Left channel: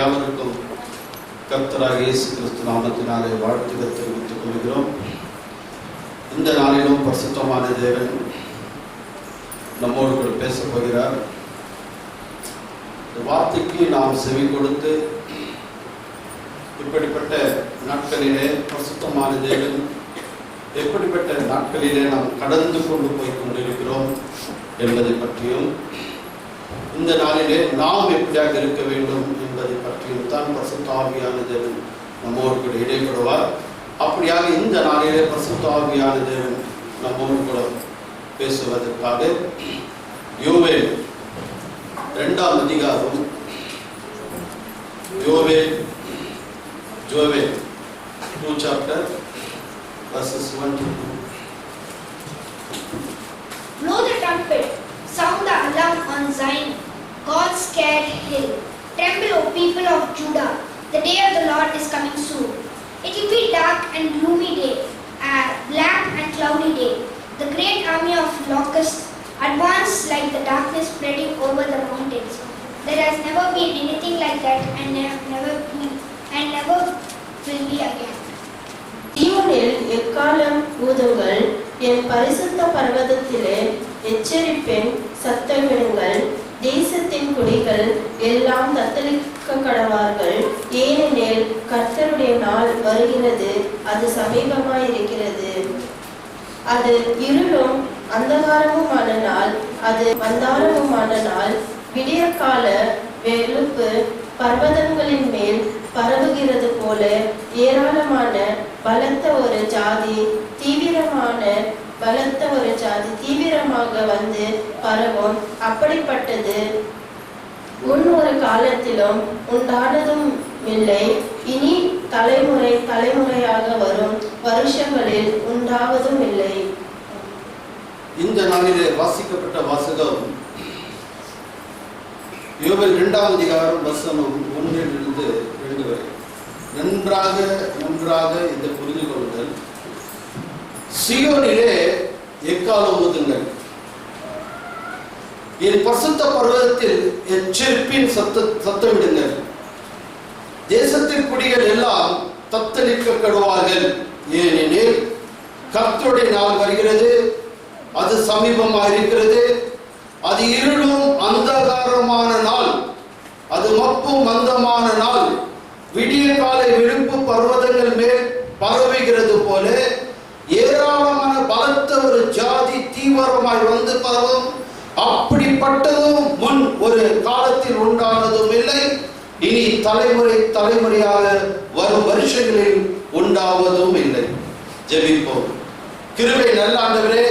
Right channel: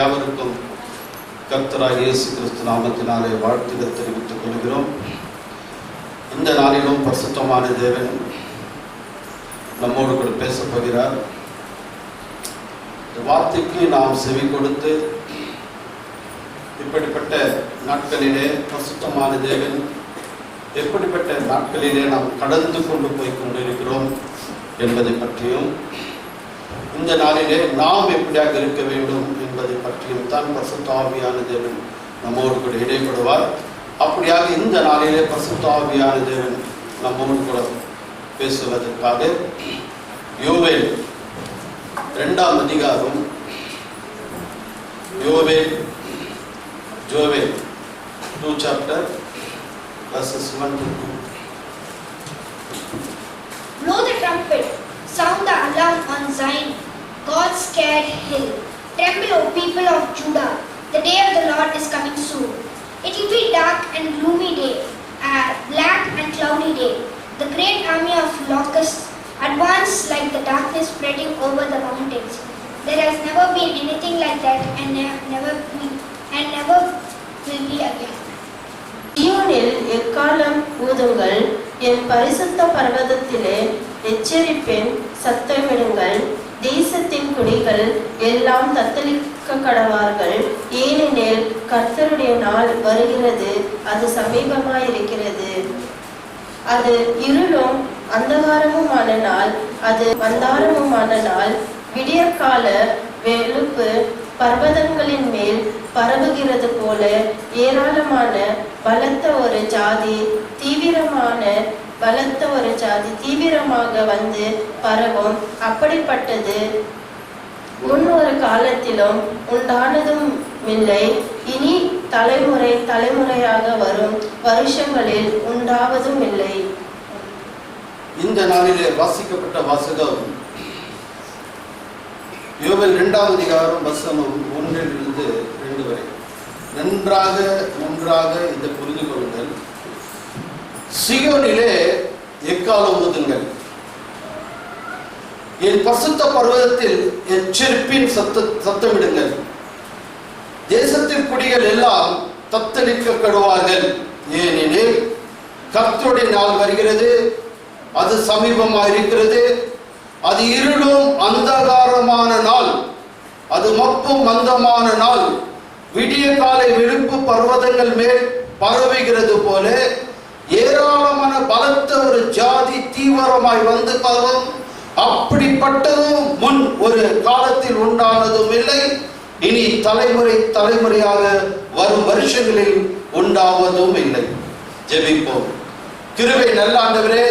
யாவருக்கும் கர்த்தராகிய இயேசு கிறிஸ்து நாமத்தினாலே வாழ்த்துக்கள் தெரிவித்துக் கொள்கிறோம். இந்த நாளிலும் பரிசுத்தமான தேவன் நம்மோடு கூட பேசப் போகிறார். இந்த வார்த்தைக்கு நாம் செவி கொடுத்து இப்படிப்பட்ட நாட்களிலே பரிசுத்தமான தேவன் எப்படிப்பட்ட நாட்களிலே நாம் கடந்து கொண்டு போய் கொண்டிருக்கிறோம் என்பதை பற்றியும், இந்த நாளிலே நாம் எப்படியாக இருக்க வேண்டும் என்பதை பற்றியும் தான் பரிசுத்த ஆவியான தேவன் நம்மோடு கூட இடைப்படுவார். அப்படியாக இந்த நாளிலே பரிசுத்த ஆவியான தேவன் நம்மோடு கூட பேசுவதற்காக யோவேல் 2ஆம் அதிகாரம், Joel 2 chapter verses 1 to 2. Blow the trumpet, sound the alarm on Zion, God's scared hill. Tremble, O people of Judah, the day of the Lord is coming soon. It will be dark and gloomy day, a black and cloudy day. The great army of locusts advance like the darkness spreading over the mountains. There has never been anything like that, and never will be again. சீயோனில் எக்காளம் ஊதுங்கள், என் பரிசுத்த பர்வதத்திலே எச்சரிப்பேன், சத்தமிடுங்கள். தேசத்தின் குடிகள் எல்லாம் தத்தளிக்க கடவார்கள். ஏனெனில் கர்த்தருடைய நாள் வருகிறது, அது சமீபமாயிருக்கிறது. அது இருளும் அந்தகாரமுமான நாள், அது மந்தாரமுமான நாள். விடியற்கால வெளுப்பு பர்வதங்களின் மேல் பரவுகிறது போல ஏராளமான பலத்த ஒரு ஜாதி தீவிரமாக வந்து பரவும். அப்படிப்பட்டது முன் ஒரு காலத்திலும் உண்டானதும் இல்லை, இனி தலைமுறையாக வரும் வருஷங்களில் உண்டாவதும் இல்லை. இந்த நாளிலே வாசிக்கப்பட்ட வாசகம் யோவேல் 2ஆம் அதிகாரம் வசனம் 1 to 2 வரை. நன்றாக இதை புரிந்து கொள்ளுங்கள். சீயோனிலே எக்காளம் ஊதுங்கள், என் பரிசுத்த பர்வதத்தில் எச்சரிப்பின் சத்தமிடுங்கள். தேசத்தின் குடிகள் எல்லாம் தத்தளிக்க கடுவார்கள். ஏனெனில் கர்த்தருடைய நாள் வருகிறது, அது சமீபமாயிருக்கிறது. அது இருளும் அந்தகாரமான நாள், அது மப்பும் மந்தமான நாள். விடிய காலை விழுப்பு பர்வதங்கள் மேல் பரவுகிறது போல ஏராளமான பலத்த ஒரு ஜாதி தீவிரமாய் வந்து பரவும். அப்படிப்பட்டதும் முன் ஒரு காலத்தில் உண்டானதும் இல்லை, இனி தலைமுறையாக வரும் வருஷங்களில் உண்டாவதும் இல்லை. ஜெபிப்போம். கிருபை நல்ல ஆண்டவரே,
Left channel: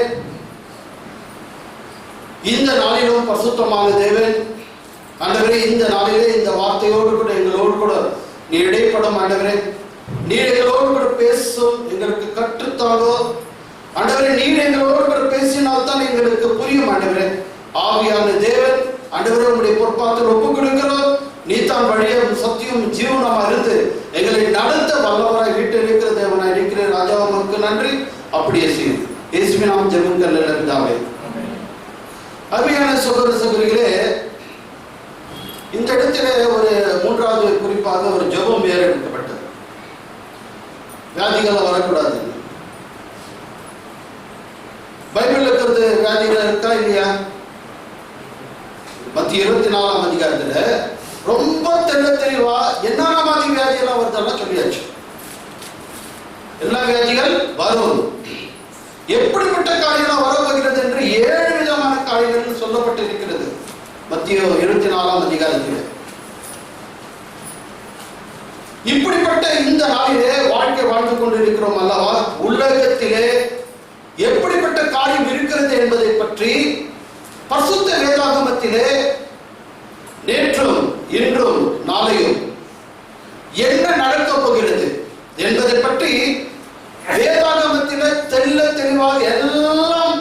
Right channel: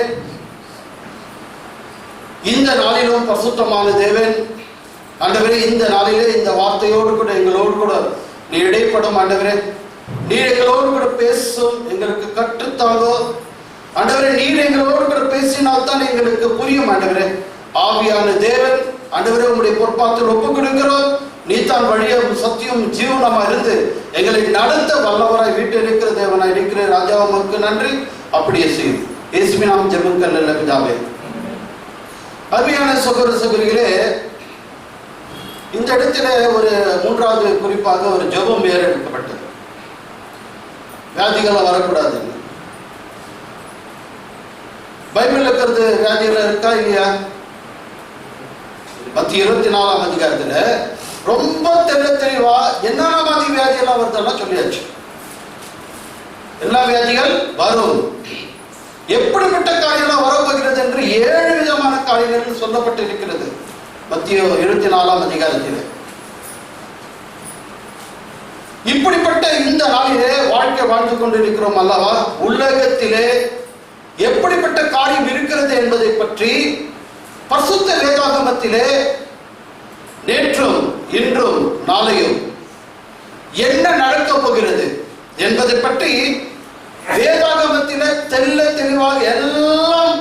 இந்த நாளிலும் பரிசுத்தமான தேவன் ஆண்டவரே, இந்த நாளிலே இந்த வார்த்தையோடு கூட எங்களோடு கூட நீ இடைப்படும் ஆண்டவரே. நீர் எங்களோடு கூட பேசும், எங்களுக்கு கற்றுத்தாங்கோ ஆண்டவரே. நீர் எங்களோடு கூட பேசினால்தான் எங்களுக்கு புரியும் ஆண்டவரே. ஆவியான தேவன் ஆண்டவரே, உங்களுடைய பொறுப்பாத்தில் ஒப்புக் கொடுக்கிறோம். நீ தான் வழியும் சத்தியம் ஜீவனமா இருந்து எங்களை நடத்த வல்லவராய் வீட்டில் இருக்கிற தேவனாய் இருக்கிற ராஜாவுக்கு நன்றி. அப்படியே செய்யும். இயேசுவின் நாமத்தில் ஜெபங்கள் நல்ல பிதாவே. அருமையான சகோதர சகோதரிகளே, இந்த இடத்துல ஒரு 3வது குறிப்பாக ஒரு ஜெபம் ஏறெடுக்கப்பட்டது. வியாதிகள் வரக்கூடாது. பைபிள் இருக்கிறது வியாதிகள் இருக்கா இல்லையா? மத்திய 24ஆம் அதிகாரத்துல ரொம்ப தெளிவா என்னென்ன மாதிரி வியாதி எல்லாம் வருதெல்லாம் சொல்லியாச்சு. எல்லா வியாதிகள் வரும், எப்படிப்பட்ட காரியங்கள் வரப்போகிறது என்று 7 விதமான காரியங்கள் சொல்லப்பட்டிருக்கிறது மத்திய 24ஆம் அதிகாரத்தில். இப்படிப்பட்ட இந்த நாளிலே வாழ்க்கை வாழ்ந்து கொண்டிருக்கிறோம் அல்லவா? உலகத்திலே எப்படிப்பட்ட காரியம் இருக்கிறது என்பதை பற்றி பரிசுத்த வேதாகமத்திலே நேற்றும் இன்றும் நாளையும் என்ன நடக்கப் போகிறது என்பதை பற்றி வேதாகமத்திலே தெளிவாக எல்லாம்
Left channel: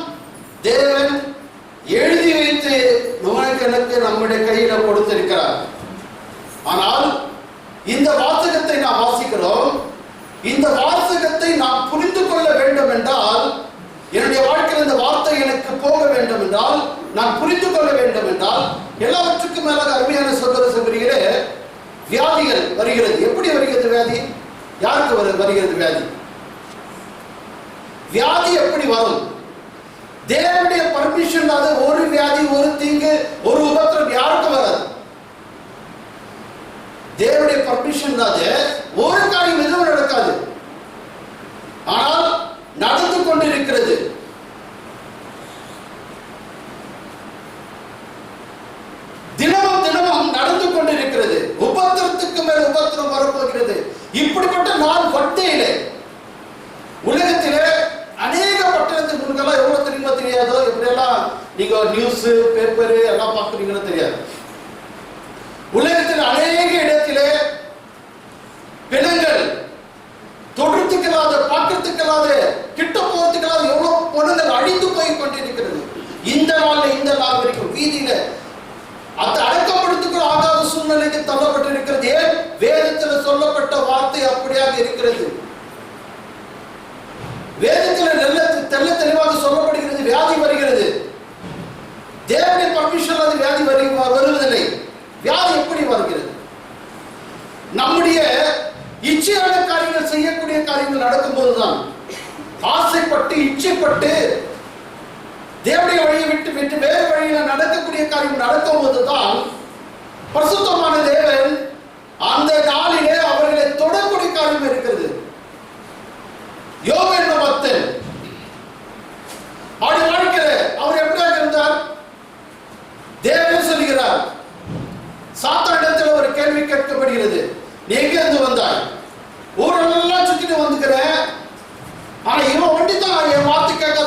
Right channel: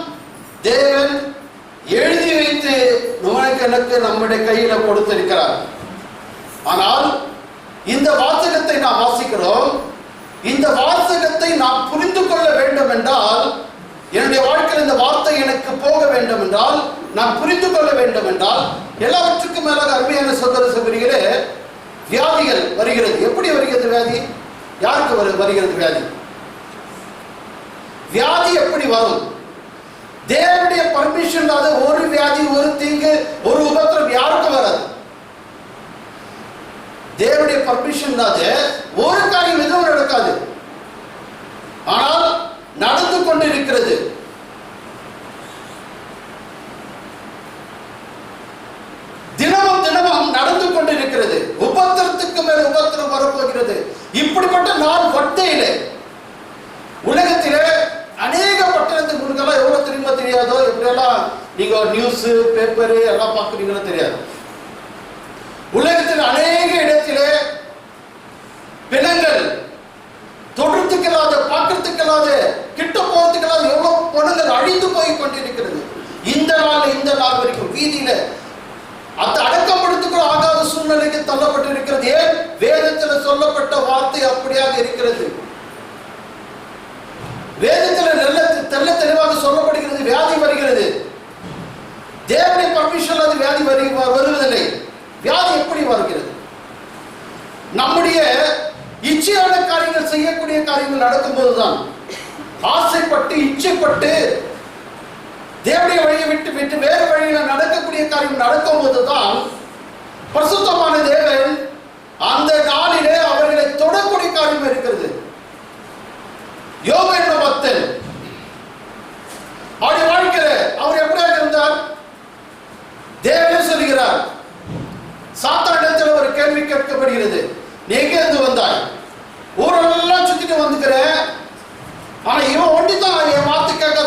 தேவன் எழுதி வைத்து எனக்கு நம்முடைய கையில கொடுத்திருக்கிறார். ஆனால் இந்த வாசகத்தை நாம் வாசிக்கிறோம். இந்த வாசகத்தை நாம் புரிந்து கொள்ள வேண்டும் என்றால், என்னுடைய வாழ்க்கையில் இந்த வார்த்தை எனக்கு போக வேண்டும் என்றால், நான் புரிந்து கொள்ள வேண்டும் என்றால், எல்லாவற்றுக்கும் மேலாக அருமையான சகோதர சகோதரிகளே, வியாதிகள் வருகிறது. எப்படி வருகிறது வியாதி? யாருக்கு வருகிறது வியாதி? வியாதி எப்படி வரும்? தேவனுடைய பர்மிஷன் இல்லாத ஒரு வியாதி, ஒரு தீங்கு, ஒரு உபத்திரம் யாருக்கும் வராது. தேவனுடைய பர்மிஷன் இல்லாத ஒரு காரியம் எதுவும் நடக்காது. ஆனால் நடந்து கொண்டிருக்கிறது. தினமும் தினமும் நடந்து கொண்டிருக்கிறது. உபத்திரத்துக்கு மேல் உபத்திரம் வரப்போகிறது. இப்படிப்பட்ட நாள் வட்டையிலே உலகத்திலே அநேக பட்டணத்துக்கு முன்னெல்லாம் எவ்வளவு தெரியுமா தெரியாதோ, எப்படியெல்லாம் நீங்க நியூஸ் பேப்பர் எல்லாம் பார்க்குறீங்களோ தெரியாது. உலகத்தில் அநேக இடத்திலே பிணங்கள், தொடுறதுக்கலாத, பார்க்கறதுக்கலாத, கிட்ட போறதுக்கலாத எவ்வளவு பொண்ணுங்கள் அழிந்து போய் கொண்டிருக்கிறது. இந்த நாள் வரைக்கும் வீதியில அது அடக்கப்படுத்துக்கு ஆகாத சூழ்நிலைக்கு தள்ளப்பட்டிருக்கிறது. ஏன்? வேதத்தில் சொல்லப்பட்ட வார்த்தை அப்படியாக இருக்கிறது. வேதத்தில் தெல்ல தெளிவாக சொல்லப்படுகிறது. வியாதி வருகிறது. தேவனுடைய பர்மிஷன் அது வியாதி வருவதில்லை. வியாதி எப்படி வருகிறது? நம்முடைய இச்சையான காரியங்கள், செய்யக்கூடிய காரியங்கள் நடக்கும்போதுதான், ஆசைப்பட்டு இச்சைப்பட்டு தேவனுடைய வழியை விட்டு விட்டு வேறு வழியில நடக்கக்கூடிய காரியம் நடக்கும் போதுதான் பரிசுத்தமான தேவன் அந்த நாளிலே அவர்களை தொடக்கூடிய காரியம் இருக்கிறது. யோபு என்ற பக்தன் அவருடைய வாழ்க்கையில அவர் எப்படியாக இருந்தார்? தேவன் சொல்லுகிறார், சாத்தானிடத்தில் ஒரு கேள்வி கேட்கப்படுகிறது, நீ எங்க இருந்து வந்தாய்? ஊரெல்லாம் சுத்திட்டு வந்துக்கிறேன், ஆனா இவன் ஒண்டிதான் என் வார்த்தை கேட்காத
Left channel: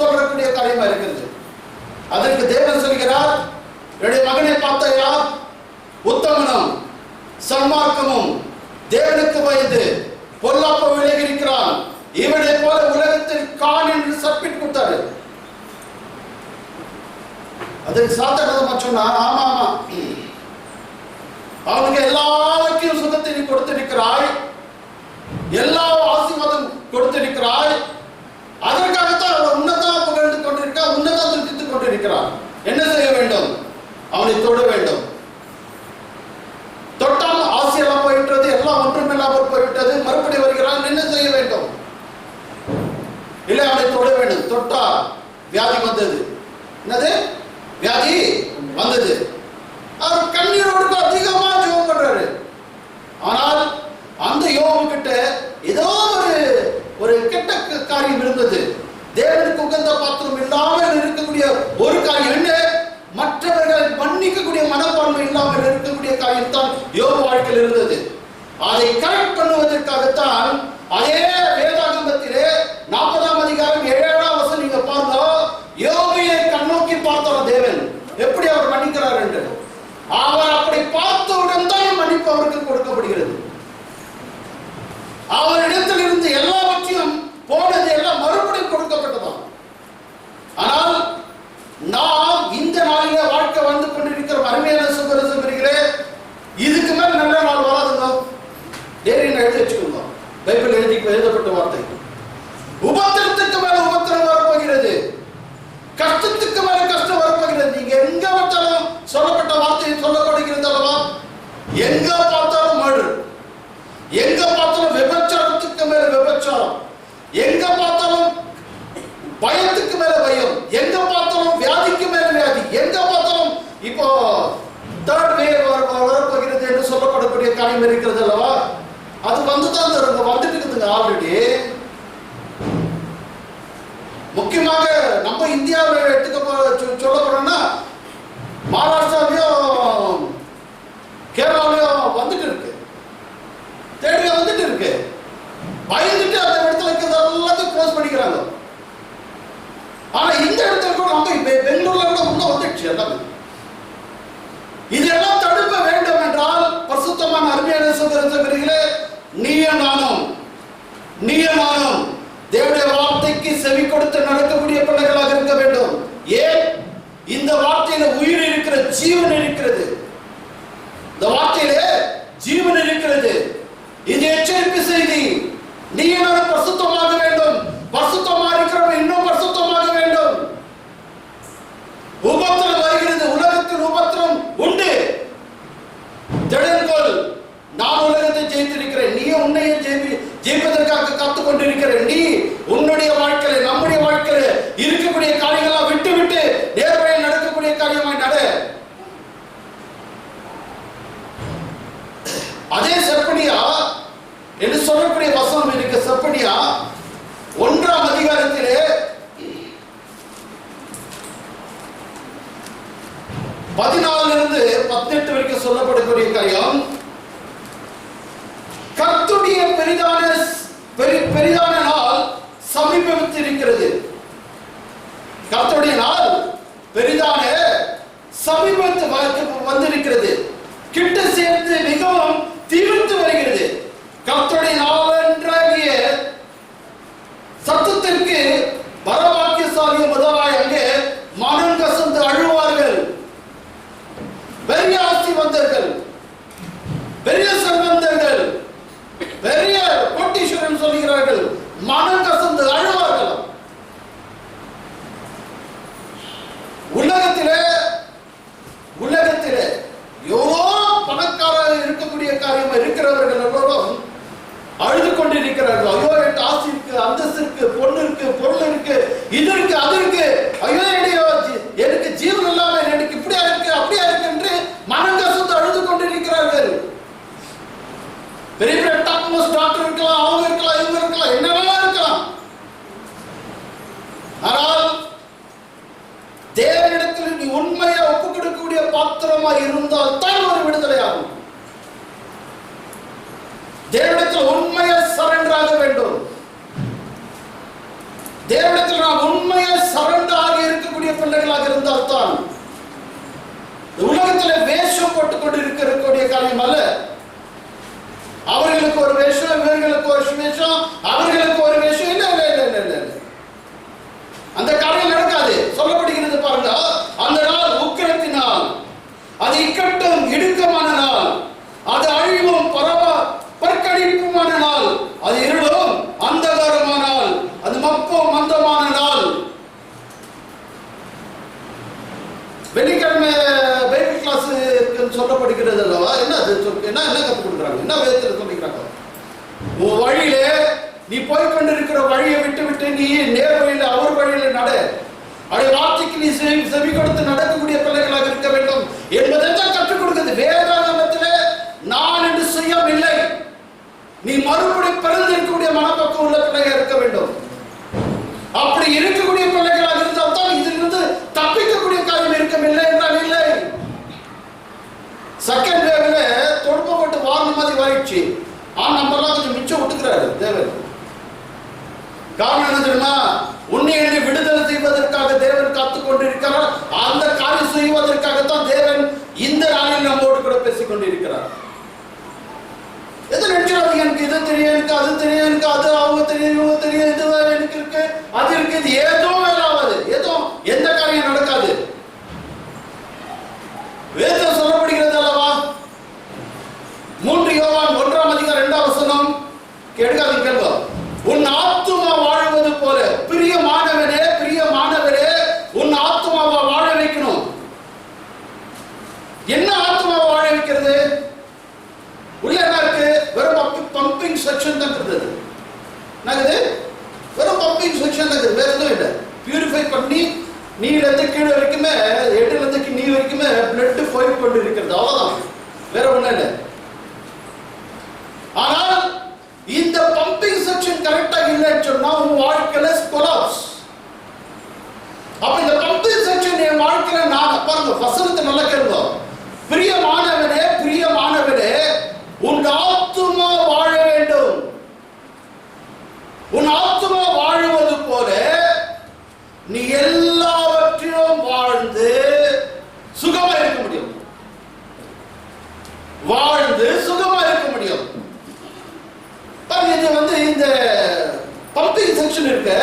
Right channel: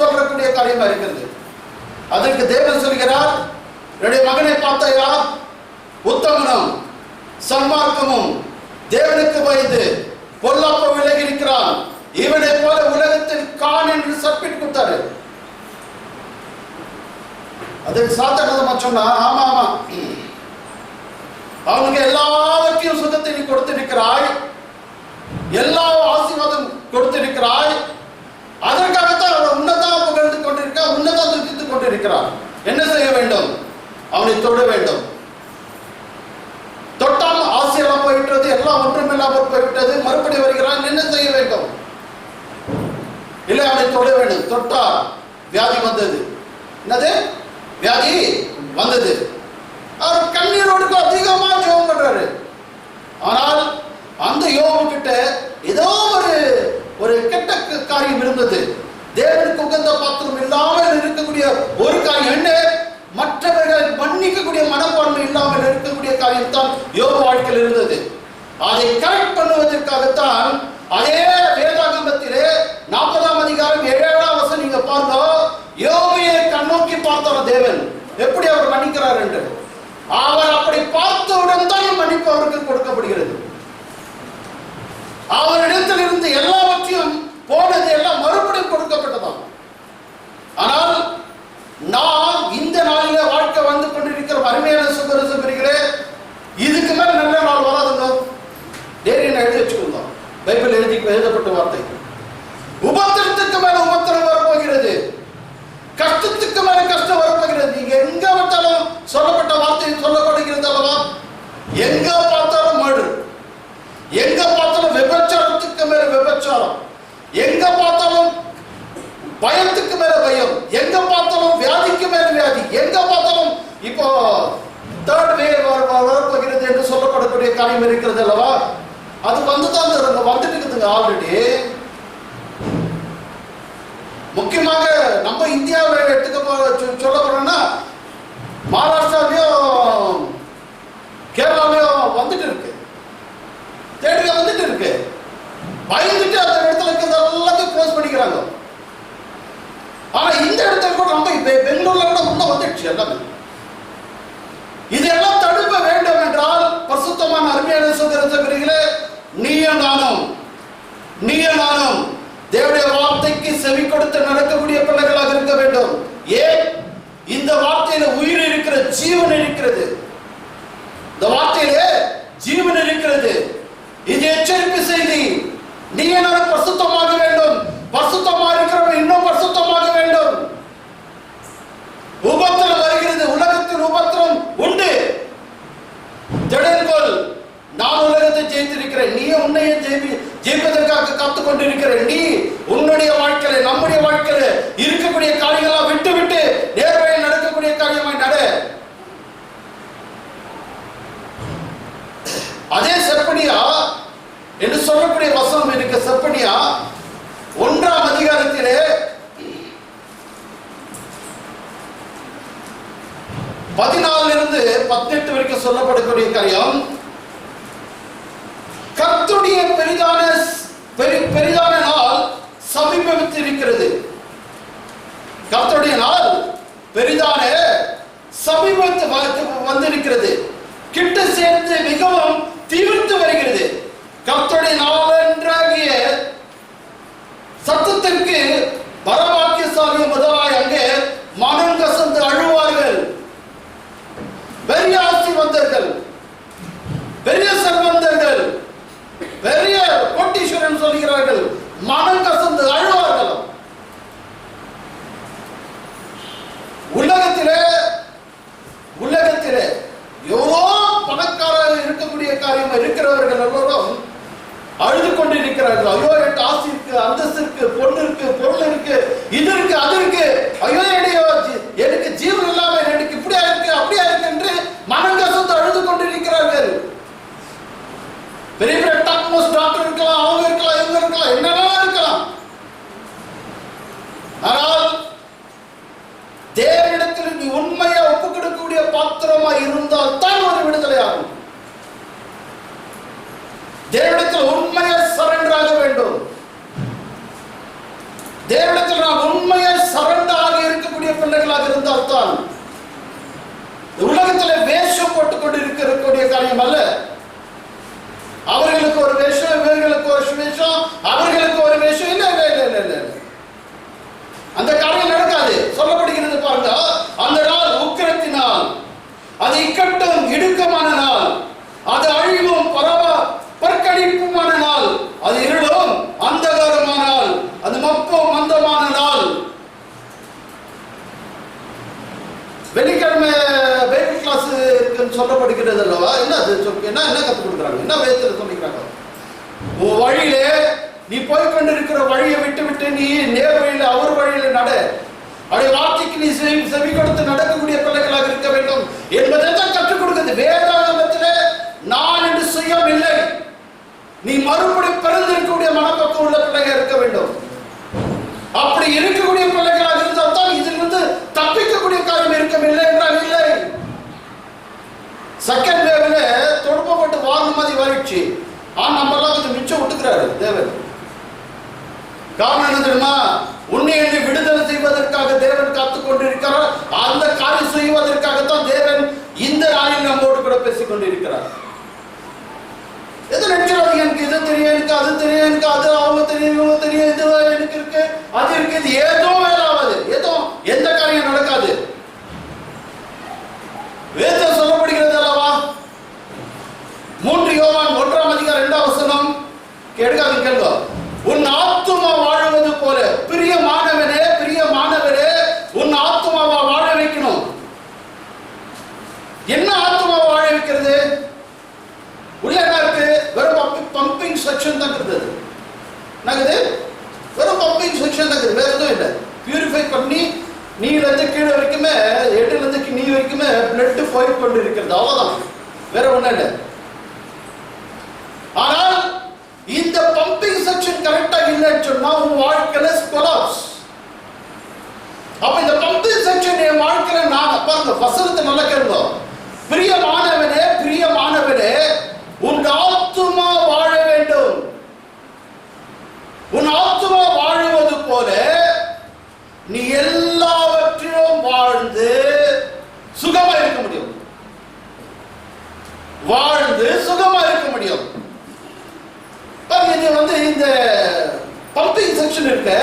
சொல்லக்கூடிய காரியமா இருக்கிறது. அதற்கு தேவன் சொல்கிறார், என்னுடைய மகனை பார்த்தாயா? உத்தமனும் சன்மார்க்கமும் தேவனுக்கு பயந்து பொல்லாப்ப விலகி இருக்கிறான், இவனை போல உலகத்தில் காண் என்று சப்பிட்டு கொடுத்தாரு. அதுக்கு சாத்தான சொன்னா, ஆமா ஆமா, அவனுக்கு எல்லாருக்கும் சுகத்தை நீ கொடுத்திருக்கிறாய், எல்லா ஆசீர்வாதம் கொடுத்திருக்கிறாய், அதற்காகத்தான் அவன் உன்னதான் புகழ்ந்து கொண்டிருக்கிறான், உன்னதான் துதித்துக் கொண்டிருக்கிறான். என்ன செய்ய வேண்டும்? அவனை தொட வேண்டும். தொட்டால் ஆசையெல்லாம் போயிட்டது, எல்லாம் ஒன்றும் இல்லாமல் போய்விட்டது, மறுபடி வருகிறான், என்ன செய்ய வேண்டும்? இல்லை, அவனை தொட வேண்டும். தொட்டா வியாதி வந்தது. என்னது? வியாதி வந்தது. அவர் கண்ணீரோடு அதிகமா ஜெபம் பண்றாரு. ஆனால் அந்த யோபு கிட்ட ஏதோ ஒரு கெட்ட காரியம் இருந்தது. தேவனுக்கு உகந்த பாத்திரம் இல்லாமல் இருக்கக்கூடிய ஒரு காரியம் என்ன? மற்றவர்கள் மன்னிக்கக்கூடிய மனப்பான்மை இல்லாமல் இருக்கக்கூடிய காரியம் தான் யோபு வாழ்க்கையில் இருந்தது. அதை கரெக்ட் பண்ணுவதற்காகத்தான் அதே வேதாகமத்திலே 40ஆம் அதிகாரம் 7ஆம் வசனம் நீங்க பாருங்க, யோபுவை கண்ணோக்கி பார்த்தார் தேவன், எப்படி அவர் மன்னிக்கிறார் என்று. அவர் அப்படி பார்த்தவுடன் தான் மன்னிப்பு அவருக்கு கொடுக்கப்படுகிறது. அவரிடத்தில் இருந்து எல்லாவற்றையும் போனது எல்லாம் மறுபடியும் கொடுக்கப்பட்டதாம். ஆனால் நாம் இந்த நாளிலே வாழ்க்கை வந்து கொண்டிருக்கிற அருமையான சகோதரர்களே, இதுக்கு மேல நல்ல நாள் வராதுங்க. டேரி எழுதி வச்சுக்கோங்க, பைபிள் எழுதப்பட்ட வார்த்தை. உபத்திரத்துக்கு மேல உபத்திரம் வரப்போகிறது, கஷ்டத்துக்கு மேல கஷ்டம் வரப்போகிறது. நீங்க எங்க பார்த்தாலும் சொல்லப்பட்ட வார்த்தை சொல்லப்படுகிறது அல்லவா? எங்க பார்த்தாலும் மர்டர், எங்க பார்த்தாலும் விபச்சாரத்துக்கு மேல விபச்சாரம், எங்க பார்த்தாலும் பயத்துக்கு மேல பயம், எங்க பார்த்தாலும் வியாதிக்கு மேல வியாதி, எங்க பார்த்தாலும் இப்போ தேர்ட் வேவ் வரப்போகிறது என்று சொல்லப்படக்கூடிய காரியம் இருக்கிறது அல்லவா? அது வந்துதான் வந்துட்டு இருக்குதுங்க ஆல்ரெடி. முக்கியமாக நம்ம இந்தியாவில் எடுத்துக்க சொல்ல போறோம்னா, மகாராஷ்டிராலையும் கேரளாலையும் வந்துட்டு இருக்கு, தேடில வந்துட்டு இருக்கு. பயந்துட்டு அந்த இடத்துல இருக்கிறது எல்லாத்தையும் க்ளோஸ் பண்ணிக்கிறாங்க. ஆனா இந்த இடத்துல கூட நம்ம பெங்களூர்ல கூட உள்ள வந்துடுச்சு எல்லாமே. இதெல்லாம் தடுக்க வேண்டும் என்றால் பரிசுத்தமான அருமையான சகோதரர்களே, நீயும் நானும் தேவனுடைய வார்த்தைக்கு செவி கொடுத்து நடக்கக்கூடிய பிள்ளைகளாக இருக்க வேண்டும். ஏன்? இந்த வார்த்தையில உயிர் இருக்கிற, ஜீவன் இருக்கிறது. இந்த வார்த்தையிலே ஜீவன் இருக்கிறது. இது எச்சரிப்பு செய்தி. நீங்க பரிசுத்தமாக வேண்டும். பரிசுத்தமாக இருக்கிறவன் இன்னும் பரிசுத்தமாக வேண்டும். உபத்திரம் வருகிறது, உலகத்தில் உபத்திரம் உண்டு. திடன்கொள், நான் உலகத்தை ஜெயித்திருக்கிறேன், நீ உன்னையே ஜெயிப்பதற்காக காத்துக் கொண்டிருக்கிற. நீ உன்னுடைய வாழ்க்கையில, நம்முடைய வாழ்க்கையில இருக்கக்கூடிய காரியங்களா விட்டு விட்டு நேர்வழியில் நடக்கக்கூடிய காரியமாய் நட. அதே செப்பனியா என்று சொல்லக்கூடிய வசனம் இருக்கு. செப்பனியா 1ஆம் அதிகாரத்திலே 14 18 வரைக்கும் சொல்லப்படக்கூடிய காரியம், கர்த்தருடைய பெரிதான நாள் சமீபத்திருக்கிறது. கர்த்தருடைய நாள் பெரிதான சமீபத்து வந்திருக்கிறது, கிட்ட சேர்ந்து மிகவும் தீவிரத்து வருகிறது. கர்த்தருடைய நாள் என்றாகிய சத்தத்திற்கு பரவாக்கியசாலிய முதலாய் அங்கே மனம் கசந்து அழுவார்கள். பெரிய ஆசீர்வாதர்கள், பெரிய செல்வந்தர்கள், பெரிய கோட்டீஸ்வரன் சொல்கிறார்கள், மனம் கசந்து அழுவார்கள். உலகத்திலே எவ்வளோ பணக்காரர் இருக்கக்கூடிய காரியம் இருக்கிறவர்கள் எல்லோரும் அழுது கொண்டிருக்கிறார்கள். ஐயோ, என் ஆசை இருக்கு, அந்தஸ்து இருக்கு, பொண்ணு இருக்கு, பொருள் இருக்கு, இது இருக்கு, அது இருக்கு, ஐயோ எனக்கு ஜீவன் இல்லாம எனக்கு இப்படியா இருக்கு, அப்படியா இருக்கு என்று மனம் கசந்து அழுது கொண்டிருக்கிறார்கள். பெரிய பெரிய டாப் மோஸ்ட் டாக்டர் இருக்கலாம், அவங்க இருக்கலாம், இவங்க இருக்கலாம், என்னெல்லாம் இருக்கலாம். ஆனால் தேவனிடத்தில் நீ உண்மையா ஒப்பு கொடுக்கக்கூடிய பாத்திரமா இருந்தால் தான் ஒரு விடுதலை ஆகும். தேவனிடத்தில் உண்மையா சரண்டர் ஆக வேண்டும். தேவனிடத்தில் நாம் உண்மையா சரண்டர் ஆக இருக்கக்கூடிய பிள்ளைகளாக இருந்தால் தான். உலகத்தில் வேஷம் போட்டுக் கொண்டு இருக்கக்கூடிய காரியம் அல்ல. அவர்களுக்கு ஒரு வேஷம், இவர்களுக்கு ஒரு வேஷம், அவர்களுக்கு ஒரு வேஷம், இல்ல இல்ல இல்ல இல்ல இல்ல, அந்த காரியம் நடக்காது. சொல்லப்படுகிறது பாருங்க, அந்த நாள் உக்கிரத்தினால், அது இக்கட்டும் இடுக்கமான நாள், அது அழிவும் பற்கடிப்புமான நாள், அது இருளும் அந்தகாரமான நாள், அது மப்பும் மந்தமான நாள். வெள்ளிக்கிழமை பைபிள் கிளாஸ் இருக்குன்னு சொல்லப்படுகிறது அல்லவா? என்ன கற்றுக் கொடுக்குறாங்க, என்ன வேதத்தில் சொல்லிக்கிறாங்க? உன் வழியிலே நீ போய்கொண்டிருக்கிற வழியை விட்டு விட்டு நீ நேர் வழியில, அவர் வழியில நட. அவருடைய வார்த்தைக்கு நீ செவி கொடுத்து நடக்கக்கூடிய பிள்ளைகளாக இருக்க வேண்டும் என்பதை தான் கற்றுக் கொடுக்கிறது. வேதாகமத்திலே நான் என்று செய்யவில்லை, நீ மறுபடி பிறந்திருக்கக்கூடிய மனப்பக்கம் உள்ள பிள்ளைகள் இருக்க வேண்டும். அப்படி இருக்கக்கூடிய பிள்ளைகளாக இருந்தால் தான் இதிலிருந்து தப்பிக்கக்கூடிய காரியம் இருக்கவில்லை என்றால் இல்லை. செகண்ட் வேவ்ல தொடுப்பப்பட்டு வாரணம் மாதிரி வாரிடுச்சு. நம்ம எல்லாம் கொஞ்சம் மிச்சம் விட்டுக்கிறாரு தேவன். காரணம் என்ன தெரியுமா? உன்னை விடுதலை செய்வதற்காக தேவன் காத்துக் கொண்டிருக்கிறார். அந்த காரியம் செய்வதற்காகத்தான் தேவன் இந்த நாளில் நம்மோடு கூட பேசிக் கொண்டிருக்கிறார். எது நினைக்கிறாங்க, எனக்கு இது தெரியும், எனக்கு அது தெரியும், எனக்கு அது அவங்க தெரியும், இவங்க தெரியும், இது எனக்கு இருக்கு, அது இருக்கு, இது ஏதோ வேலாவது, ஏதோ எந்த காரியம் நடக்காது. வேதம் சொல்லப்படுகிறது அல்லவா? 3 யோவான் 1ஆம் அதிகாரம் 2ஆம் வசனம் கேட்காதீங்க, கேள்வா. உன் ஆத்துமா வாழுவது போல, பிரியமானவனே பிரியமானவரே, உன் ஆத்துமாவை வாழ வைக்கணும். என்ன ஆத்துமா வாழ வைக்கிறது? உள்ள என்ன இருக்கு? வெறும் பம்பிங் செக்ஷன் தான் இருக்குது. என்னது? வெறும் பம்பிங் செக்ஷன் தான் இருக்குது, வேற எதுவும் இல்லை. பியூரிஃபை பண்ணி நீல இருந்து கீழே வரைக்குமே, எட்டுல இருந்து நீ வரைக்குமே பிளட் போய் கொண்டு இருக்கிறது, அவ்வளவுதான், வேற ஒண்ணு இல்லை. ஆனால் இந்த பம்பிங் செக்ஷன் கரெக்டா இல்லைன்னு சொன்னா உன் வாழ்க்கையில கொலாப்ஸ். அப்ப இந்த பம்பிங் செக்ஷன் என் வாழ்க்கையில நான் பாருங்க, வசனத்தை நல்லா கேளுங்க. பிரியமானவனே பிரியமானவனே, உன் ஆத்துமா வாழ வேண்டும். உன் ஆத்துமா வாழுவது போல நீ எல்லாவற்றிலும் வாழ்ந்து சுகமா இருக்க முடியும். வாழ்ந்து சுகமா இருக்க முடியும். இது இந்த பம்பிங் செக்ஷன் இருக்கு.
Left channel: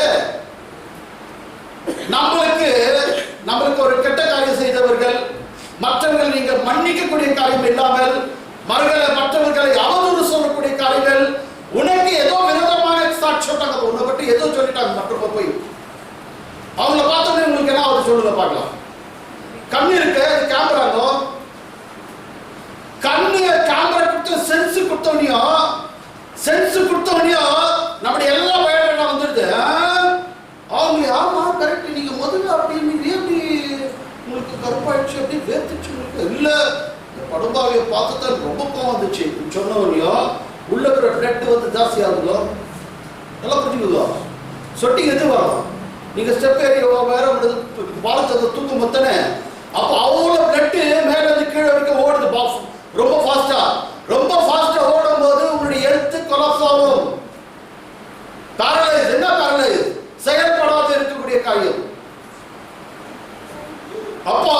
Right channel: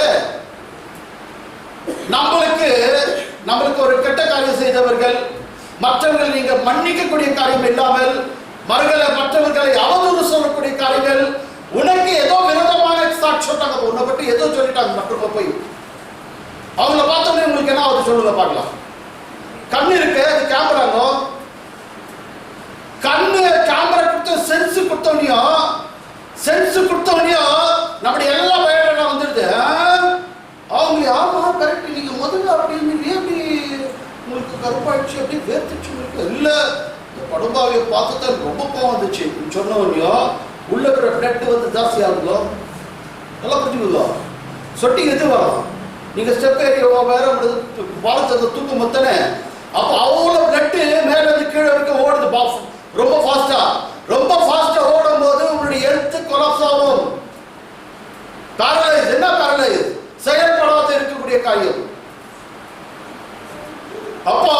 நம்மளுக்கு ஒரு கெட்ட காரியம் செய்தவர்கள், மற்றவர்கள் நீங்க மன்னிக்கக்கூடிய காரியம் இல்லாமல் மற்றவர்களை அவதூறு சொல்லக்கூடிய காரியங்கள், உனக்கு ஏதோ விரோதமான சாட்சி சொன்னாங்க, உன்னை பற்றி ஏதோ சொல்லிட்டாங்க, மற்றவங்க போய் அவங்கள பார்த்தோன்னே உங்களுக்கு என்ன ஆகுது சொல்லுங்க பார்க்கலாம். கண்ணு இருக்கு, அது கேமராங்க, கண்ணு கொடுத்தவனையோ சென்ஸ் கொடுத்தவனையோ நம்முடைய எல்லா பயணம் வந்துடுது. அவங்க ஆமா கரெக்ட், நீங்க முதல்ல அப்படின்னு எப்படி உங்களுக்கு கருப்பாயிடுச்சு அப்படி வேர்த்துச்சு இல்ல, இந்த படுபாவியை பார்த்துதான் ரொம்ப கோவம் வந்துச்சு சொன்னவனையோ உள்ள இருக்கிற பிளட் வந்து ஜாஸ்தி ஆகுதோ நல்லா புரிஞ்சுக்குதோ, சொட்டி எது வரும், நீங்க ஸ்டெப் ஏரியா வேற பாலத்தை தூக்கும் மொத்தனே, அப்ப அவ்வளோ பிளட்டு மேல இருந்து கீழே வரைக்கும் ஓடுது ரொம்ப ஃபாஸ்டா. ரொம்ப ஃபாஸ்டா ஓடும் போது உங்களுடைய ஹெல்த் கொலாப்ஸ் ஆகும். பேரலைஸ், என்ன பேரலைஸ், செயல்படாத இருக்கக்கூடிய காரியம். அப்போ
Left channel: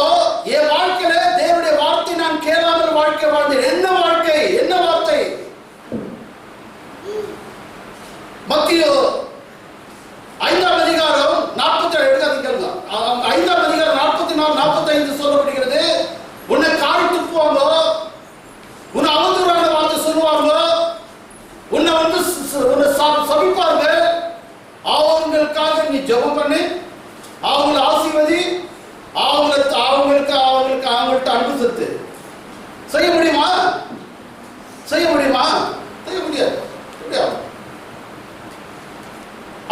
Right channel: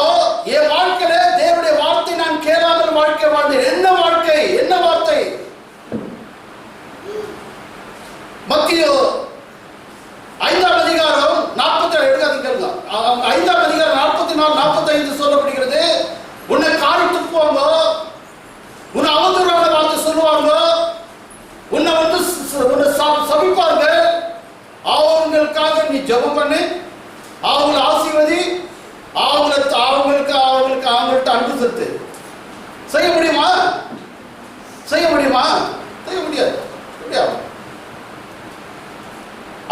என் வாழ்க்கையில தேவனுடைய வார்த்தை நான் கேளாமல் வாழ்க்கை வாழ்ந்தேன். என்ன வாழ்க்கை, என்ன வார்த்தை? மத்தியோ 5ஆம் அதிகாரம் 47 5ஆம் அதிகாரம் 44 45 சொல்லப்படுகிறது. உன்னை காரி துப்புவாங்க, உன்னை அவதூறான வார்த்தை சொல்லுவாங்க, உன்னை வந்து சபிப்பாங்க. அவங்களுக்காக நீ ஜெபம் பண்ணு, அவங்களை ஆசீர்வதி, அவங்கள்ட்ட அன்பு செலுத்து. செய்ய முடியுமா? செய்ய முடியுமா? செய்ய முடியாது.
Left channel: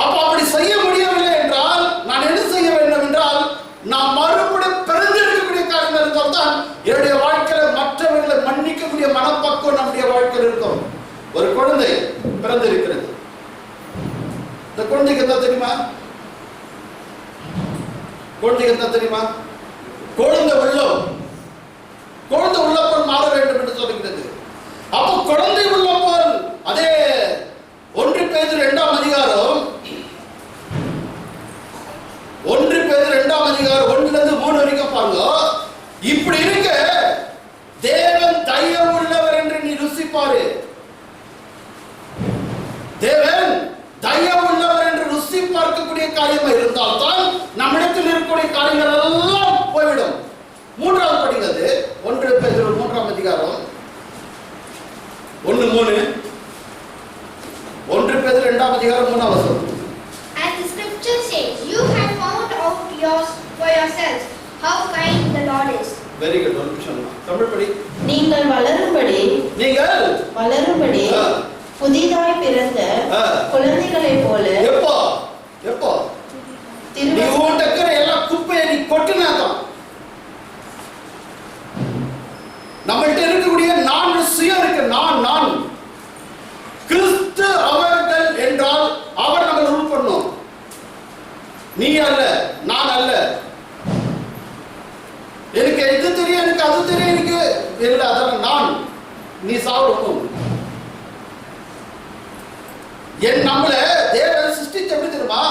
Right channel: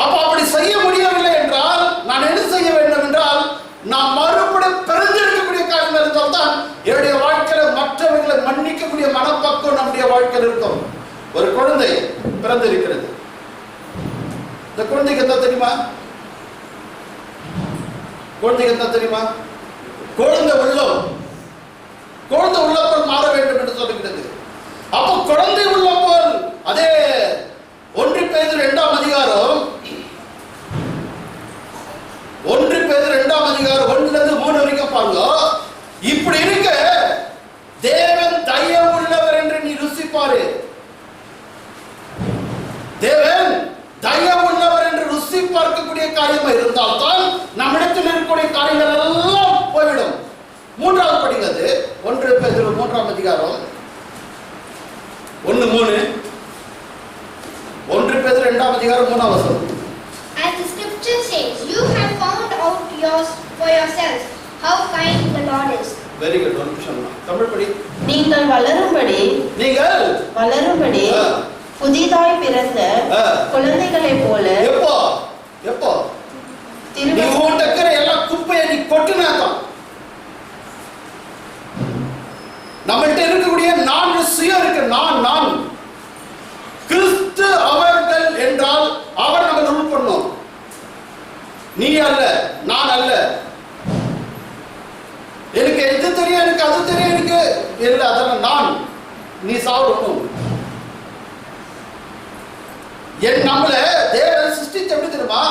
அப்ப அப்படி செய்ய முடியவில்லை என்றால் நான் என்ன செய்ய வேண்டும் என்றால், நான் மறுபடியும் பிறந்திருக்கக்கூடிய காரியம் இருந்தால் தான் என்னுடைய வாழ்க்கையில மற்றவர்களை மன்னிக்கக்கூடிய மனப்பக்குவம் நம்முடைய வாழ்க்கையில் இருக்கும். ஒரு குழந்தை பிறந்திருக்கிறது. இந்த குழந்தைக்கு என்ன தெரியுமா? குழந்தைக்கு என்ன தெரியுமா? குழந்தை உள்ளப்போல் மாற வேண்டும் என்று சொல்லுகிறது. அப்போ குழந்தை உள்ளப்போல் அதே 1 பேதுரு 2ஆம் அதிகாரம் 1 பேதுரு 2ஆம் அதிகாரம் 1-3 வரைக்கும் பாருங்க. இப்படி இருக்க தேவன் தயவு உள்ளவர் என்று நீ ருசிப்பாரு. தேவன் தயவு உள்ளவர் என்று ருசி பார்க்கக்கூடிய காரியமா இருந்தால் தான் நம்மிடத்தில் இருக்கக்கூடிய காரியங்கள் எல்லாம் போய்விடும். 3வது படிக்கிறது 1 பேதுரு 3ஆம் அதிகாரம் 1-3. 1 பேதுரு 2ஆம் அதிகாரம் 3ஆம் வசனம். As the scripture says, you have found out for yourselves how kind the Lord is. Very good. ஒரு நிமிஷம் தமிழ் படி. நீங்கள் வளரும்படி புதிதாய் பிறந்த குழந்தைகளைப் போல. எப்போ நீ ஓட்டக்கிற எல்லா குப்பையை நீ கொட்டினாதான் நம்மள்ட்ட இருக்கக்கூடிய 4 சுயம் இருக்கு. நான் கிறிஸ்து அவர்கள் என்றால் அவர் நம்ம ரூல் பண்ணோம். நீ அல்ல, நான் அல்ல. எனக்கு இது தெரியும், எனக்கு அது தெரியும், எனக்கு இல்ல, அதெல்லாம் நான். நீ சாப்பிடணும். என் நம்மள தேவன் சிருஷ்டிச்சு எப்படி தெரியுமா?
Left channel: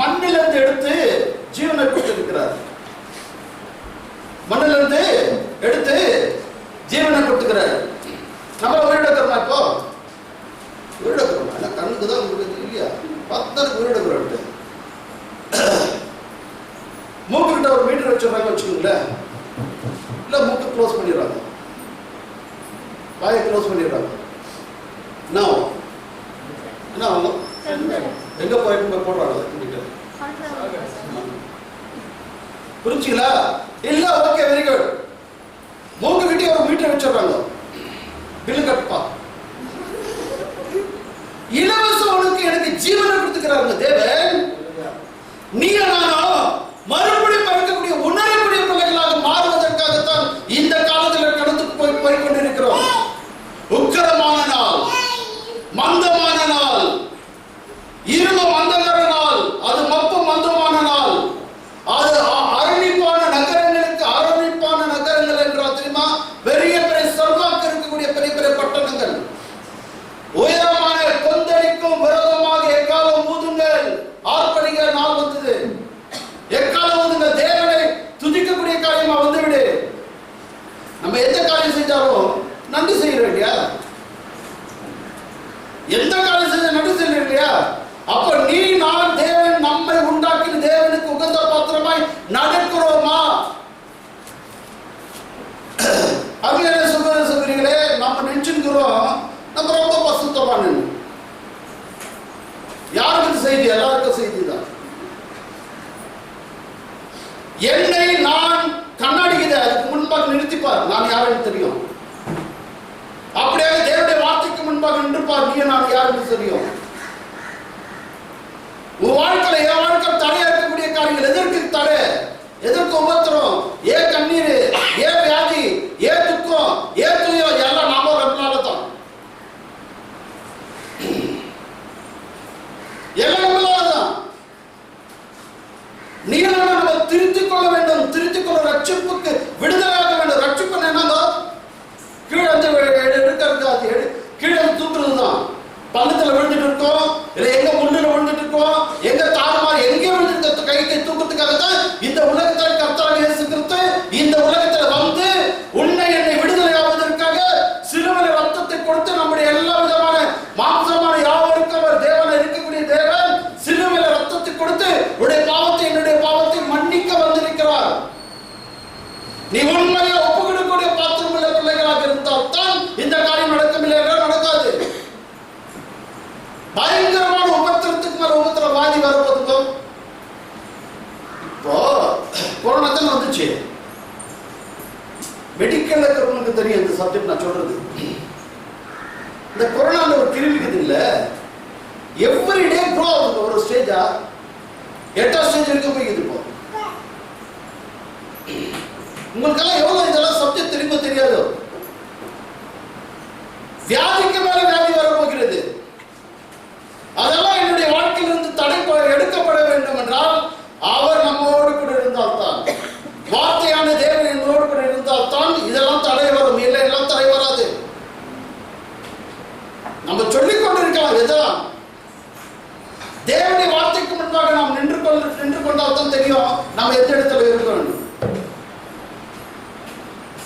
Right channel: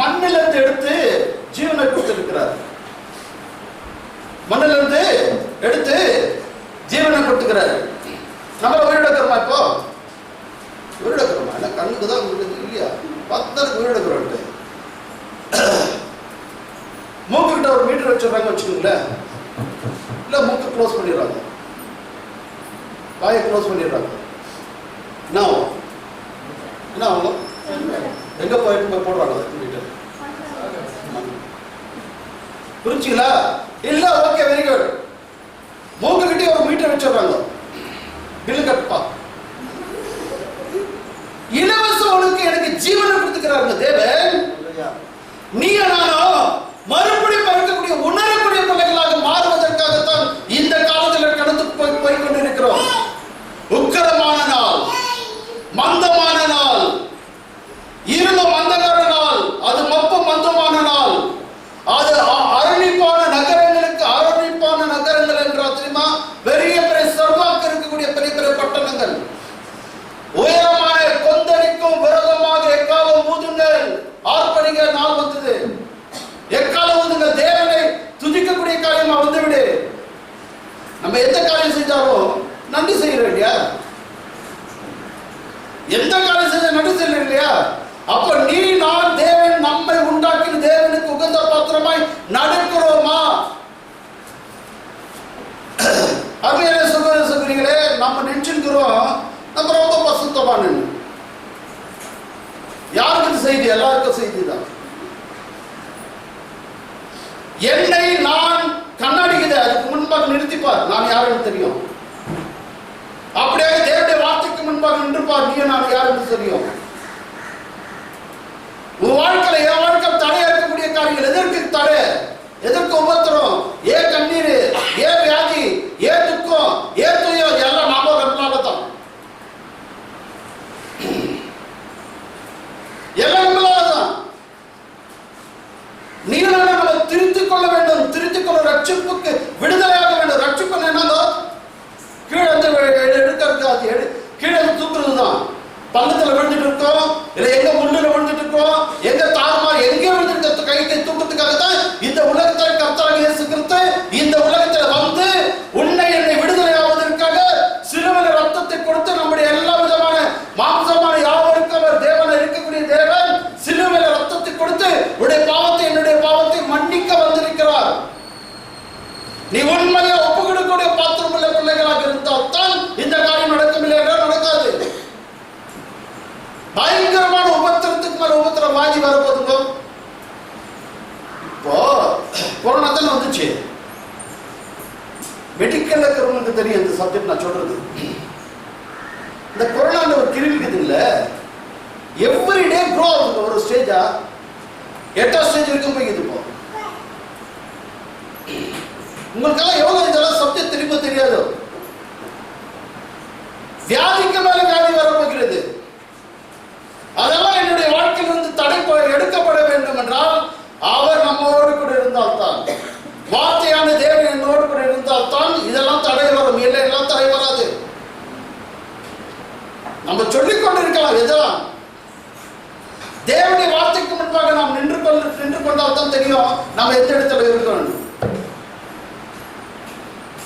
மண்ணிலிருந்து எடுத்து ஜீவனை கொடுத்திருக்கிறார். மண்ணிலிருந்து எடுத்து ஜீவனை கொடுத்துக்கிறார். நம்ம உயிரிழக்கிறோமா? இப்போ உயிரிழக்கிறோமா? என்ன கண்ணுக்கு தான் இல்லையா? 10 உயிரிழக்கிறோம். மூக்கு கிட்ட ஒரு மீட்டர் வச்சிடறாங்க வச்சுக்கோங்களேன். இல்ல மூக்கு க்ளோஸ் பண்ணிடுறாங்க, வாயை க்ளோஸ் பண்ணிடுறாங்க. என்ன ஆகும்? எங்க போயிட்டு போடுறாங்க மீட்டர். புரிஞ்சுங்களா? இல்ல, ஓகே, வெரி குட். மூக்கு கிட்டே ஒரு மீட்டர் வச்சிடறாங்க. பில்லு கட்டுப்பா. இலவசம் உனக்கு எனக்கு ஜீவனை கொடுத்துக்கிறாங்க தேவன். நீ நானும் மறுபடியும் பிறக்கக்கூடிய உணரக்கூடிய பிள்ளைகளாக மாறுவதற்காகத்தான் இந்த காலத்தில் கடந்து போய் கொண்டிருக்கிறோம். உக்கரமான நாள், மந்தமான நாள், இருள மந்தகர நாள், அது மப்பு மந்தமான நாள், அது அரணிப்பான நகரங்கள் என்றால் தெரியுமா? பெரிய பெரிய செல்வாக்கு இருக்கக்கூடிய பெரிய பெரிய பட்டணங்கள். உயரமான கொந்தளிக்கும் விரோதமாக எக்காலம் ஊதுங்கள், ஆர்ப்பரிக்கிற நாள் வந்தது. எக்காலம் ஊதுங்கள், தேவனை துதிக்கக்கூடிய காரியமா வந்துவிடு. நம்ம எந்த காரியம் செஞ்சாலும் நன்றி செய்யறோம் இல்லையா? எந்த காரியம் செஞ்ச நன்றி செய்யறோம் இல்லையா? அப்ப நீ நான் தேவன் நம்மை உண்டாக்கின தேவனுக்கு உகந்த பாத்திரமாய் நடக்கிறோமா? அங்கே சொல்றீங்களே, நம்ம நினைச்சுக்கிறோம் நம்ம ரொம்ப பசுத்தமான. யாருக்கு செய்தி? எல்லாருக்கும் செய்தி தான். என்னை நான் கண்ணாடிக்குது, அதுக்கு முன்பாக நிறுத்திப்பார், நான் யாருன்னு தெரியும். அப்படியே தேவனுடைய வார்த்தைக்கு முன்பாக பார், நீ நான் யாருன்னு தெரியும். உன் வாழ்க்கையில என் வாழ்க்கை தடையா இருக்கக்கூடிய காரியங்கள் எதற்கு தடை, எதற்கு உபத்திரம், ஏன் கண்ணீர், ஏன் வியாதி, ஏன் துக்கம், ஏன் துயம், எல்லாம் நாம நம்மளாலதான், எல்லாம் நம்மளாலதான். நீங்க நம்ம திருத்திக் கொள்ள வேண்டும். திருத்திக் கொள்ள ரட்சிப்புக்கு விடுதலையாக வேண்டும். ரட்சிப்பு என்னங்க, கீழே வந்து எடுக்கிறது, கீழே தூக்குறது தான். பள்ளத்துல விழுந்துட்டு இருக்கோம், இல்ல எங்க முள்ளுல விழுந்துட்டு இருக்கோம், எங்க தாறுமாறு எங்க விழுந்துட்டு கைக்கு தூக்கத்துக்காக தான் இந்த உலகத்தில் கர்த்தராகிய இயேசு கிறிஸ்து இந்த உலகத்துல வந்து உன்னை என்னை விடுதலையாவதற்காக சிலுவையில் ரத்தத்தை கொடுத்து நம்முடைய எல்லா விதமான மாம்சமான யாவருக்கும் அவர் தேவனாய் இருக்கக்கூடிய தேவன் சிலுவையில் ரத்தத்தை கொடுத்து உன்னுடைய பாவத்தை என்னுடைய பாவத்தை மன்னிக்க வந்திருக்கிறார். நீ உண்மையை ஒப்புக்கொடுக்கக்கூடிய பாத்திரமுள்ள பிள்ளைகளாக இருந்தால் தான் இந்த காரியம் நடக்கும், இல்லை நடக்காது. பயங்கரமான உபத்திரத்துக்கு மேல உபத்திரம் வாங்கி வரப்போதுங்க. இப்போ கொரோனா தான் வந்துச்சு. மெடிக்கல் இருக்கிறவங்களுக்கு தெரியும் இந்த சப்ஜெக்ட் நான் சொல்றது. இந்த கொரோனா ஒரு கிருமிக்குது இல்ல, எவ்ரிடே க்ரோ ஆகுது. ஒரு ஸ்டேஜா 8ஆம் ஸ்டேஜ் வரைக்கும் போய்க்குது. இப்போ உங்களுக்கெல்லாம் எவ்வளவு இதெல்லாம் சப்ஜெக்ட் தெரியுமா தெரியாது. வியாதிக்கு மேல வியாதி வரப்போகிறது. அதெல்லாம் என்னுடைய வாழ்க்கையிலிருந்து தடை எடுக்கப்பட வேண்டும் என்றால் அவர் நம்மோடு கூட இருந்தால் தான், வார்த்தையான தேவன் என்னோடு கூட இருந்தால் தான் இதெல்லாம் தடை வரும். இல்லை எல்லாம் தடை வராது. நம்ம சொல்லிக் கொண்டிருக்கலாம், எதெல்லாம் தேவனுடைய வார்த்தைக்கு முன்பாக நாம் நின்று கொண்டால் தான் தெரியும் நம்ம எந்த இடத்துல இருக்கிறோம்.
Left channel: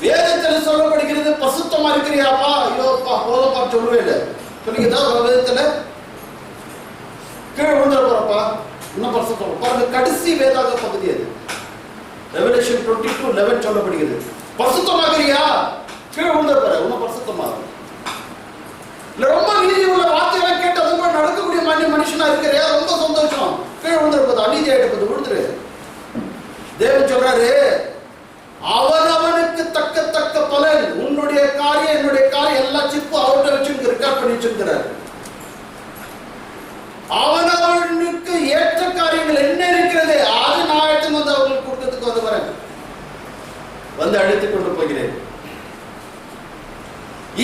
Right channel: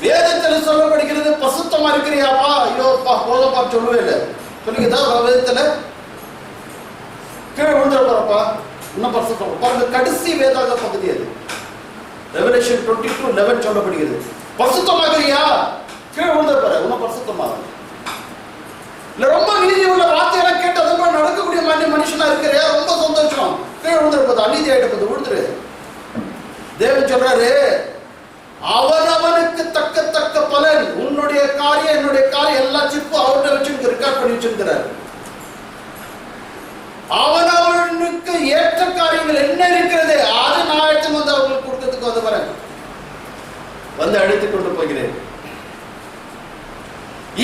வேதத்தில் சொல்லப்படுகிறது, பசுத்தமா இருக்கிறியாப்பா, ஐயோப்பா போதப்பா சொல்லவே இல்லை சொல்லிக்கிட்டா வேதத்துல கீழே விழுந்துட போறப்பா, இன்னும் பரிசுத்தம் பாருங்க. கடைசி வேதாக பகுதி அது. ரெவலேஷன் 22:11 சொல்லப்படுகிறது, பரிசுத்தமாகறியா, கீழே விழுந்துட போற, இன்னும் பரிசுத்தமாக இல்ல. ரொம்ப நீதி உள்ள வார்த்தையெல்லாம் கேட்டு அது கூட நடக்கக்கூடிய மனுஷனா இருக்கிற ரொம்ப சந்தோஷம். கீழே விழுந்துட போது, அநீதி ஆயிட்டு விழுந்துரு. தேவன் சொல்றாரு, அவனவனுக்கு தக்க பலன், உன்னுடைய காரியம் என்னுடைய காரியம் எல்லா சிப்பும் அவர்கிட்ட வச்சு ரெக்கார்ட் பண்ணி வச்சிருக்கிறார். அவனவனுக்கு ஏற்ற காரியங்கள் என்ன இருக்கிறது அது நான் எடுத்து வந்து அவங்களுக்கு கொடுக்கிறதுக்கு வந்து வரேன், வந்து அழைத்துக் கொண்டு போகிறேன்.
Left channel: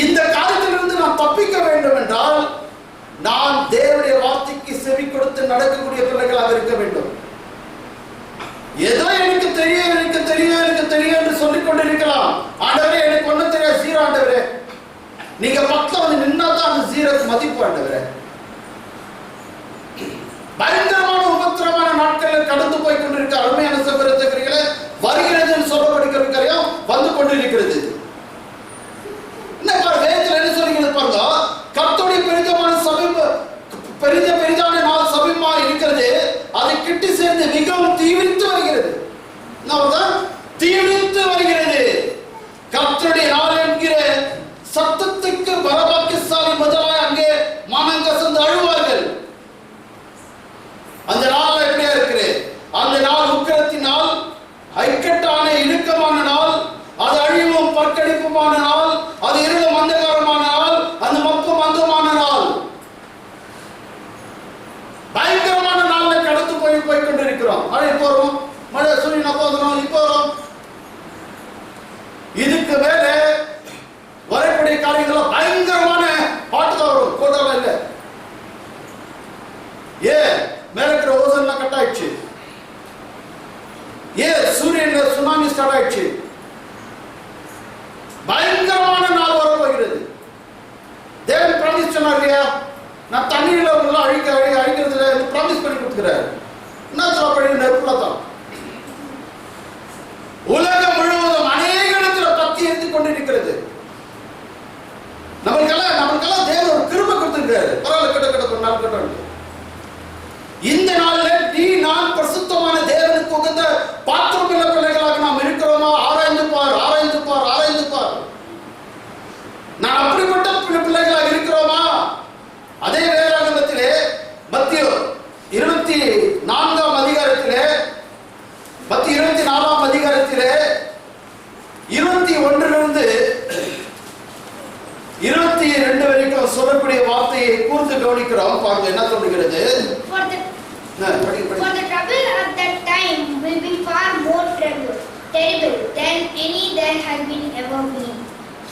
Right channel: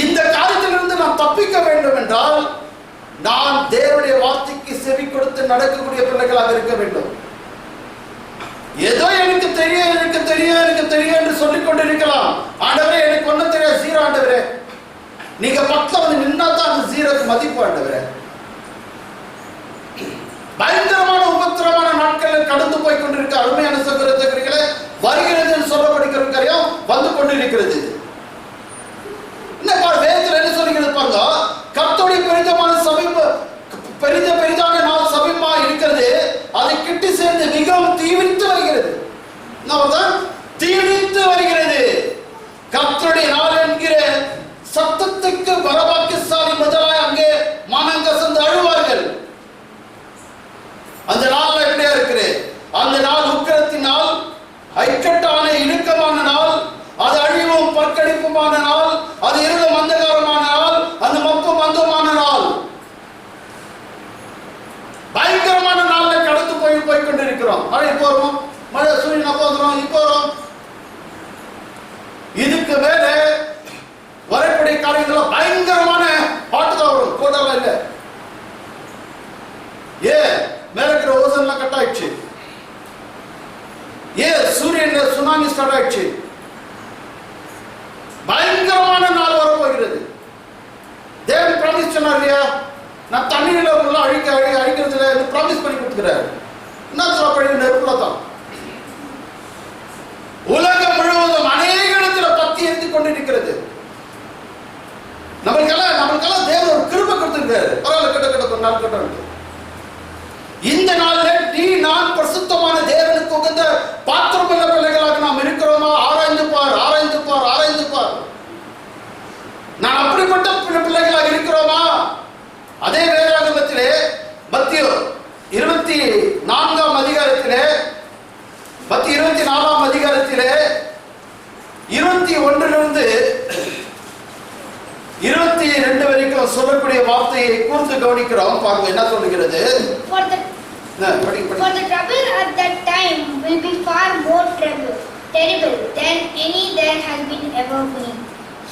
இந்த காரியத்திலிருந்து நான் தப்பிக்க வேண்டும் என்றால் நான் தேவனுடைய வார்த்தைக்கு செவி கொடுத்து நடக்கக்கூடிய பிள்ளைகளாக இருக்க வேண்டும். ஏதோ எனக்கு தெரியும் எனக்கு தெரியும் எனக்கு தெரியும் என்று சொல்லிக் கொண்டிருக்கலாம். ஆண்டவரே எனக்கு ஒன்றும் தெரியாது, ஜீரோ ஆண்டவரே. நீங்க பக்கத்துல வந்து நின்னா தான் அந்த ஜீரோக்கு மதிப்பு ஆண்டவரே. பயங்கரமான உபத்திரமான நாட்கள் கடந்து போய் கொண்டிருக்க அருமையான சகோதரர்களே, வருகிறது என்று சொல்லப்படுகிற காரியம் வந்து கொண்டிருக்கிறது. என்ன வேதத்தில் என்ன சொல்லுகிறது பாருங்க, கர்த்தருடைய பெரிதமான சபை பெரிதான நாள் சபைமா இருக்கிறது, அதை கிட்டி சேர்ந்து மிகவும் தீவிரித்து வருகிறது. தீவிரித்து வருகிறது. கர்த்தருடைய நாள் என்கிற சத்தத்துக்கு பரபாக்கியசாலி முதலாய் அங்கே மனம் கசந்து அழுவார்கள். அந்த நாள் எப்படியா இருக்குது? அந்த நாள் உக்கிரத்தினால், ஐக்கட்டான இழுக்கமான நாள், அது அழிவும் பற்கடிப்புமான நாள், அது இருளும் அந்தகாரமான நாள், அந்த மப்பு மந்தமான நாள், பயங்கரமான நாள்ல கடந்து போய் கொண்டிருக்கிறோம். மழை போறோம், மழை சூரியன் அப்போ வந்துடும், இப்போ வரும். இதுக்கு மேல வரக்கூடிய காரியங்கள் பயங்கரமான பாட்டு தான் வரும், கோட்டாலாம் இல்லை. மேல இருக்கிற ஓசன்லாம் கட் ஆயிடுச்சு. சூரியன்ல சுனாமி ஸ்டார்ட் ஆயிடுச்சு. பயங்கரமான நாள் வரப்போகிறது. தேவன் ப்ராமிஸ் சொன்னார் இல்லையா, நான் தண்ணீர்ல அழிக்கிறதுல ப்ராமிஸ் பண்ணி கொடுத்துக்கிறார். என்ன சொல்லப்படுகிற நெருப்புல தான் உலகம் முழுவதும் அநேக இடத்துல பத்தி எரிந்து கொண்டிருக்கிறது. நம்மளுக்கெல்லாம் தேவன் ஒரு கிருபை கொடுத்திருக்காரு. பரவாயில்ல, கிட்ட ஒரு நாள் கட்ட. இந்த நாளில் நீ நான் பரிசுத்தமான தேவனுக்கு உகந்த பாத்திரமுள்ள பிள்ளைகளாக நாம் இருக்கிறோமா? ஆராய்ந்து பார், ஆராய்ந்து பார், ஆராய்ந்து பார். நான் அப்படிப்பட்ட பிள்ளைகளாக இருக்கிறோமா? அதே வேதாகமத்திலே மத்திய 24ஆம் அதிகாரத்திலே 24ஆம் அதிகாரத்திலே 21 21 22 வரைக்கும் சொல்லக்கூடிய வார்த்தையை கூர்ந்து கவனிக்கிறோம். பாருங்க என்ன சொல்லுகிறது. For the trouble at that time will be far more terrible than any there has been ever been,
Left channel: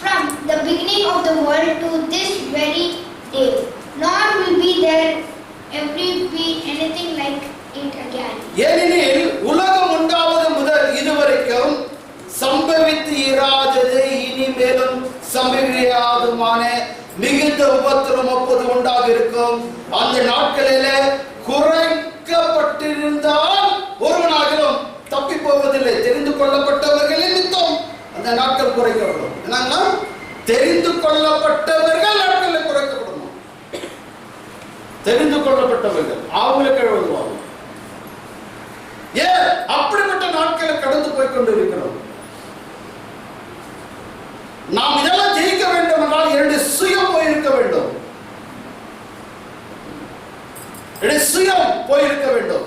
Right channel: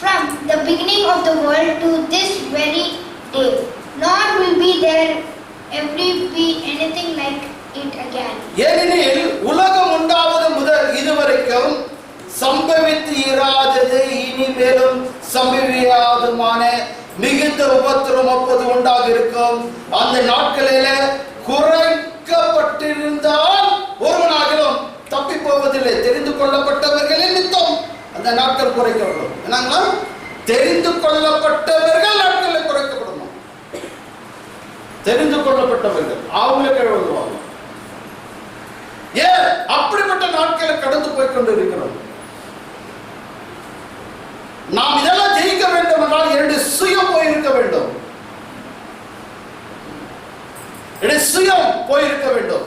from the beginning of the world to this very day, nor will be there ever be anything like it again. ஏனெனில் உலகம் உண்டாவது முதல் இதுவரைக்கும் சம்பவித்து இராதது இனிமேலும் சம்பவியாதுமான மிகுந்த உபத்திரம் அப்போது உண்டாக இருக்கும். அந்த நாட்களிலே குறைக்கப்பட்டிருந்தால் ஒருவனாகிலும் தப்பி போவதில்லை. தெரிந்து கொள்ளப்பட்டவர்களின் நிமித்தம் அந்த நாட்கள் குறைக்கப்படும். என்னங்களா? தெரிந்து கொள்ளப்பட்டவர்கள் நாட்களில் குறைக்கப்படணும். தெரிந்து கொள்ளப்பட்டவர்கள் அவங்களுக்கு எழுதுவாங்க. ஏன் அப்படிப்பட்ட நாட்களை கடந்து போய் கொண்டு இருக்கிறோம்? நாம் இதெல்லாம் ஜெயிக்க வேண்டும் என்றால் 2 சுயம் போயிருக்க வேண்டும். சுயம் போயிருக்க வேண்டும்.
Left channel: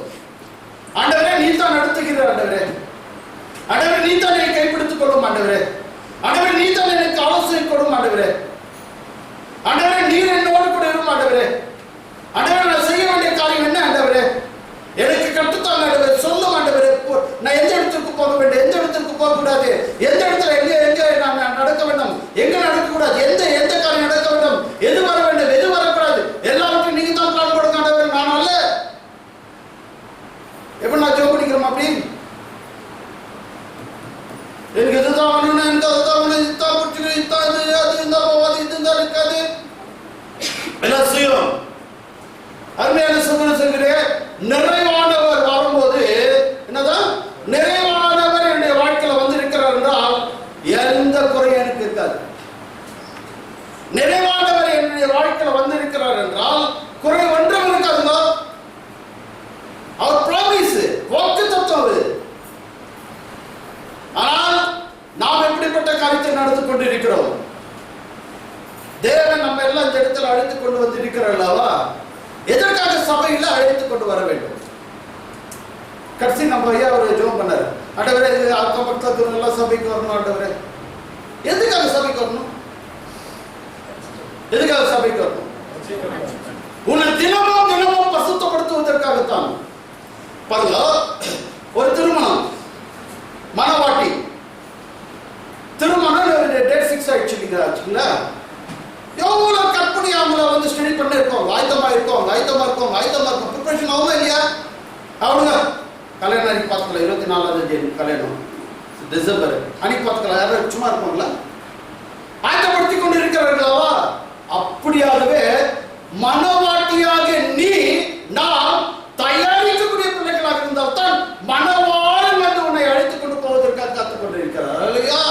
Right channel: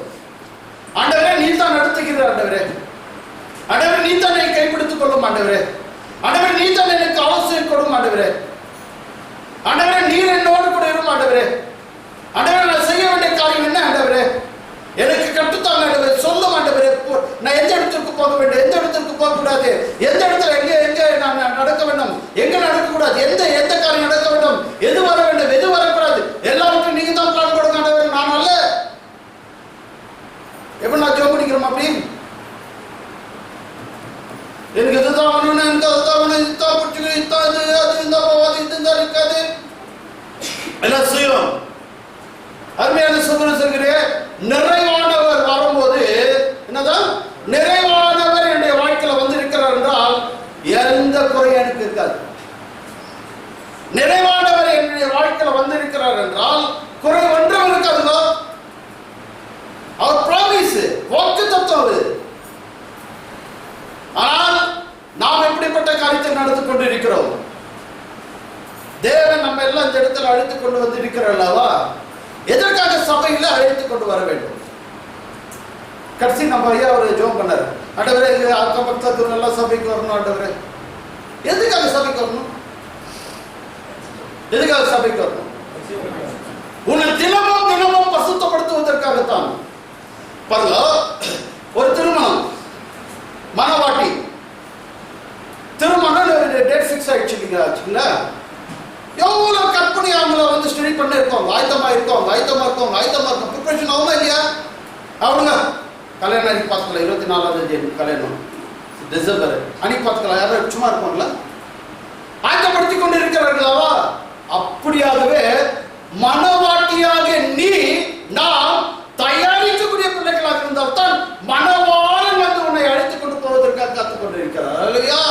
ஆண்டவரே நீ தான் நடத்துகிறார். ஆண்டவரே நீ தான் என்னை கைப்பிடித்துக் கொள்ளும். ஆண்டவரே நீ தான் எனக்கு ஆலோசனை கொடும். ஆண்டவரே நீர் என்னோடு கூட இருக்கும். ஆண்டவரே நான் செய்ய வேண்டிய காரியம் என்ன? ஆண்டவரே எனக்கு கட்டுத்தாங்க. ஆண்டவரே சொல்லும். ஆண்டவரே நான் எந்த இடத்திற்கு போக வேண்டும், எந்த இடத்திற்கு போக கூடாது, எந்த இடத்துல எங்க நான் நடக்க வேண்டும், எங்க நடக்க கூடாது, எந்த காரியம் நடக்க வேண்டும், எது வர வேண்டும், எது வரக்கூடாது, எல்லாருக்கும் நீங்க தான் பிளான் கொடுங்க. ஆண்டவரே நான் அல்ல. எப்படி நான் ஜோம் பண்ணிக்கிறோம்? அப்படி எனக்கு இதுதான் வேணும், எனக்கு அதுதான் வேணும், இதுதான் பிடிச்சிக்கிறேன், இதுதான் இது அது இருந்தா போவாது, இது இருந்தா இருக்காது, எல்லாம் சுயம். அருமையான சகோதரர் சொல்கிறேன், நிறைவானவர் வரும்போது என்னதான் நிறைவானவர் என்னுடைய வாழ்க்கையில வந்து இருக்கிறார் என்றால் எந்த குறையும் எனக்கு இருக்காது. நிறைவானவர் என்னுடைய வாழ்க்கையில வந்து இருக்கிறார் என்றால் குறை ஒன்றும் இருக்காதுங்க. அவர் பிராமிஸ், வாக்குத்தத்தம். ஆனால் நாம் எப்படிப்பட்ட காரியத்தை நடந்து கொண்டு இருக்கிறோம்? தேவன் நம்ம எல்லாம் இந்த இடத்துல அழைத்துக் கொண்டு வந்து இருக்கிறார் அல்லவா? எதற்காக சபையில அழைத்துக் கொண்டு வர வேண்டும்? கடைசி நம்ம ஐயா ஒரு ஜோம் பண்ணாரு. ஆண்டவரே அக்கம் பக்கத்துல எல்லாம் சபைக்கு வரணும். ஆண்டவரே எதுக்காக சபைக்கு வரணும்? எதுக்காக சபைக்கு வரணும்? உன்னை தினமும் பசுத்தப்படுத்துவதற்காகத்தான். பாருங்க, ஒரு திருமணம், மனவாட்டி திருமணம் டேட் ஃபிக்ஸ் ஆயிடுச்சுங்களா? எவ்வளவு கற்பனை அவங்கள வந்து ஸ்டடி பண்ண இருக்கோம், ஆயத்தமா இருக்கோம், ப்ரிப்பரேஷன் ஆகுமா இல்லையா? அவனுங்க கல்யாணம் அன்னைக்கு பார்த்துக்கலாம். 24ஆம் தேதி கல்யாணம், டிசம்பர் அன்னைக்கு பார்த்துக்கலாம். யாரும் சும்மா இருப்பாங்களா? ஆயத்தப்படுத்தி கொண்டு இருக்கிறார்களாவா? அப்படியாகவே மனவாட்டியாக நீ நாம் தயாரிக்கக்கூடிய பிள்ளைகளாக இருந்தால் தான் மனவாளன் வந்து உன்னை அழைத்துக் கொண்டு போவதற்காக காத்துக் கொண்டிருக்கிறார் இல்லையா?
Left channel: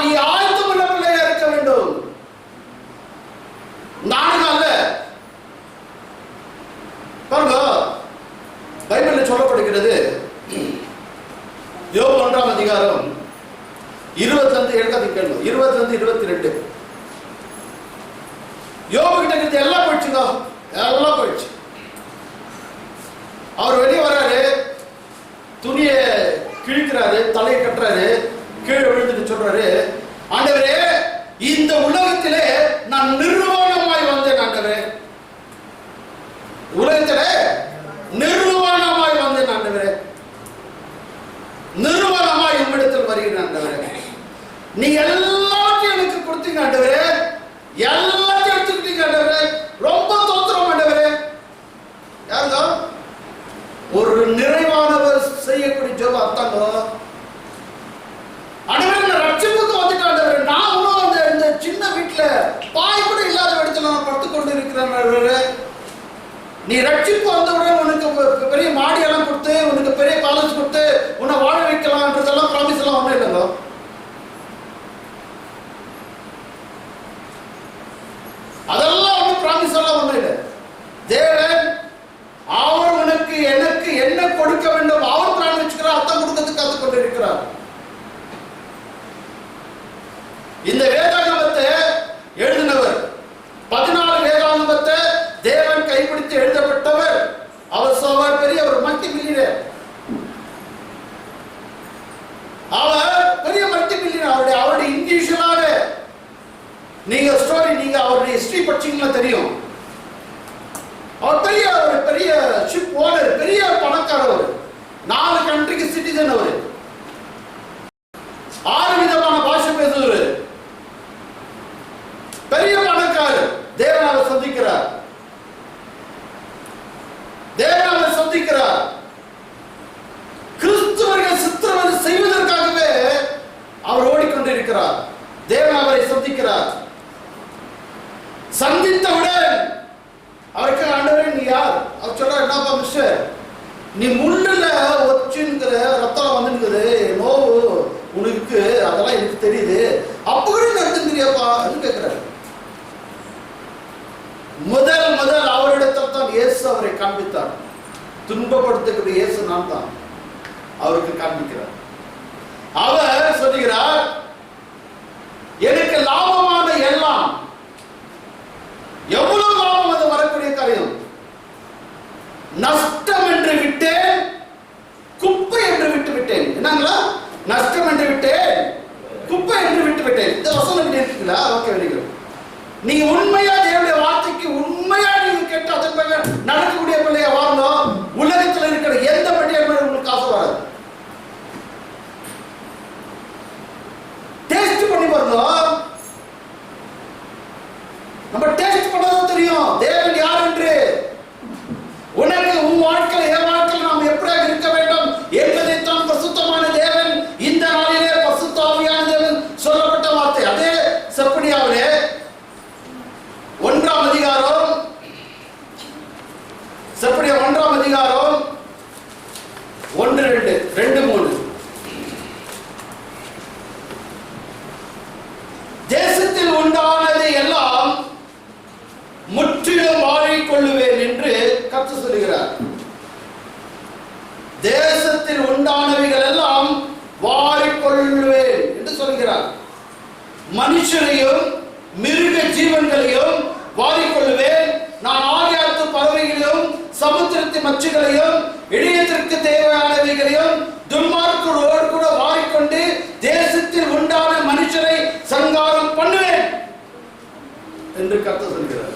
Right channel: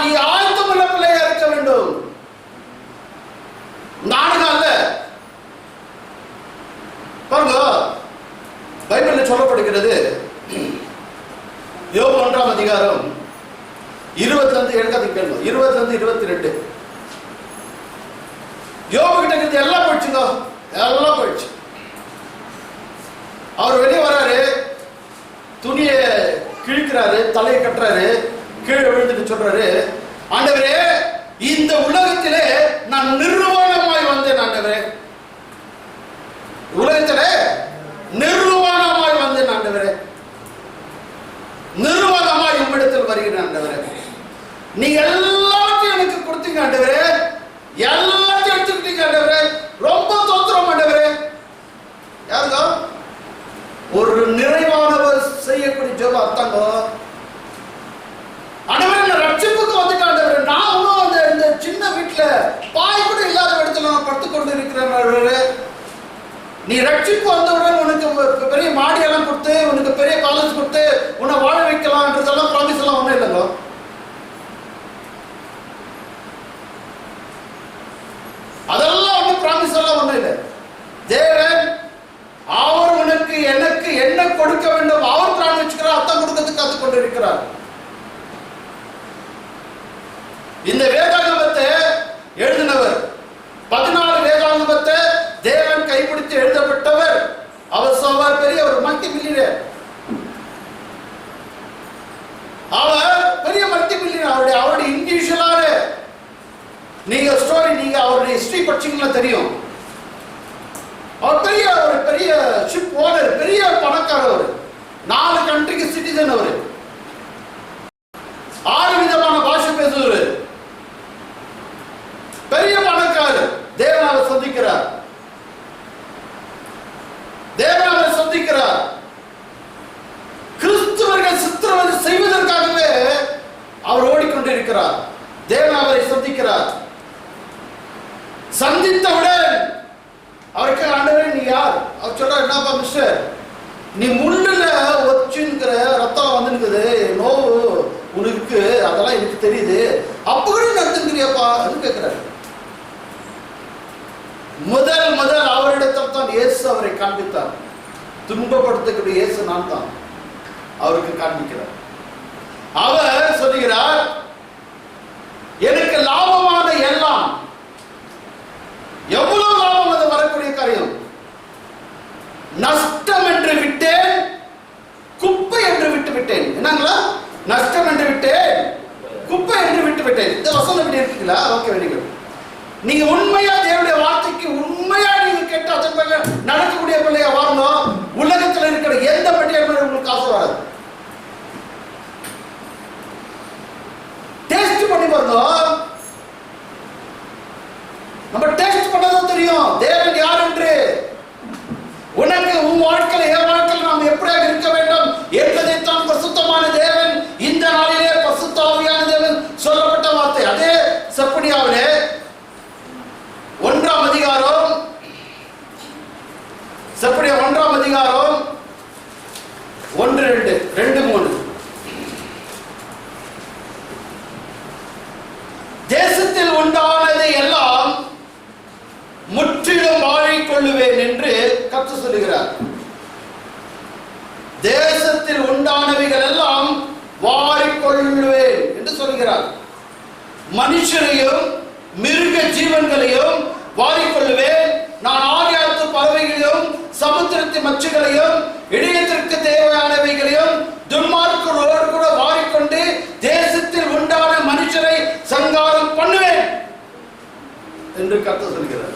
நீ ஆயத்தமுள்ள பிள்ளையா இருக்க வேண்டும். நானும் அல்ல. பாருங்க, பைபிளில் சொல்லப்படுகிறது, யோபு 1ஆம் அதிகாரம் 25-22 யோபு கிட்ட இருந்து எல்லாம் போயிடுச்சுங்க, எல்லாம் போயிடுச்சு. அவர் வெளியே வராரு, துணியை கிழிக்கிறாரு, தலையை கட்டுறாரு, கீழே விழுந்துட்டு சொல்றாரு, ஆண்டவரே இந்த உலகத்திலே நான் நிர்வாணமாய் வந்தேன். ஆண்டவரே உலகத்திலே நிர்வாணமாய் வந்தேன். ஆண்டவரே நிர்வாணமாய் உம்மிடத்தில் வருகிறேன். ஆண்டவரே நீங்க எல்லாத்தையும் எனக்கு கொடுத்தீங்க. ஆண்டவரே எல்லாத்தையும் எடுத்துக்கிட்டீங்க. ஆண்டவரே ரொம்ப தோத்திரம். ஆண்டவரே யாருங்க? ஒரு நிறைவானவர் செய்யக்கூடிய ஜெபம் அர்த்தங்க. ஆண்டவரே நான் ரட்சிப்புக்கு வந்துட்டேன். ஆண்டவரே நான் இந்த சின்ன வீட்டுல பாய் கூட இல்லாத இடத்துல நான் படுத்துக் கொண்டு இருக்கிறேன். நீ ரட்சிப்பு வந்தவுடன் உனக்கு பெரிய மாடியெல்லாம் கொடுத்து, உனக்கு பெரிய காலேஜ் கொடுத்து உன்னை வாழ வைக்கலாம்ன்றதெல்லாம் ப்ராமிஸ் எல்லாம் ஒன்றும் இல்லைங்க. அதெல்லாம் ஒன்றும் ப்ராமிஸ் எல்லாம் ஒன்றும் இல்லை. தேவன் அவர் உனக்கு எனக்கு என்ன கொடுக்க வேண்டும் அவர் பிளான் வச்சுக்கிறார். அதான் கொடுக்கறதுக்கு காத்துக் கொண்டு இருக்கிறார். இந்த வேதாகமத்தை எழுதினவர், 14 வேதாகமத்தை தேவன் கைப்பிடித்து எழுதப்பட்டவர். அவர் பெரிய ஒரு மல்டி மில்லியனர். அவர் பெரிய மல்டி மில்லியனர். அவருடைய இண்டிவிஜுவலான நீங்க ஸ்டோரி, நீங்க அவருடைய ஹிஸ்டரி படிச்சீங்கன்னா தெரியும். அவர் ஒரு பெரிய ஷிப் ஓனர், பெரிய பணக்காரர். 4 கண்ட்ரிக்கு சிட்டிசன். அவரு 6 விதமான பாஷை பேசுவார். பெரிய பணக்காரர். தேவன் அவரை சந்திக்கிறார். கிறிஸ்துவர்கள் சித்திரவதை செய்வதற்காகவே அவர் ஓடிக்கொண்டிருக்கிறார். தேவன் அவரை சந்திக்கிறார். சந்தித்தவுடன் அவருக்கு, ஆண்டவரே நீ யார்? அவர் சொல்றார், என்னப்பா மிஸ்டர், நீ முள்ளுல ஒச்சுங்கிற ரத்தம் வந்துருக்குது, நோவு உனக்கு, அதெல்லாம் எனக்கு தெரியுது, அப்ப கூட நடந்துக்கிறியாப்பா கேட்கிறாரு. முதல் அவரிடத்தில் தான் இயேசு அவரை காண்பித்தார். துன்பப்படுத்தக்கூடிய இயேசு நான் தான் அவருக்கு காண்பிக்கிறார். அவர் சொல்லுகிறார், எனக்கு லாபமான எல்லாம், எவ்வளவு லாபம் அது வரக்கூடிய காரியம், நஷ்டம் என்று விட்டேன், குப்பை என்று விட்டு விட்டேன். என்னங்களா? நஷ்டம் என்று விட்டேன், குப்பை என்று விட்டு விட்டேன். இந்த வசனம் எப்படி இருக்குங்களா? Okay, very good. நீங்க உண்மையா தேவனுடைய வார்த்தைக்கு உண்மையா நீங்க கேட்டு அதற்காக நடக்கக்கூடிய பிள்ளைய வாழணும். உலகத்தில் இருக்கிற எந்த பட்டியல் உங்களுக்கு காசு வராது. டேஸ்ட் பண்ணி பாருங்க. நம்ம டேஸ்ட் பண்ணதான் தெரியும் தேவன் யார் என்று. உனக்கு உன் வாழ்க்கையில் என் வாழ்க்கையில் நாம் எப்படியாக இருக்க வேண்டும் என்பதைத்தான் பரிசுத்தமான தேவன் இந்த நாளிலே பரிசுத்த ஆவியான தேவன் சொல்லப்பட்ட வார்த்தை. அதே செப்பனியாவிலே 1ஆம் அதிகாரம், செப்பனியா 1ஆம் அதிகாரம் 1-2-3. தேசத்தில் உண்டானதை எல்லாம் முற்றிலும் வாழிக்கொள்ளுவேன் என்று கர்த்தர் சொல்லுகிறார். தேசத்தில் உண்டானவைகள் எல்லாம் வாழிக்கொள்ளுவேன் என்று சொல்கிறார். மனுஷரையும் மிருக ஜீவன்களையும் வாரிக்கொள்ளுவேன். நான் ஆகாயத்து பறவைகளையும் சமுத்திரத்து மச்சுகளையும் இடையத்திற்கு தேவையானவைகளையும் துன்மார்க்கரோடு கூட வாரிக்கொண்டு தேசத்தில் உண்டான மனுஷரை சங்காரம் பண்ணுவேன் என்று கர்த்தர் சொல்கிறார்.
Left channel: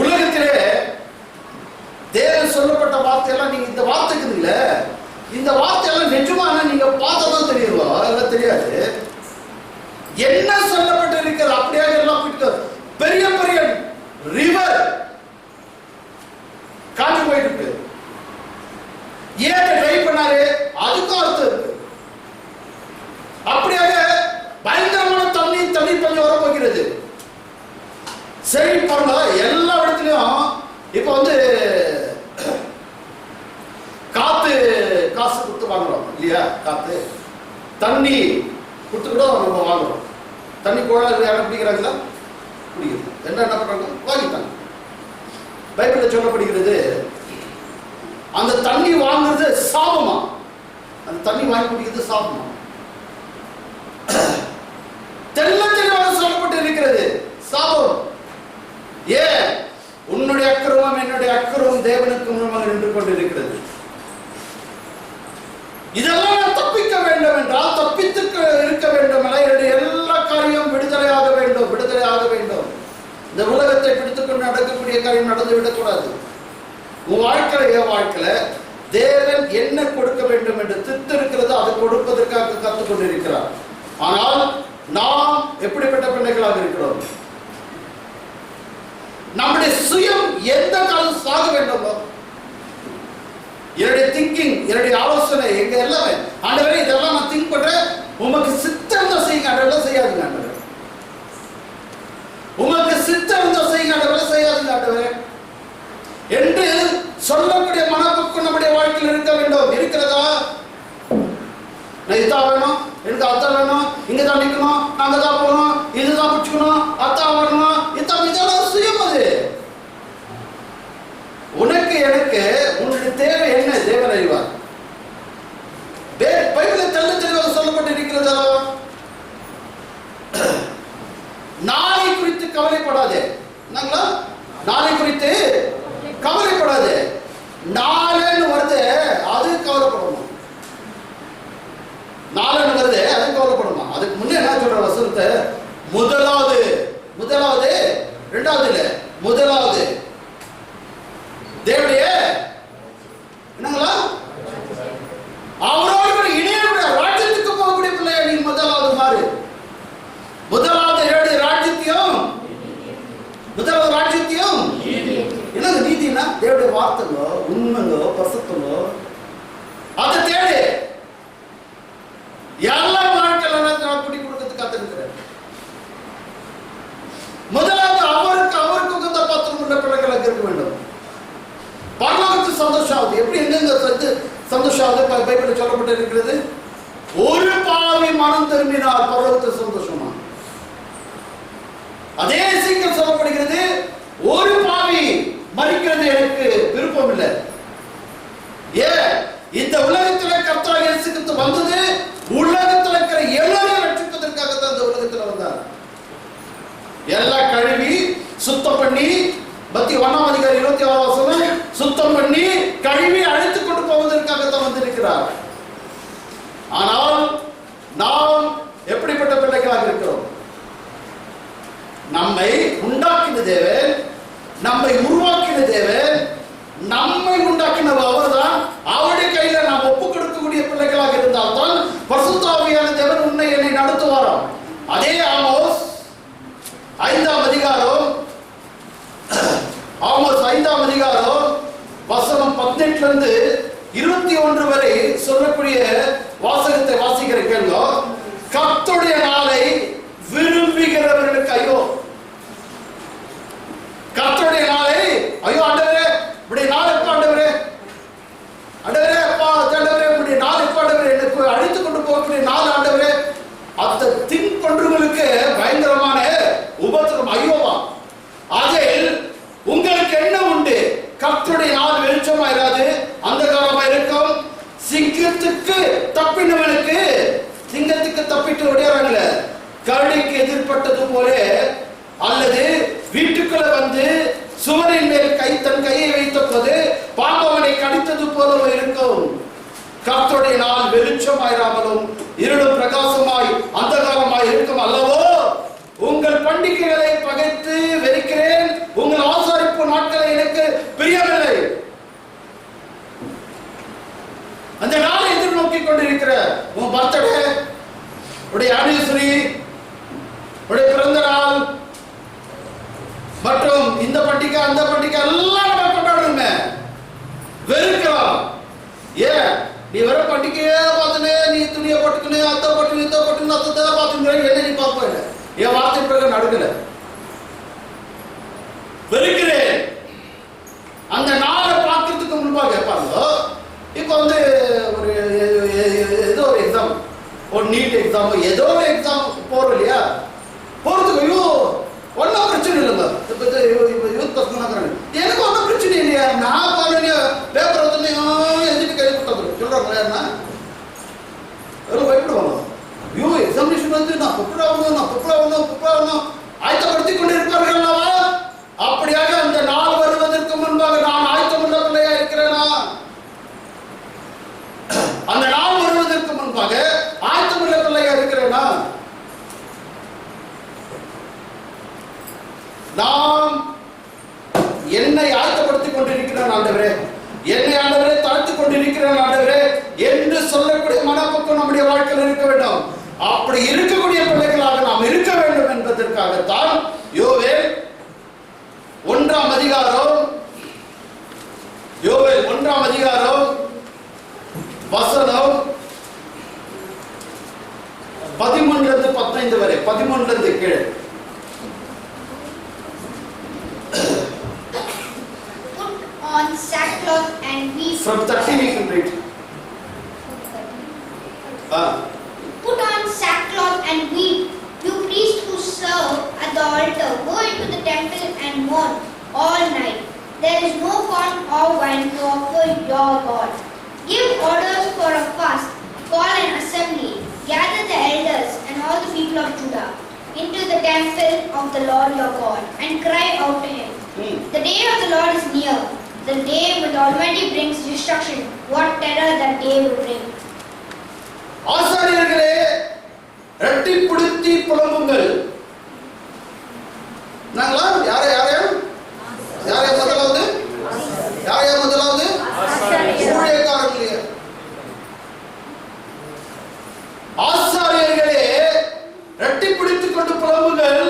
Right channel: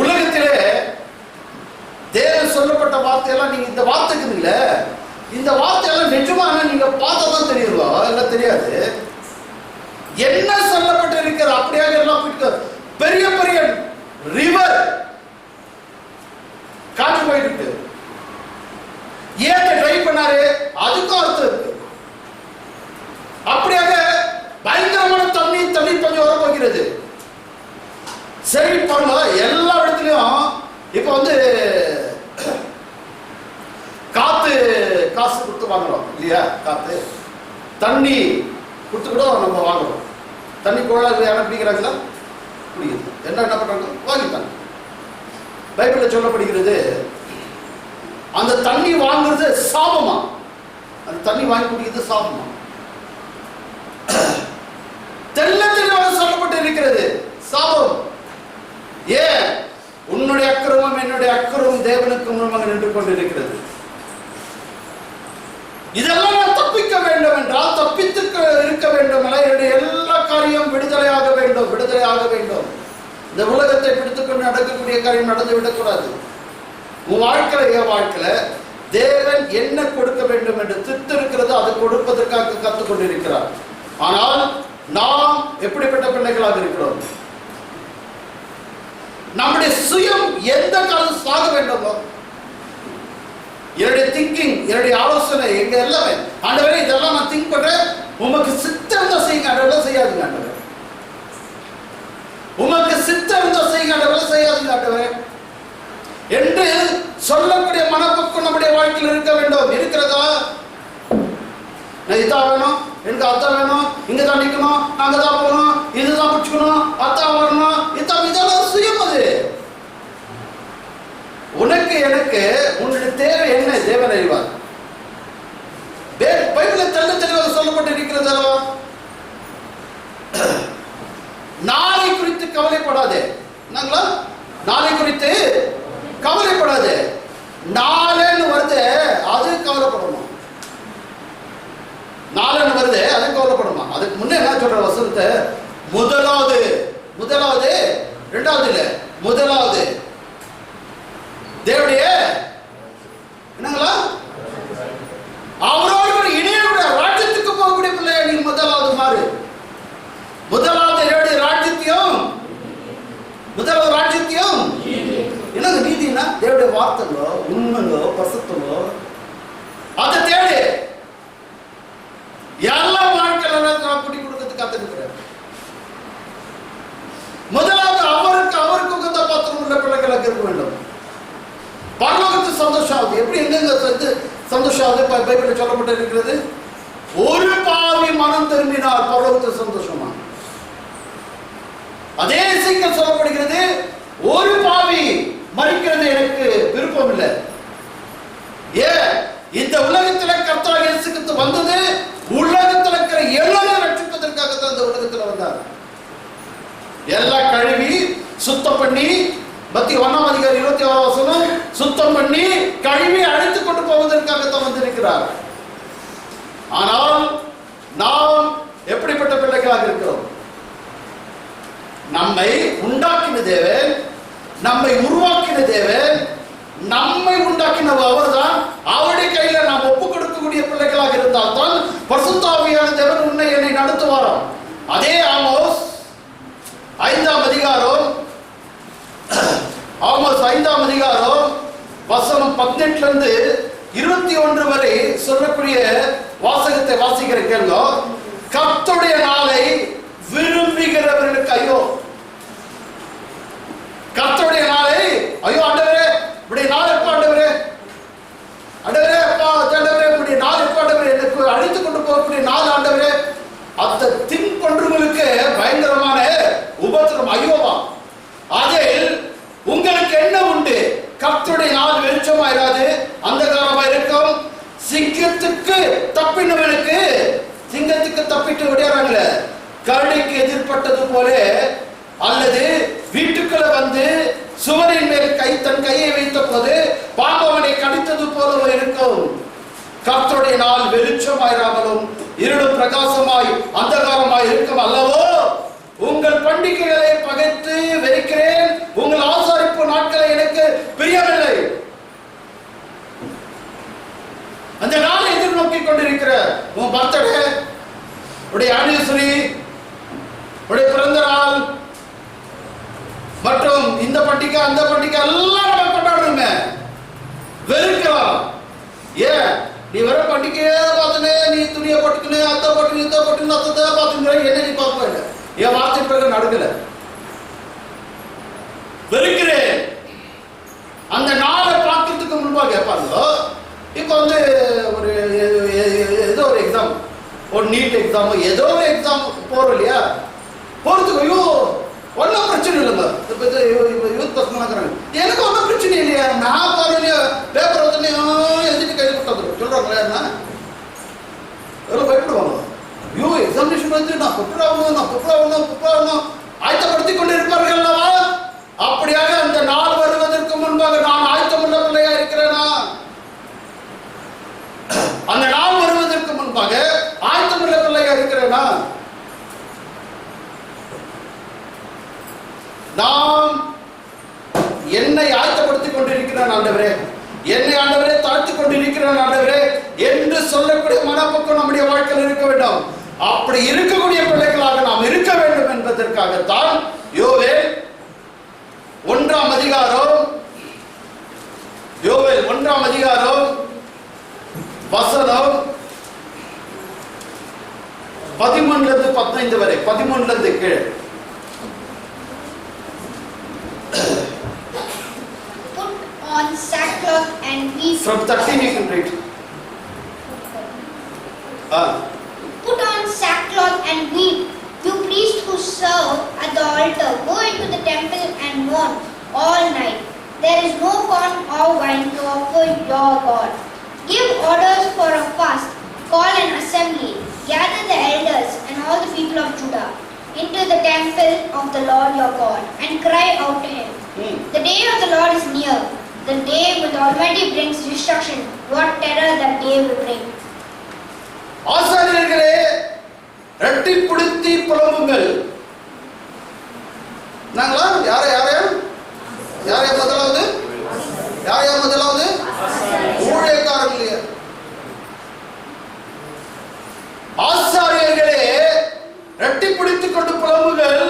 உலகத்திலே தேவன் சொல்லப்பட்ட வார்த்தையெல்லாம் நீங்க இந்த வார்த்தைக்குதுங்களே, இந்த வார்த்தையெல்லாம் நிஜமான நீங்க பார்த்ததான் தெரியுங்களா? எல்லாம் தெரியாது. என்ன சொல்லப்பட்டு இருக்கிறது அப்படியாக எல்லாம் போயிட்டு பெரிய பெரிய ரிவர் காற்று போயிட்டு ஏன் ட்ரை பண்ணாரு, அதுக்கும் அர்த்தம் இருக்கு. அப்படியாக பயங்கரமான தண்ணி பஞ்சம் வர போகிறது. சரி பாருங்க, எல்லா இடத்துலயும் இப்ப காசு கொடுத்து வாங்குறோம் இல்லையா? காத்து தண்ணி கொடுத்து கூட நம்ம வாங்குறோம். தண்ணி குழாய் யாரும் பிடிக்கிறாங்களா? பிடிக்குது. என்ன பண்றாங்க? வாங்கிட்டாங்க. பைபிள்ல சொல்லப்படுகிறது, அந்த தண்ணி வாங்குறது சாபமா? அந்த தண்ணி வாங்கி குடிக்கிறது சாபமா? தெளிவாக சொல்லப்பட்டு இருக்கிறது சாபம். ஏன்? உன்னுடைய அக்கிரமம் என்னுடைய அக்கிரமம் தேவனுக்கு முன்பாக நின்று கொண்டிருக்கிறது. இதெல்லாம் நான் தப்பிக்க வேண்டும் என்றால், தப்பித்து இருக்க வேண்டும், என்னுடைய எல்லா காரியம் விடுதலையாக வேண்டும். இந்த உலகத்தை பிடித்துக்கொண்டு நடக்கக்கூடிய காரியம் நடந்து விடக்கூடாது. உன் வாழ்க்கையில என் வாழ்க்கையில தேவன் என்ன கொடுக்க வேண்டும் என்று திட்டு இருக்கிறது, அதை கொடுப்பதற்காக கற்றுக் கொண்டிருக்கிறார். ஆனால் நாம் எப்படிப்பட்ட பிள்ளைகளாக இருக்கிறோம்? நம்முடைய சுயம் எந்த காலம் சாக வேண்டுமோ, என்னுடைய திங்கிங், என்னுடைய ஆலோசனை, எங்க எல்லாமே ஆண்டவரே இதெல்லாம் நான் திங்க் பண்றேன், உமக்கு சித்தம் தான் செய்யுங்க ஆண்டவரே, செய்யாதுங்க ஆண்டவரே. உமக்கு சித்தம் தான் செய்யுங்க ஆண்டவரே, செய்யாதுங்க ஆண்டவரே என்று சொல்லக்கூடிய மனப்பக்குவம் நம்முடைய வாழ்க்கையில் இருக்க வேண்டும். இருக்கிறதா? நான் இதான் வேணும், எனக்கு அத்தான் வேணும், இங்க தான் நிக்கணும், அங்க தான் போகணும், இதுதான் பிடிச்சுக்கணும், அத்தான் வரணும், இதெல்லாம் சுயம். அது உனக்கு எனக்கு உன்னுடைய தேவை என்ன தேவன் அறிவார். பைபிளில் தெளிவாக சொல்லப்பட்டு இருக்கிறதா? நாளை குறித்து கவலைப்படாதே. என்னங்களா? நாளை குறித்து கவலைப்படாதே. நாளைன்னு வருது, அது கவலைப்படணும். நாளைன்னு வருது, முதலாவது ராஜ்யத்தையும் என்னங்க நீதினா தேவனுடைய வார்த்தைங்களோ உண்மைங்களோ பரிசுத்தங்களோ அதை தேடு. எல்லா வாழ்க்கையில குடி கொடுக்கறதுக்கு காத்திருக்கிறார். முதலாவது அவருக்கு உகந்த பாத்திரம் உள்ள பிள்ளைகளாக இருக்க வேண்டும். பரலோகத்து சந்தோஷம் ஆகுது. எப்படி எங்க சந்தோஷம் ஆகுது? பைபிளில் சொல்லப்பட்டு இருக்கிறது, ஒரு பாவி மனம் திரும்பினால் பரலோகத்து சந்தோஷமா. அதே சீக்கிரம் சொல்லப்படுகிறது, ஒரு பாவி மரிக்கிறது எனக்கு விருப்பம் இல்லை. ஏன்? இந்த உலகத்தில் கர்த்தராகிய இயேசு கிறிஸ்து வந்தது உலகத்தில் இருக்கிற எல்லாரையும் ரட்சிப்பதற்காகத்தான் இந்த உலகத்தில் வந்தார். எல்லாம் கழுவி சுத்தம் பண்ணி, மத்திய 1 அதிகாரம் 26 வசனம், சுத்தம் பண்ணி கழுவி அழைத்துக் கொண்டு போவதற்காகத்தான் வந்திருக்கிறார். ஆனால் நாம் எப்படிப்பட்ட பிள்ளைகளாக இருக்கிறோம்? நம்மை உண்டாக்கின தேவன், நம்மை உருவாக்கின தேவன், நம்மை உண்டாக்கின அவர்தான். அவருடைய கையில நாம் ஒப்புக் கொடுக்கக்கூடிய பிள்ளைகளாக இருந்தால் தான் பரிசுத்த ஆவியான தேவன் உன்னை என்னை நடத்துவாராம். அதே ஆமோஸ் 5ஆம் அதிகாரம், ஆமோஸ் 5ஆம் அதிகாரம் வசனம் 18 இருந்து 21 வரை சொல்லக்கூடிய வாசகத்தை வாசிக்கிற கேள்வி, கர்த்தருடைய நாளை விரும்புகிறவர்களுக்கு ஐயோ. கர்த்தருடைய நாளை ஐயோ ஆண்டவரே, இப்படி நாள் எப்ப ஆண்டவரே, ஆண்டவரே அப்பா ஆண்டவரே, இப்படி நாள் எப்ப ஆண்டவரே, எனக்கு அழைத்து கொண்டு போகக்கூடிய நாள் ஆண்டவரே, அந்த திங்க் பண்றவங்களுக்கு பயங்கரமான உபத்திரம் ஐயோவா. அதில் உங்களுக்கு என்ன உண்டு? கர்த்தருடைய நாள் வெளிச்சமாயிராது, அந்தகாரமா இருக்கும். சிங்கத்துக்கு தப்பினவனுக்கு, சிங்கத்துக்கு தப்பிட்டு விடையாறாங்கள, கரடிக்கு எதிர்பட்டது போல, அல்லது வீட்டுக்குள்ள வந்து சுவரின் மேல் தன் கையை வைத்த போது பாம்பவனை கடித்தது போல இருக்கும். கர்த்தருடைய நாள் வெளிச்சமாயிராமலும் இருளும் பிரகாசமாய் அந்தகாரமாய் இருக்கும் அல்லவோ. உங்கள் பண்டிகைகளை பகைத்து வெறுக்கிறேன், உங்கள் ஆசாரிப்பு நாட்களை எனக்கு பிரியமில்லை. அந்த நாளை எதிர்நோக்கி கொண்டிருக்கிற உன் பர்த்டே, உடைய ஆனிவர்சரி, உடைய பிறந்த நாள் மற்றும் இந்த பண்டிகை அந்த பண்டிகை எல்லாம் நம்ம கொண்டாடுறோமே, வெறுக்கலாம். ஏன்? நீ வெறும் பண்டிகையே பார்த்துனே, நீ துணியை போட்டுக்கினே, அத்தை போட்டுன்னு இதை போட்டுன்னு அத்தை பார்த்துக்கிற என்ன நீ பார்ப்ப இல்லை. என் வார்த்தை பிறகு நடுக்கல, வெறுக்கிறேன். அந்த நாளை பார்க்கறதுக்கு முன்பாக பாருங்க, இப்போ வந்து ஒரு ஏதோ ஒரு எக்ஸாம், ஒரு நீட் எக்ஸாம், ஏதோ ஒரு எக்ஸாம் போறோம் இல்லையா, போறதுக்கு ஐயோ ஒன்றும் பிரச்சனை இல்லைங்க. இப்போ யூத் பசங்க எனக்கு ஒன்றும் பிரச்சனை இல்லையா, நான் பாருங்க பேப்பர் வந்து எழுதிட்டு கைது கொடுத்தாங்க சொல்றாங்களே, என்ன எவ்வளோ பயப்படுவாங்க. ஐயோ எக்ஸாமினேஷன் வந்து நான் புப்படாகணும் ஆயத்தப்படுத்திக் கொண்டு இருப்பார்கள் அல்லவா. அப்படியாக அந்த நாள் வருவதற்கு முன்பாக நான் ஆயத்தமுள்ள பிள்ளையா இருக்கிறேனா? அந்த நாள் வருவதற்கு முன்பாக ஆயத்தமுள்ள பிள்ளையா இருக்கிறேனா? நாம் என்னை ஆயத்தப்படுத்திக் கொண்டிருக்கிறேன் ஆண்டவரே, என்னை ஆண்டவரே தாழ்த்திக் கொண்டிருக்கிறேன் ஆண்டவரே என்று சொல்லக்கூடிய மனப்போக்கம் நம்முடைய வாழ்க்கையில் இருக்க வேண்டும். அப்படி இருக்கக்கூடிய பிள்ளைகளாக நாம் இருக்க வேண்டும் என்பதற்காகத்தான் யோவேல் 1ஆம் அதிகாரம், யோவேல் 1ஆம் அதிகாரம் வசனம் 13 15 வரை, 13 கீழே. Put on sackcloth and weep. From 13 you can read. Put on sackcloth and weep. You priests who serve at the altar, go into the temple and mourn all night. There is no corn or wine to offer your God. Give orders for a fast, call an assembly, gather the elders and all the people of Judah into the temple of the Lord your God and cry out to him. The day of the Lord is near, the day when the Almighty brings destruction. What terror that day will bring. ஆசாரியர்களே இரட்டிப்படுத்தி புலம்புங்கள். நாங்களா யார முதலாவது ஊழியக்காரர்களே, ஆசாரியர்களே இரட்டிப்படுத்திக் கொண்டு புலம்புங்கள்.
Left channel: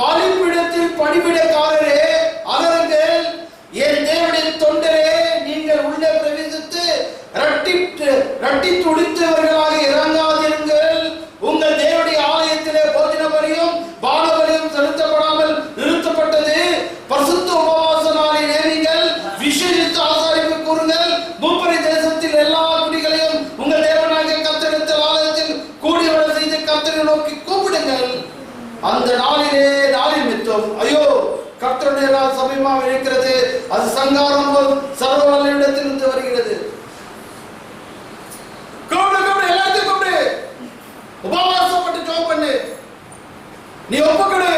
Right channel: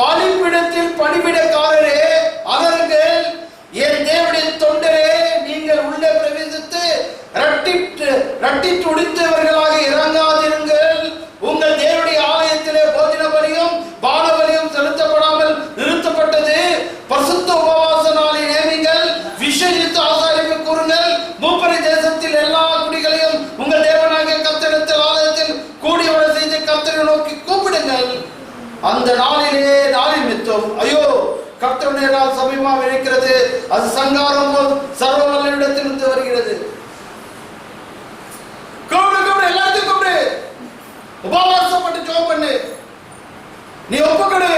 பலிபீடத்தில் பணிவிடைக்காரர் கூப்பிடுங்கள். அந்த நாளின் மித்தம் ஐயோ கர்த்தருடைய நாள் சமீபமாக இருக்கிறது, அது சங்காரம் போல் சர்வ வல்லவரிடத்திலிருந்து வருகிறது. கூப்பிடு, எல்லாத்தையும் கூப்பிடு, உபவாசப்பட்டு ஜெபம் பண்ணு, நீ ஒப்புக்கொடு.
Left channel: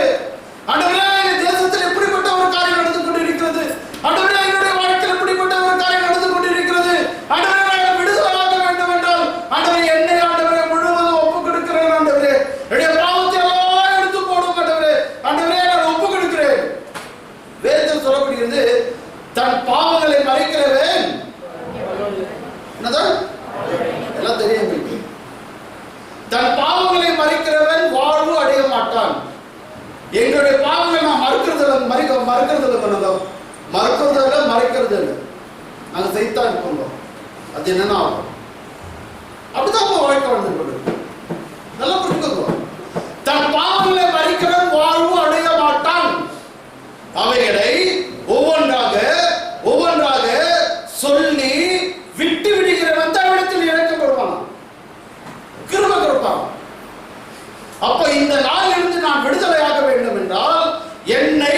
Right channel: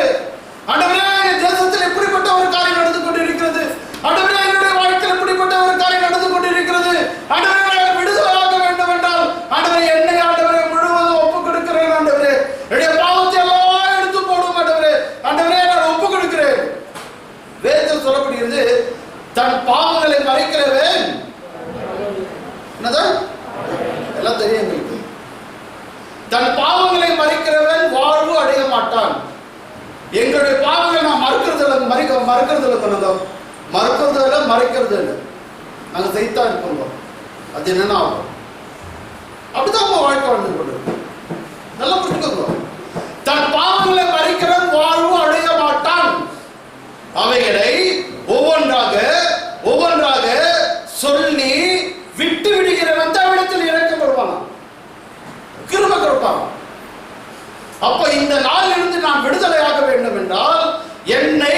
ஆண்டவரே, தேசத்தில் எப்படிப்பட்ட ஒரு காரியம் நடந்து கொண்டிருக்கிறது, ஆண்டவரே என்னுடைய வாழ்க்கையில் எப்படிப்பட்ட ஒரு காரியம் நடந்து கொண்டிருக்கிறது, ஆண்டவரே விடுதலையாக வேண்டும் என்றால் ஆண்டவரே என்னை ஆண்டவரே முழுவதும் ஒப்புக் கொடுக்கிறேன். ஆண்டவரே என்னுடைய பாவத்தை எல்லாம் எடுத்து போடும். ஆண்டவரே நான் ஒப்புக் கொடுக்கிறேன். வேதத்தில் சொல்லப்படுகிறது, தன் பாவங்களை மறைக்கிறவன் என்னதான் எல்லாம் தெரியும். தன் பாவங்களை மறைக்கிறவன் வாழ்வு அடைய மாட்டான். எங்களுடைய பாவங்களை நான் மறுக்கிறது இல்லை, நாங்க செய்தான் இருக்கோம். அது என்னன்னா அப்படிதான் வாழ்க்கை வாழ்ந்து கொண்டு நல்லா புரிஞ்சுக்கோ. தன் பாவங்களை மறைக்கிறவன் வாழ்வு அடைய மாட்டான். அவைகளை ஒவ்வொன்றாக சொல்லி விட்டு விடுகிறவன் தன்னிடத்தில் இறக்கப்படுவான், கிருபை கொடுப்பான். அப்ப இந்த நாளிலிருந்து நான் விடுதலையாக வேண்டும் என்றால் என்னை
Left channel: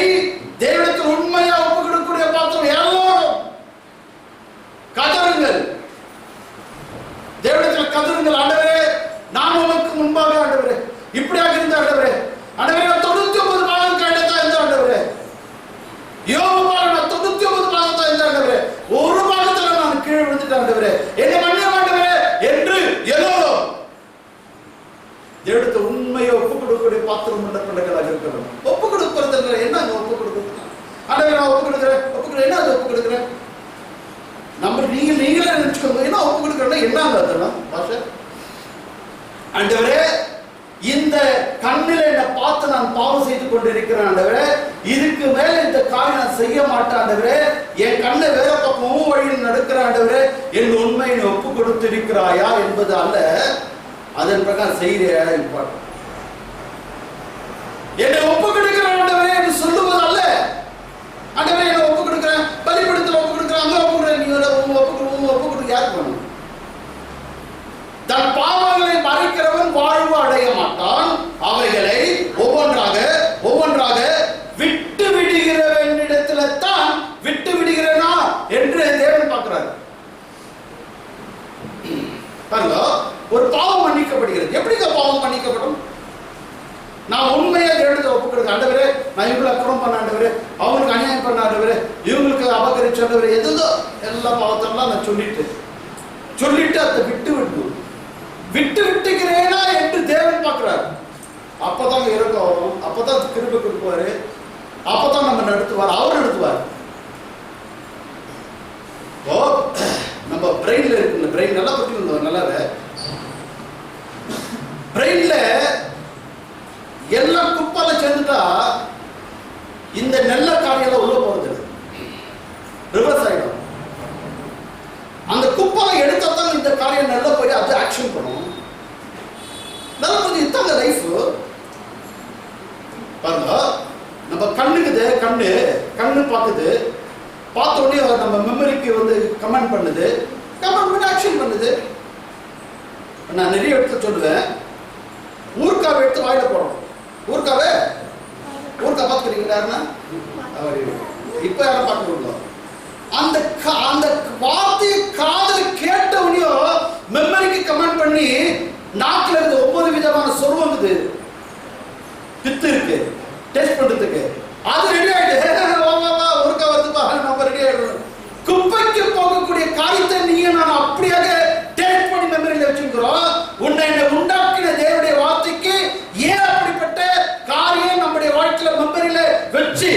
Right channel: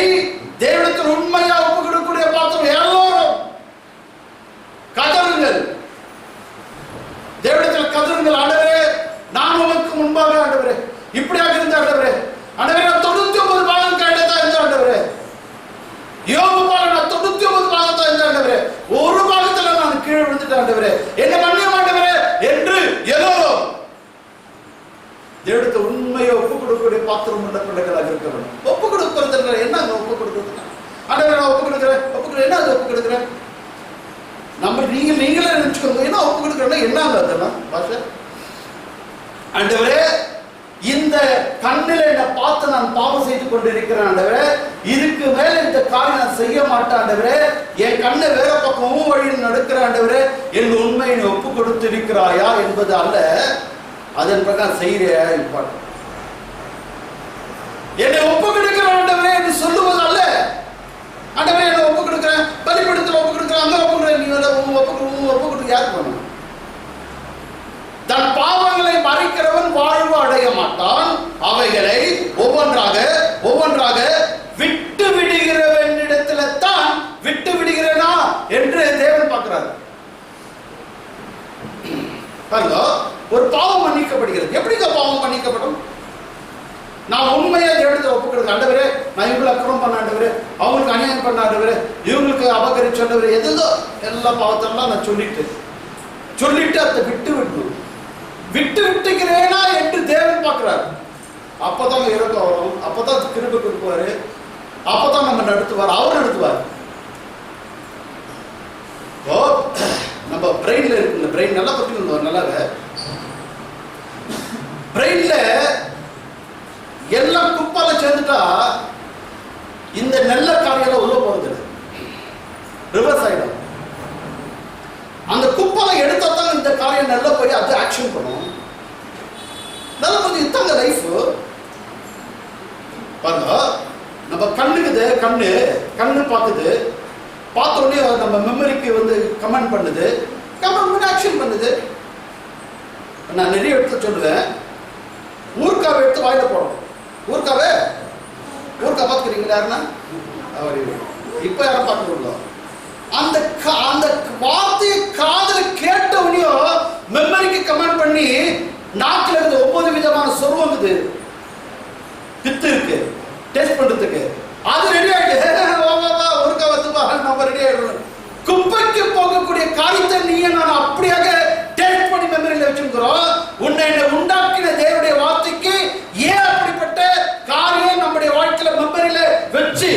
தேவனிடத்தில் உண்மையா ஒப்புக் கொடுக்கக்கூடிய பாத்திரம் எல்லோரும் கதறுங்கள், தேவனிடத்தில் கதறுங்கள். ஆண்டவரே நான் உனக்கு முன்பாக ஆண்டவரே இப்படியாக இருந்த ஆண்டவரே, ஆண்டவரே நான் 99 பாகம் கேட்டதா இருந்த ஆண்டவரே, யோபு பாகம் நான் 99 பாகத்தா இருந்த ஆண்டவரே, ஒரு பாகத்துல நான் கீழே விழுந்துட்டேன் ஆண்டவரே, என்ன மன்னியும் ஆண்டவரே என்று எல்லோரும் தேவனுக்கு உண்மையை ஒப்புக் கொடுக்கக்கூடிய பாத்திரம் உள்ள பிள்ளைகளாக இருக்கிறோம். ஒப்புக் கொடுக்கிறது என்ன? ஒப்புக் கொடுக்கிறது ஆண்டவரே நான் ஒப்புக் கொடுக்கிறேன் என்ன? அது ஒப்புக் கொடுக்கிறேன் நம்ம நீங்களே நினைச்சுக்கோங்க. என்ன ஒப்புக் கொடுக்கிறேன்னா என்னங்க அதெல்லாம் பாஷ ஆண்டவரே, இந்த கண்ணில என்ன பார்த்து நான் பாவம் செய்து கொண்டிருக்கிறேன் ஆண்டவரே, இதுக்கு மேல இந்த காரியம் நான் செய்ய மாட்டேன் ஆண்டவரே, என் கண்ணை வேற பக்கம் வழியில் நடக்கிற ஆண்டவரே, என் உண்மையை ஒப்பு கொடுத்து இருக்கிறாயா என்பது அல்ல, அதன் பிரகாரம் செய்கிறியா இம்பார்ட்டன். என்னை ஒப்பு கொடுக்கிற ஆண்டவரே என்று சொல்லுவது அல்ல. ஆண்டவரே என்ன ஒப்பு கொடுக்கிறேன், பலிபீடத்தில் ஒப்பு கொடுக்கிறேன், அங்க ஒப்பு கொடுக்கிறேன், நீ ஒப்பு கொடுக்க யாருக்கு பண்ணணும்? தன் பாவங்களை மறைக்கிறவன் வாழ்வு அடைய மாட்டான். அவைகளை ஒவ்வொன்றாக விட்டு விடுகிறவனிடத்துல தான் விட்டு விடுகிறனா என்று தேவன் பார்க்கிறார். பாருங்க, ஒரு பாவம் மன்னிக்கப்படுகிறது. எப்படிங்க பாவம் மன்னிக்கப்படும்? நான் உண்மையா தேவனிடத்தில் ஒப்பு கொடுக்கிறேன். ஆண்டவரே நான் இவங்களை அக்கிரமம் பண்ண ஆண்டவரே, அவங்களுக்கு அநியாயம் பண்ண ஆண்டவரே, இவங்களுக்கு அபகரிச்ச ஆண்டவரே, எதுதோ எல்லா பாவத்தெல்லாம் நான் சொல்லிட்டு அதை விட்டு விட்டுக்கிறேனா என்று தேவன் பார்க்கிறார். அப்பதான் இறக்கம் வரும், அப்பதான் கிருபை கொடுப்பாரு, அப்பதான் நம்ம நடத்துவார், அவர் நடத்துவார். நம்ம பிரெயின்ல இருக்கு, பிரெயின் நல்லா பத்தி நல்லாவே பிரெயின்ல எல்லாம் குப்பால சேர்ந்துட்டா இந்த நல்ல காரியெல்லாம் உள்ள போறது ரிவர்ஸ் ஆயிடும். அந்த குப்பால எடுத்தா தான் இந்த காரியம் நல்லா போய் அது ஆக்ஷன் பண்ணும். நல்லா கொஞ்சம் இத்தாங்க லைஃப் பாருங்க. நம்ம கண்ணுக்குது, கண்ணு பார்க்குது, பார்த்த உடனே நம்ம மெமரிக்கு வந்து கமெண்ட் பண்ணுது, கமெண்ட் பண்ணி ஆக்ஷன் பண்ணுது. நான் நிறைய இடத்துல சொல்லுவேன், ஊர்க்காவை எடுத்து வாயில போடணும். ஊர்க்காவை பார்த்துக்கிறீங்களா? யாருன்னா இப்ப யாரும் பார்த்துக்கோங்க. அந்த வார்த்தையை காதல கேட்டவனையோ மெமரிக்கு கமெண்ட் பண்ணி நாக்கில் இருந்து 9 விதமான சொருவம் இருக்குது, பித்து இருக்கு, டேஸ்ட் பண்றதுக்கு அது ரெடி ஆயிடுது. ஒருக்கா வந்து நம்ம ரெடி ஆயிடணும். குப்பைக்கு போகக்கூடிய காரியத்தை நீங்க நான் அப்படியாக டேஸ்ட் பண்ணி மெமரியில வச்சுக்கிறோம். உன்னை உண்டாக்கின தேவனுடைய வார்த்தைக்கு ஏன் அப்படிப்பட்ட காரியம் நம்முடைய வாழ்க்கையில மெமரியில வச்சு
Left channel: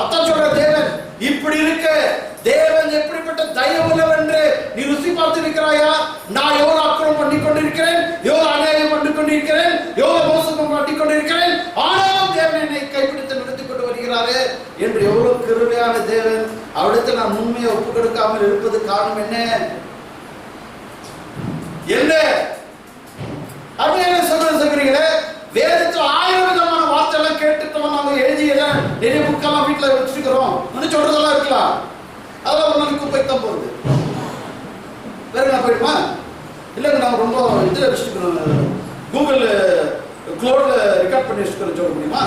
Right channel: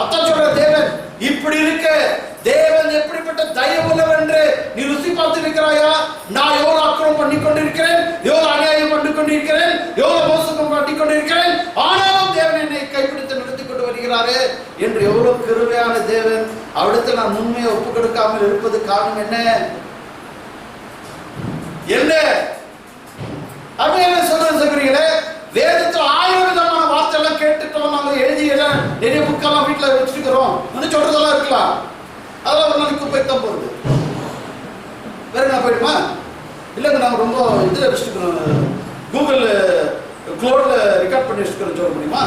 அதான் சொல்ற தேவன் இப்படி இருக்க. தேவன் எப்படிப்பட்ட தயவுள்ளவர் என்று நீ ருசி பார்த்திருக்கிறாயா? நான் எவ்வளவு அக்கிரமம் பண்ணி கொண்டிருக்கிறேன், எவ்வளவு அநியாயம் பண்ணி கொண்டிருக்கிறேன், எவ்வளவு மோசம் பண்ணி கொண்டிருக்கிறேன், ஆனாலும் தேவன் என்னை கைப்பிடித்து நடத்தி கொண்டு வருகிறாரு என்று எவ்வளவு கிருபையான தேவன். அவிடத்தில் நான் உண்மையை ஒப்பு கொடுக்காமல் இருப்பது காரணம் என்ன அப்படின்னு சொல்றீங்களே. வேதத்தில் 1000 விதமான வார்த்தை எல்லாம் கேட்டுட்டோம், நாங்க எழுதியெல்லாம் நிறைய புக்கெல்லாம் வீட்டுல வச்சிருக்கிறோம், சொல்றதெல்லாம் இருக்கலாம். அதெல்லாம் ஒரு நாளைக்கு குப்பைக்கு போறது. வேற என்ன போயிடுமா? இல்லைங்க நாங்கள் ரொம்ப இதில் வச்சுருக்கிறோம், கூகுள் க்ளோட்ல ரெக்கார்ட் பண்ணி வச்சுக்கிறேன் சொல்ல முடியுமா?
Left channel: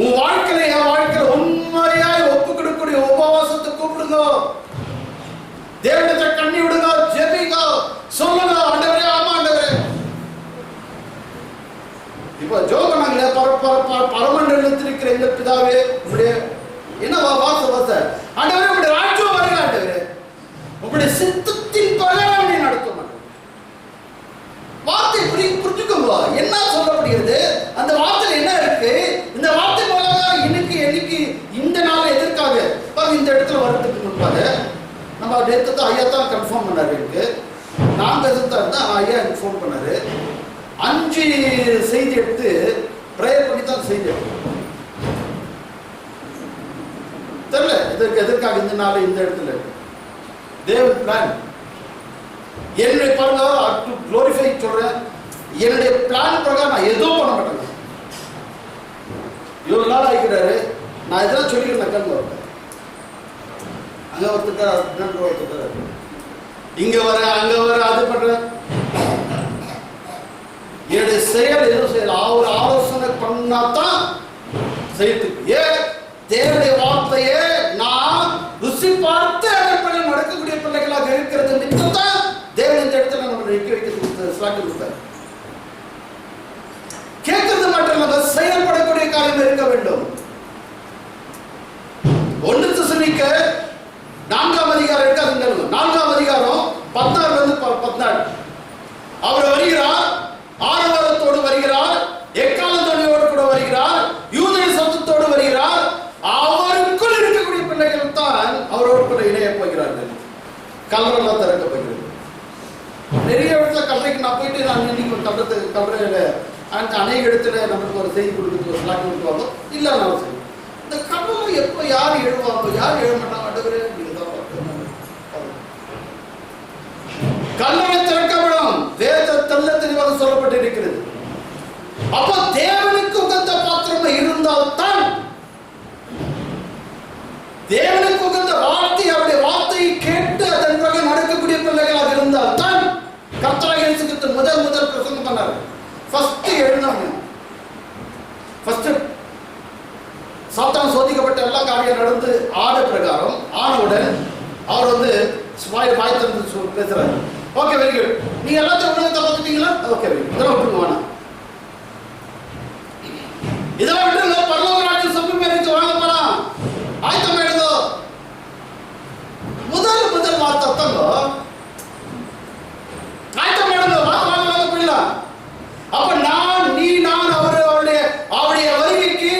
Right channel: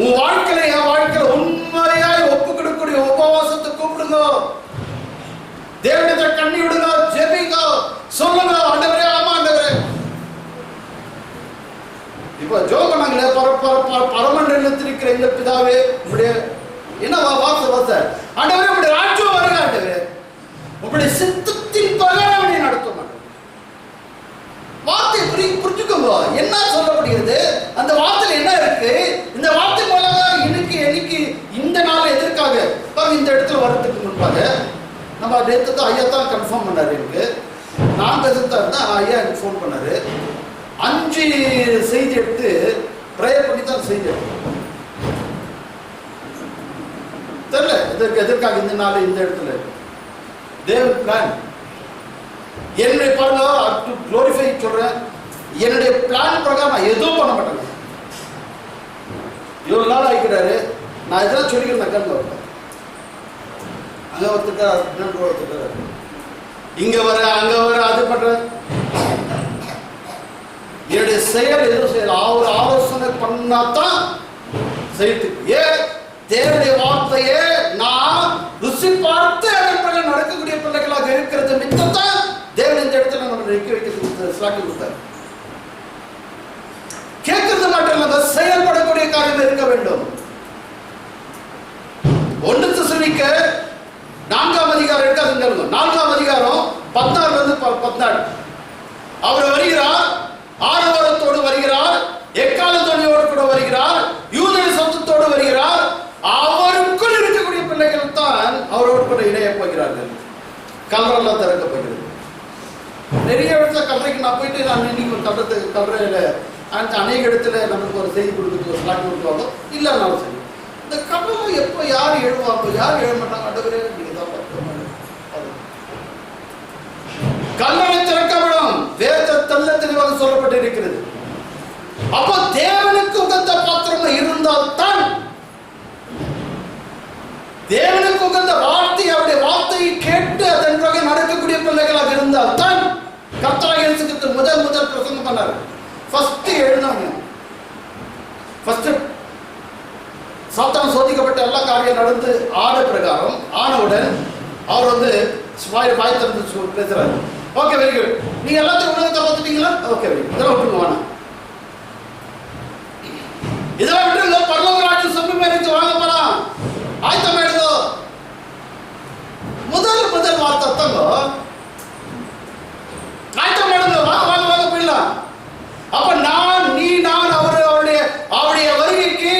உன் வாழ்க்கையில என் வாழ்க்கையில உண்மையாய் ஒப்பு கொடுக்கக்கூடிய உபவாசத்தை கூப்பிடுங்க, தேவனத்தை கண்ணி விடுங்க, ஜெபிங்க, சொல்லுங்க ஆண்டவரே, ஆமா ஆண்டவரே. இப்ப ஜோக நாங்களே பரமண்டலத்தில் இருக்கிற எங்க பிதாவே, உங்களுடைய என்ன வாச ஆண்டவரே, உங்களுடைய ராஜ்யம் வருக ஆண்டவரே, உங்களுடைய சித்தத்தின் பிரகாரம் நீ நடத்தும். வார்த்தை புரிஞ்சுக்கோங்க, என்ன சொல்லப்படுகிறது, அந்த வார்த்தையில என்ன இருக்கு. இந்த வார்த்தை மூலமா இன்னைக்கு இந்த நாள் எதற்காக இந்த இடத்துல வரதுக்கு முன்பாக நம்ம நேற்று தான் ஐயா தான் கன்ஃபார்ம் பண்ணாரு. எனக்கு நான் பேசுறதா இருந்தா ஐயா எனக்கு ஃபோன் பண்ணாரு. 5 செய்தி எடுத்து ப்ரேயர் பண்ணி தான் செய்தி எடுத்து தெரியல எதற்காக இந்த நாள் இந்த இடத்துல தேவன் பிளான். என்னுடைய பாருங்க, குளோரிஃபை சொல்றேன், என்னுடைய பிளான் பிரகாரம் நான் எதுவும் பண்ண மாட்டேங்க. இவ்வளவு நாள் ஆகிக்கிறாரு, நான் இதெல்லாம் சொல்லிக்கிறேன். கல்வி வரேன், அங்க ஒருத்தர் இங்க வர அங்க வர அது பண்றேன். என்னுடைய செயல் எதுவும் செய்யல, அவர் ஆலோசனை பண்ணாதான் செய்யறதுக்கு. ஏன் தேவனுடைய வார்த்தையே நான் ருசி பார்த்து அதன் நடக்கக்கூடிய பிள்ளைகளாக இருக்கிறது மித்தத்தான் தேவன் இந்த இடத்துல நம்ம நிற்க வைக்கிறது சாக்கி கொடுத்தார். கேட்கறது மட்டும் இல்ல, செயல்படக்கூடிய காரியம் இருக்க வேண்டும். 1 தெசலோனிக்கேயர் 4ஆம் அதிகாரம் இருக்கு, அது 4ஆம் அதிகாரம் 16 இருந்து 14. அவர் வருகிறார், ஆரவாரத்தோடு வருகிறார், எக்காலத்தோடு கூட வருகிறார், யூதேய சத்தத்தோடு வருகிறார். அவருக்குள் இருக்கக்கூடிய பிள்ளைகள் தான் அவரோடு கூட இணைய போகிறார்கள். கல்லறைலாம் திறக்க போகிறது. நிறைய இடத்துல கல்லறைக்கு நான் போயிட்டு நான் இன்னைக்கு கல்லறையில அநேக இடத்துல நமக்கு ஒரு செய்தி கொடுக்குறது, ஒரு ஸ்லாக் கொடுக்குவாங்க. இல்லைனாலும் சரி, இந்த கல்லறை எப்போ யார் எழுவாங்க, யார் எழுத மாட்டாங்க, ஆண்டவரே நீங்க தான் கல்லறை திறக்கப்படும். வேத தெல்ல தெளிவாக சொல்லப்பட்டு இருக்கிறது. அப்போ தேவனுக்கு உகந்த பாத்திரம் இருந்தால்தான், தேவனுக்கு உகந்த வார்த்தை, அவருடைய வார்த்தையை கேட்டு அதன் பிறகு நடக்கக்கூடிய பிள்ளைகளாக இருந்தால்தான் கர்த்தராகிய இயேசு கிறிஸ்து முதல் பிரசங்கம் பண்ணார். ஃபர்ஸ்ட் எழுந்தவங்க, ஃபர்ஸ்ட் சாத்தான் சோதிக்கப்பட்ட எல்லா காரியம் நடந்து ஆன பிரகாரம் ஆனவுடன் அவர் வாய் திறந்து பேசுறாரு. ஓகே, வெரி குட், நீங்க எல்லாத்தையும் உலகத்தை பார்த்துட்டீங்களா? ஓகே, வெரி குட், இதெல்லாம் விட்டுருங்க, வேணாம், இதெல்லாம் விட்டுருங்க. பரலோக ராஜ்யம் சமீபம் வாங்க போறான், ஆயத்தம் எழுதோ. முதல் வார்த்தை தங்க ஆயத்தம் எழுதோ, வாங்க போயிடலாம். அப்ப நான் அவருடைய வருகைக்கு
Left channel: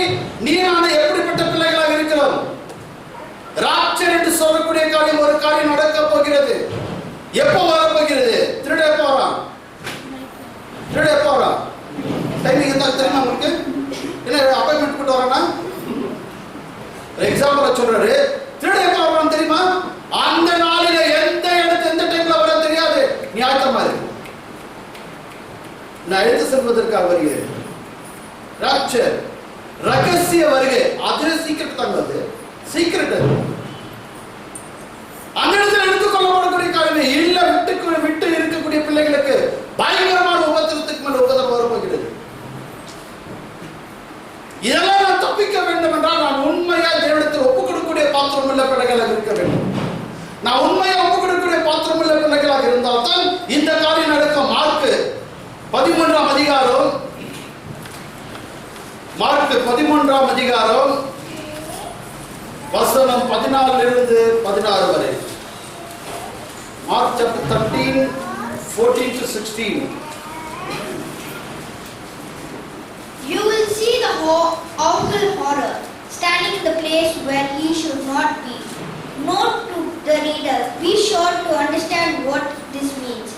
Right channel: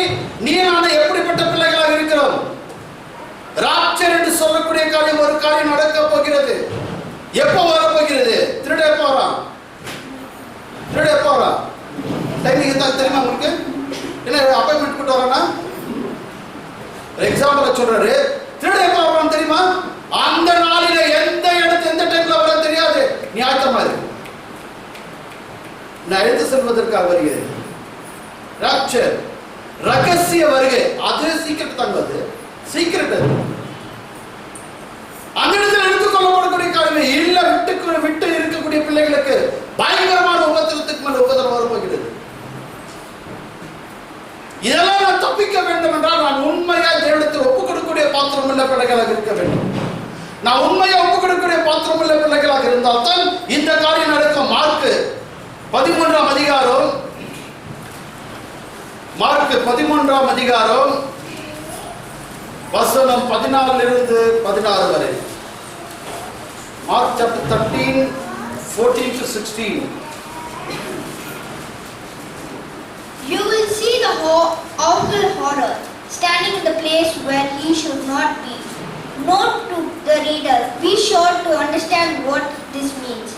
நீ நான் எப்படிப்பட்ட பிள்ளைகளாக இருக்கிறோம்? ராப்சர் என்று சொல்லக்கூடிய காரியம், ஒரு காரியம் நடக்க போகிறது. எப்போ வரப்போகிறது? திருட போறான். டைமிங் என்ன தெரியுமா உங்களுக்கு? என்ன அப்பாயின்மெண்ட் போட்டு வரானா? எக்ஸாம்பிள் சொல்றாரு, திருட எப்போ வரான் தெரியுமா? அந்த நாளில எந்த டைம்ல வர தெரியாது. நீ ஆயத்தமா இருக்கு. நான் எடுத்து செல்வதற்காக வருகிறேன். ராப்சர் ரகசிய வருகை, அது சீக்கிரம் தங்குவது, சீக்கிரம் அந்த இடத்துல எடுத்துக்கொள்ளப்படக்கூடிய காரியம் இல்ல. விட்டு இருக்கக்கூடிய பிள்ளைகளுக்கு பயங்கரமான உபத்திரத்துக்கு மேல உபத்திரம் வரப்போகிறது. இதெல்லாம் நான் தப்பிக்க வேண்டும் என்றால் நான் உண்மையா தேவனிடத்தில் ஒப்புக் கொடுக்கக்கூடிய பாத்திரம் உள்ள பிள்ளைகளாக இருக்க வேண்டும். நான் உண்மையா ஒப்புக் கொடுக்கக்கூடிய பாத்திரம் உள்ள பிள்ளைகளாக இருந்தால் தான் இந்த காரியம் நடக்கும். மார்க் 13ஆம் அதிகாரம், மார்க் 13ஆம் அதிகாரம் வசனம் 14 16 வரை. Mark chapter 13 14 to 16. You will see the awful horror standing in the place where he should not be. Note to the reader, be sure to understand what this means.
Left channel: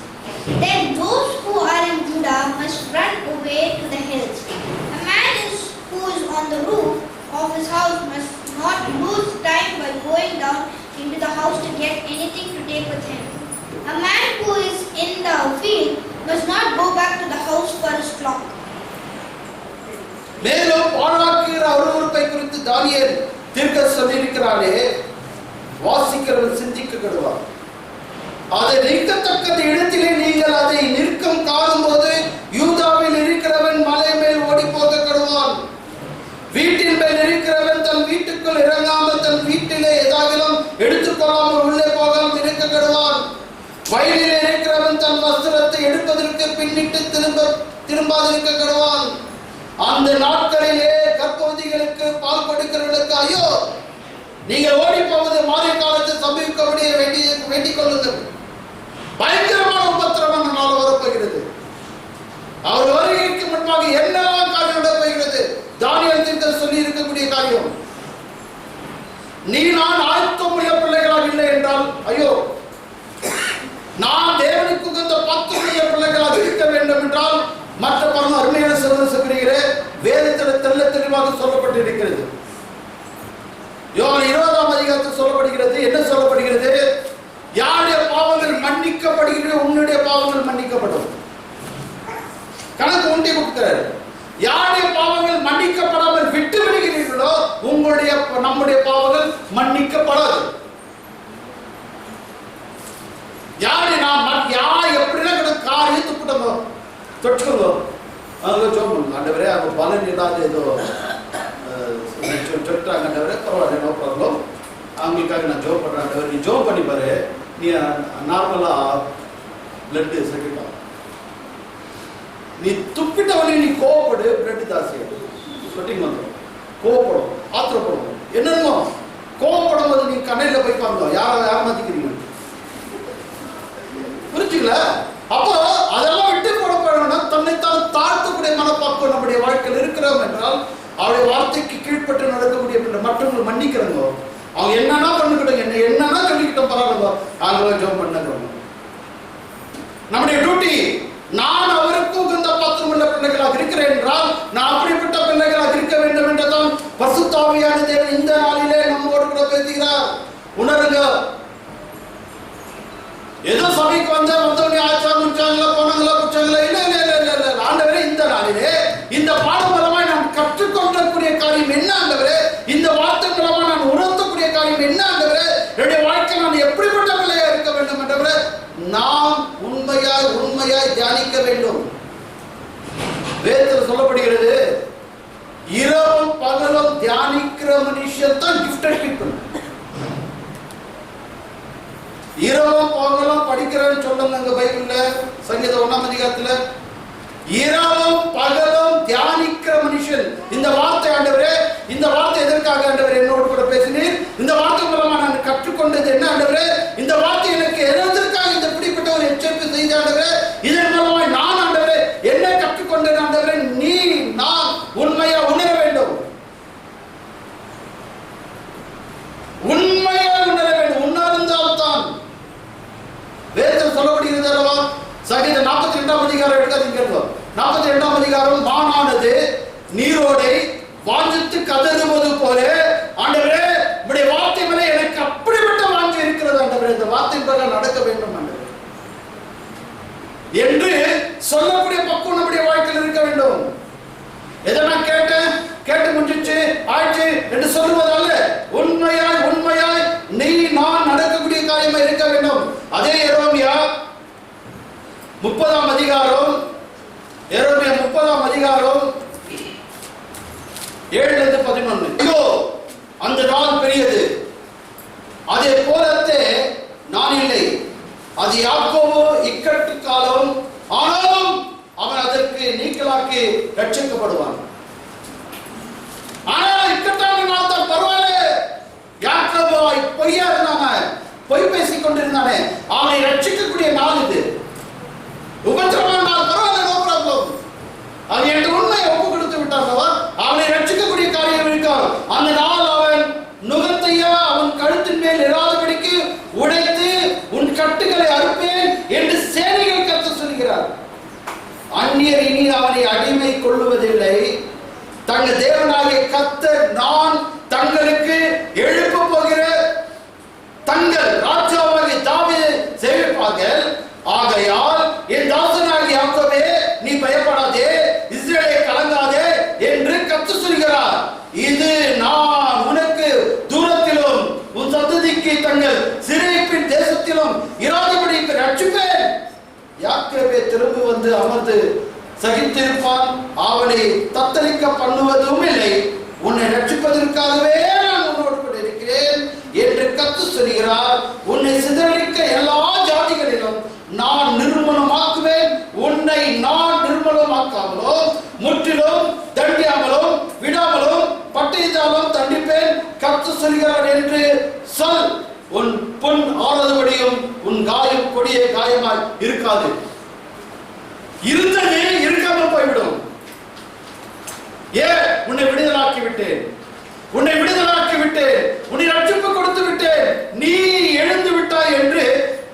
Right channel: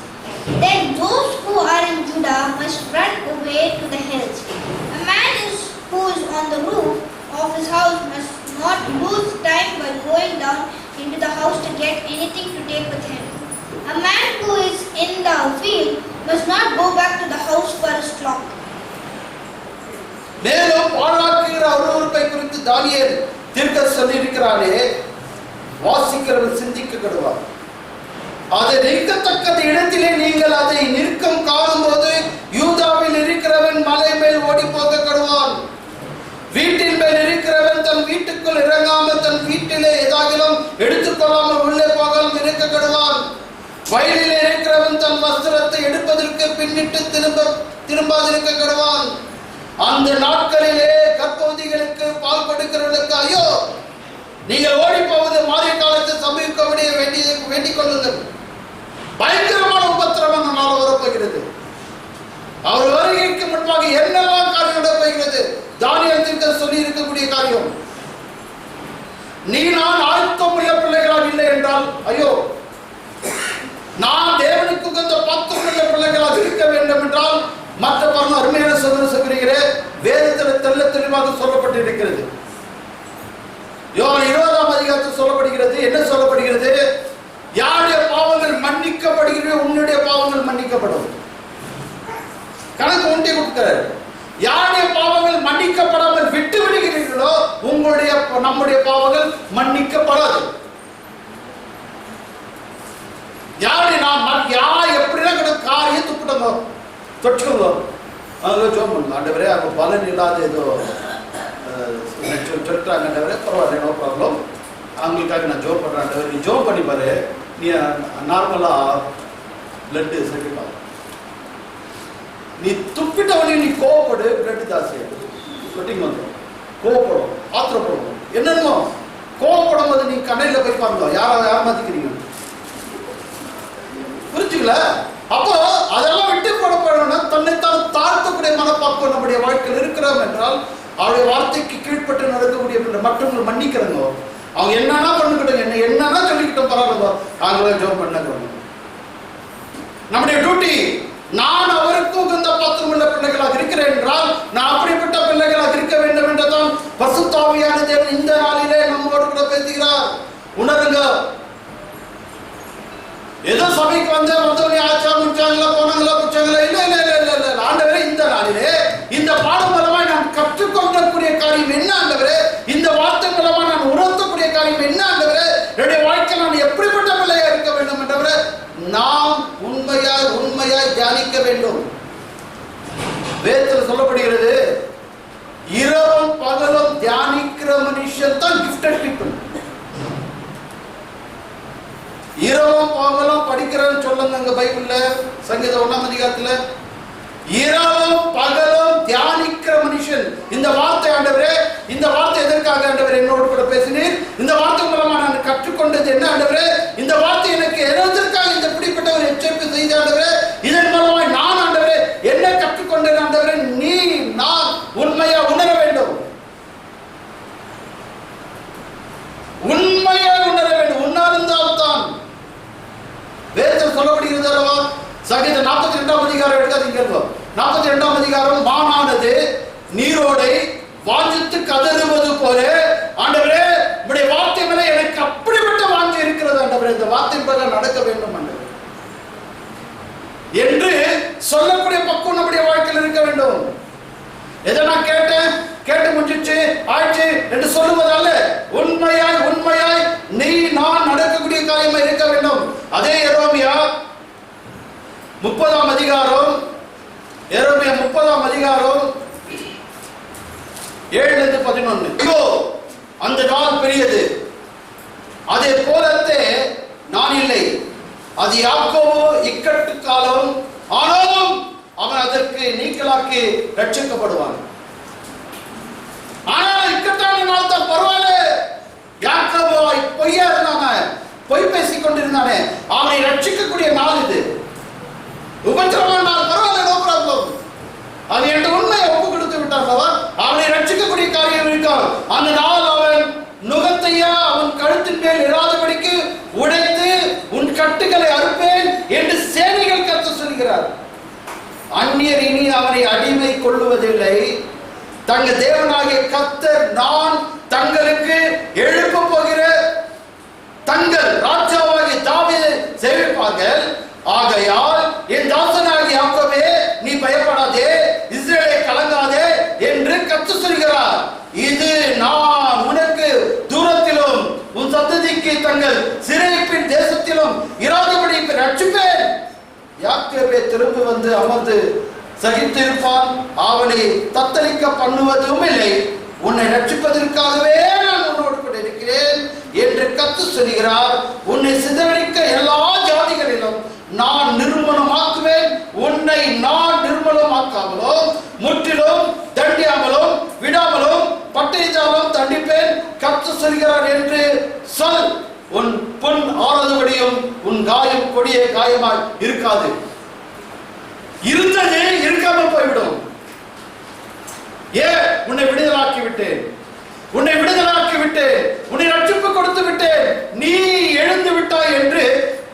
Then those who are in Judah must run away to the hills. A man who is on the roof of his house must not lose time by going down into the house to get anything to take with him. A man who is in the field must not go back to the house for his flock. மேலும் பாழாக்குகிற அருவருப்பை குறித்து தானியேல் தீர்க்க சொல்லியிருக்கிறாரே, வாசிக்கிறவன் சிந்திக்க கெடுவார். அதை நிற்கத்தக்க இடத்திலே நீங்கள் அதை நிற்கும் காணும்போது யூதாவில் இருக்கிறவன் மலை மேல் ஓடி போக கடுவான். வீட்டின் மேல் இருக்கிறவன் தன் வீட்டுக்குள் இறங்காமல் தன் வீட்டிலே ஏதாகிலும் எடுத்துக்கொள்ளாமல் உள்ளே போகாமல் இருக்க கடுவான். வயலில் இருக்கிறவன் தன் வஸ்திரத்தை எடுப்பதற்கு பின்னிட்டு திரும்பாதிருக்க கடுவான். அந்த நாட்களிலே கர்ப்பவதிகளுக்கு பால் கொடுக்கிறவர்களுக்கு ஐயோ, நீங்கள் ஓடி போவது மாறிய காலத்தை சமீப வேண்டிக் கொள்ளுங்கள். பயங்கரமான உபத்திரவம் நாள் வரப்போகிறது. அவர் வருகைக்கு முன்பாக என்னெல்லாம் காரியம் நடப்போகிறது? தானியேல் தீர்க்கதரிசி சொல்லி இருக்கக்கூடிய காரியம், நீ நான் ஆயத்தம் உள்ள பிள்ளைகளாக இல்லை என்றால் ஐயோ, நான் தேவனுக்கு உகந்த பாத்திரமுள்ள பிள்ளைகளாக இருக்க வேண்டும் என்றால் மற்ற பரம அருமையான சகோதரர்களே, வேதத்தில் தெள்ள தெளிவாக சொல்லப்பட்டிருக்கிறது. யோவான் 20ஆம் அதிகாரத்தில் சொல்லப்படுகிறது. என்ன சொல்லப்படுகிறது? யாருடைய பாவங்கள் மன்னிக்கப்படுகிறதோ உன்னுடைய பாவங்கள் மன்னிக்கப்படும். கணக்கு ஒன்றை கொடுக்கிறார். யாருடைய பாவங்கள் மன்னிக்கப்படாமல் விட்டு விடுகிறீர்களோ உங்களுடைய நம்முடைய பாவங்கள் மன்னிக்கப்படாது. யாரு நாம் யார் எப்படிலாம் கூட காரியம் துப்பிட்டோங்க தொற்றுக்கோங்க, அவங்க ஜோம் பண்ணுங்க. ஆண்டவரே அவங்க பலன் இல்லாத ஏதோ சொல்லிட்டாங்க, ஆண்டவரே பரவாயில்ல, நோ ப்ராப்ளம், அவங்களுக்காக நான் ஜோம் பண்ணுறேன். ஆண்டவர் நீ ஜோம் பண்ணி பாரு, நீ நார்மலாக பிளட்டு செகண்ட் ஆகும். நீ துப்பிட்டவனே நீ கோவப்படு, பிளட் ஜாஸ்தியாகும், சொட்டிங் வந்துடும், கோவப்படும், ஆத்திரப்படும், என்னென்னமோ கோவப்படும் போது நீ கண்ணையில் போய் பாருங்க யாரை மாத்திக்கிறீங்க, புரிஞ்சுங்கள? அப்போ அதெல்லாம் விட்டு போடப்படணும்னா தன்னைத்தான் தாழ்த்தக்கூடிய மனப்பாக்கம் நம்முடைய வாழ்க்கையில் இருக்கிறோம் என்றால் அவருடைய வார்த்தைக்கு கீழ்பட்டு நடக்கக்கூடிய மற்றவங்களை மன்னிக்கிறவங்க, அவங்க என்னன்னா பண்ணிக்கிட்டோங்க, என்னன்னா சொல்லிக்கிட்டோம், பரவாயில்ல, அவங்கள ஜோம் பண்ண நம்முடைய டியூட்டி. நான் அவருக்கு உகந்த பாத்திரமுள்ள பிள்ளைகளாக இருக்கிறேன் என்றால் நான் அப்படிப்பட்ட பிள்ளைகளாக இருக்க வேண்டும் என்றுதான் பரிசுத்த ஆவியான தேவன் இந்த நாளிலே நம்மோடு கூட பேசுகிறார். உணருங்க. ஏதோ சபைக்கு வந்தவனே ஆச்சா முடிச்சாங்களா போனாங்களா குச்சாங்களா, இல்ல இல்ல இல்ல இல்ல இல்ல. ஆண்டவரே இந்த நாளிலே இந்த பாடம் மூலமாய் நான் கற்றுக்கொள்ளக்கூடிய காரியம் என்ன ஆண்டவரே, இந்த வார்த்தை மூலமா நான் உணர்த்தக்கூடிய காரியம் என்ன ஆண்டவரே, என்னுடைய வாழ்க்கை நான் எப்படிப்பட்ட பிள்ளையா இருக்க வேண்டும் என்றவரே நாம் உண்மையாய் தியானிக்க வேண்டும். வேதத்தில் சொல்லப்படுகிறது, இரவும் பகலும் தியானிக்கிற மனுஷன் தான் கிஃப்டட் பீப்புள். இரவும் பகலும் படிக்கிறேன்னு சொல்லுங்க பைபிள்ல, சங்கீதம் 1ஆம் அதிகாரத்துல. இரவும் பகலும் தியானிக்கிற மனுஷன். இந்த வார்த்தை ஆண்டவரே, இந்த வார்த்தை எதற்காக ஆண்டவரே என்னோடு கூட பேசினீர்? இந்த வார்த்தை மூலமா நான் கற்றுக்கொண்டது என்ன ஆண்டவரே? இந்த வார்த்தை எனக்கு எதற்காக இந்த பிடிப்பட்ட ஒரு எச்சரிப்பு செய்த ஆண்டவரே? இதன் மூலமா நான் ஆண்டவரே என்ன கற்றுக்கொண்டேன் ஆண்டவரே? நீ நான் உண்மையா உணர வேண்டும், உண்மையா உணர வேண்டும். உணர்ந்தால்தான் வேதத்தில் சொல்லப்படுகிறது அல்லவா? சங்கீதம் 42ஆம் அதிகாரம் எடுக்காதீங்க. 42ஆம் அதிகாரம், மானானது நீரோடை வாஞ்சித்து கதறுவது போல ஆண்டவரே உம்முடைய வார்த்தை மேல எனக்கு அப்படிப்பட்ட வாஞ்சை இருக்கிறது ஆண்டவரே, இந்த வார்த்தை பிரகாரம் நடக்க வேண்டும் ஆண்டவரே என்று சொல்லக்கூடிய பக்குவம் நம்முடைய வாழ்க்கையில் இருக்க வேண்டும். எதை நான் கேட்டு முடிஞ்சிச்சு ஆயிடுச்சு என்று சொல்லுவதால உண்மையாய் நீ நான் நடக்கக்கூடிய காரியமா இருக்க வேண்டும். அதே எரோமியா 30ஆம் அதிகாரம் 7-11. ஐயோ, அந்த நாள் பெரியது, அதே போலத்தே நான் இல்லை, அது யாக்கோபு இக்கட்டு காலம், ஆனாலும் அவன் அதற்கு நீக்கலாக்கி ரட்சிக்கப்படுவான். ஆனா இக்கட்டான நாள் தான் பரவாயில்ல. யாக்கோபு பொய்யா இருந்தானே, பொய் பேசிக் கொண்டிருந்தானே, அவனை ரட்சிக்கக்கூடிய நாள் இது. உபத்திரமான நாள் பரவாயில்ல, நோ ப்ராப்ளம். அது என்று உண்மையை ஒப்பு கொடுத்து விட்டான். அவனை ரட்சிக்கக்கூடிய காரியம் இருக்கான். அந்த நாள் அவன் நுகத்தையா அவன் கழுத்தின் மேல் இராதபடிக்கு உடைத்து உன் கட்டுகளை அறுப்பேன் என்று சேனைகள் கர்த்தர் சொல்கிறார். அந்நியர் இனி அவனை அடிமை கொள்ளுவதில்லை. தங்கள் தேவனாகிய கர்த்தர் நான் தங்களுக்கு எழுப்ப போகிற தங்கள் ராஜாவாகிய தாவீதை சேவிப்பார்கள். ஆகையால் என் தாசனாகிய யாக்கோபே நீ பயப்படாதே, இஸ்ரவேலே கலங்காதே என்று கர்த்தர் சொல்கிறார். இது நான் உனக்கு தூரத்திலும் உன் சந்ததிக்கு தங்கள் சிறைப்பின் தேசத்திலும் இராதபடி யாக்கோபே திரும்பி வந்து அமர்ந்து சகித்திருப்பான், அவனை தத்தளிக்க பண்ணுவதும் இல்லை. உன்னை ரட்சிப்பதற்காகவே நான் உன்னோடு கூட இருக்கிறேன் என்று கர்த்தர் சொல்கிறார். உன்னை சிதறடிக்க எல்லா ஜாதிகளிலும் நான் நிர்மூலமாக்குவேன். உன்னை நான் நிர்மூலமாக்காமலோ முற்றிலும் தண்டியாமலும் விடாமலும் பட்டயத்தாலும் தண்டிப்பேன் கர்த்தர் சொல்கிறார் என்று சொல். உன் பொன் ஆனதுபடியும் உன் காயம் கொடிய காயமாய் இருக்காது. இருந்தது இருக்காமல் போய்விடும். ஏன்? உன்னை விடுதலாக்கி விட்டேன், உன்னை விடுதலாக்கி விட்டேன், உன்னை ரட்சிப்பு கொடுத்து விட்டேன், நீ எழுந்து விட்டாய் என்று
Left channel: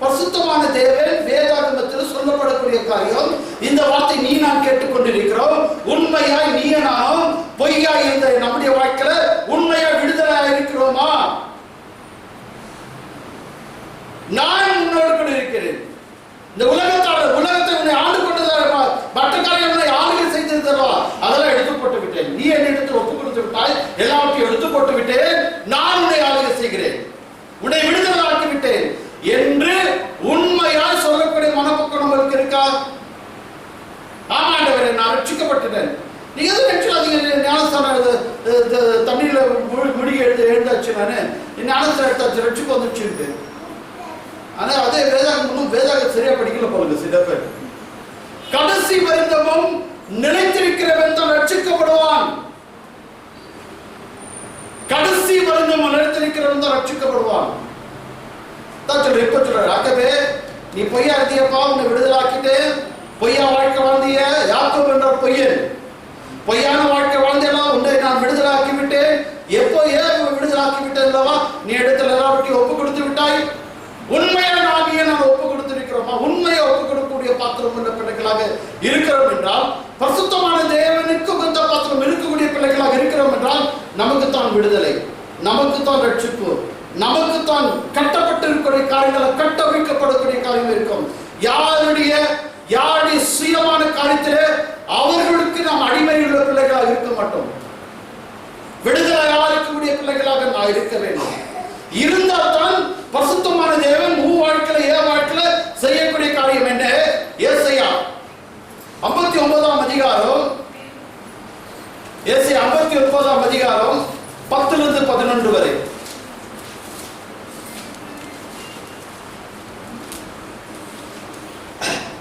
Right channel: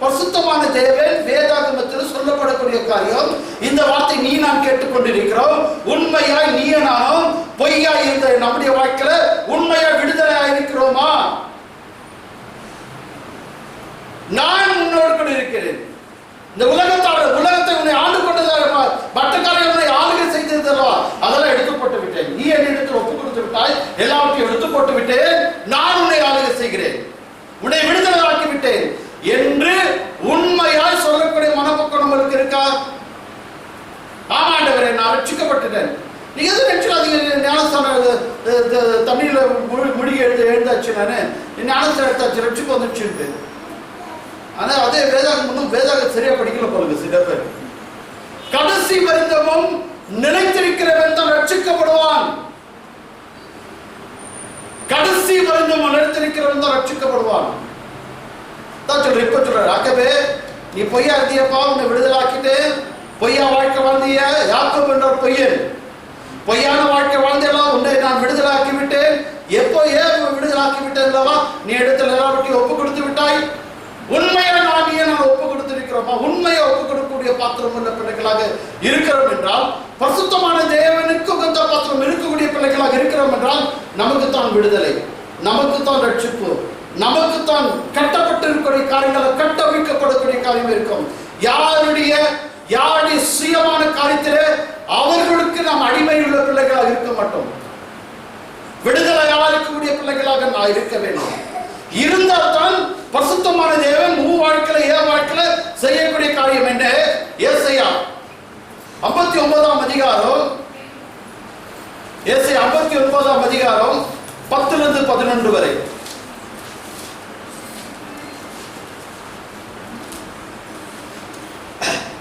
பரிசுத்தமான தேவன் வேதாகமத்தில் சொல்லப்படக்கூடிய காரியம். இந்த வார்த்தை நீ நான் கேட்டுக்கொண்டிருக்கிறோம். உண்மையாய் நீ நானும் பொய்யாய் இருந்த நம்முடைய வாழ்க்கையில உண்மையா விடுதலையா இருக்கிறோமா? நான் உன்னோடு கூட இருக்கிறேன். இந்த உலகத்தை உன்னை ஆண்டு கொண்டதா, மற்றக்காரர்கள் உன்னை ஆளுகை செய்ததா, அதெல்லாம் எடுத்து போட்டு விட்டேன். நீ என்னிடத்தில் ஒப்பு கொடுத்து விட்டாய், எல்லாவற்றையும் எடுத்து போட்டு விட்டேன். நான் உன்னை ஆளுகை செய்கிறேன், உன்னை விடுதலை ஆக்கி விட்டேன் என்று உண்மையாய் சொல்லக்கூடிய மனப்பக்கம் நம்மளுக்கு இருக்கா? ஆமாண்டவரே, நான் ரட்சிக்கப்பட்டுட்டேன். நீங்க எதுவும் நினைச்சாதீங்க. ஞானஸ்தானம் தமிழ்ல முடிய எழுந்தாச்சு, நானு ஞானஸ்தானம் எடுத்தாச்சு, ரட்சிப்பு வந்துச்சு. ஆனா அதே வேதாக சரியா படிக்கல போலுங்க சில பேர். கடைசி வரைந்தமும் நிலைத்திருக்கிறவன் தான் ரட்சிக்கப்படுவான். கடைசி வரைந்தமும் நிலைத்திருக்கிறவன் தான் ரட்சிக்கப்படுவான். இப்ப சொல்ற ஆகவே நீ பொய்யா இருந்தியப்பா, உன்னை விடுதலாக்கிட்டு பொய்யா வாழ்க்கை வாழ்ந்திய யாக்கோபு என்ற பொய்யன், பொய்யான வாழ்க்கை வாழ்ந்தெல்லாம் உன்னை நான் விடுதலாக்கி விட்டேன். எப்போ ஏன் விடுதலாக்கி விட்டேன்? நீ இடத்துல எல்லாவற்றையும் ஒப்பு கொடுத்து விட்டாய். உண்மையா நான் ஒப்பு கொடுத்திருக்கிறோமா? உண்மையை ஒப்பு கொடுக்கக்கூடிய பாத்திரம் உள்ள பிள்ளைகளாக இருக்கிறோம் என்றால், பரிசுத்தமான தேவனுக்கு உகந்த பாத்திரம் இருக்கக்கூடிய பிள்ளைகளாக இருக்கிறோம் என்றால், நமக்குத்தான் விடுதலை, நமக்குத்தான் ரட்சிப்பு, நமக்குத்தான் கட்டப்பட்டு இருக்கக்கூடிய காரியங்களை கட்டமைக்கப்படக்கூடிய காரியம் இருக்கும். யாருடைய சுயமான காரியத்திலே அவர்களுக்கு நாம் அடிமை உள்ள பிள்ளைகளாக இருக்க மாட்டோம். விடுதலையா இருக்கக்கூடிய பிள்ளைகளாக நான் இருக்க வேண்டும். இருந்தால் தான் பரிசுத்தமான தேவன் உன் வாழ்க்கையில வாழ்க்கையில செய்யக்கூடிய காரியம் என்ன? ஏசாயா 59ஆம் அதிகாரம், ஏசாயா 59ஆம் அதிகாரம் 10 to 11 வரை.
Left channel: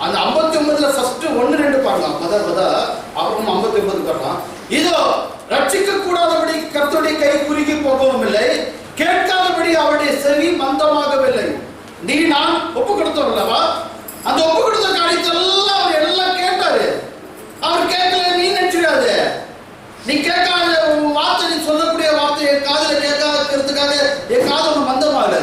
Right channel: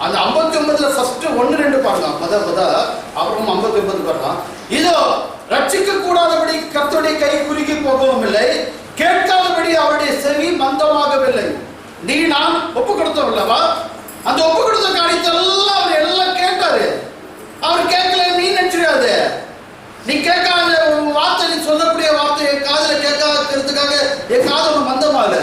அந்த 59ல ஃபர்ஸ்ட் 1-2 பாருங்க. அப்புறம் 59 பாருங்க. இதோ ரட்சிக்க கூடாதபடி கர்த்தருடைய கை குறுகி போகவும் இல்லை, கேட்காதபடி அவருடைய செவி மந்தமாகவில்லை. நீ நான் ஒப்பு கொடுத்தோம் அல்லவா? அந்த ஒப்பு கொடுத்த காரியத்தெல்லாம் அவர் எல்லாம் கேட்டாரு. அவர் கேட்கல நீ நினைச்சிடாத. நீ கேட்காத வார்த்தை, நீ சொல்லக்கூடிய வார்த்தை என் காதுல கேட்காததுக்காக என் காது மந்தமால.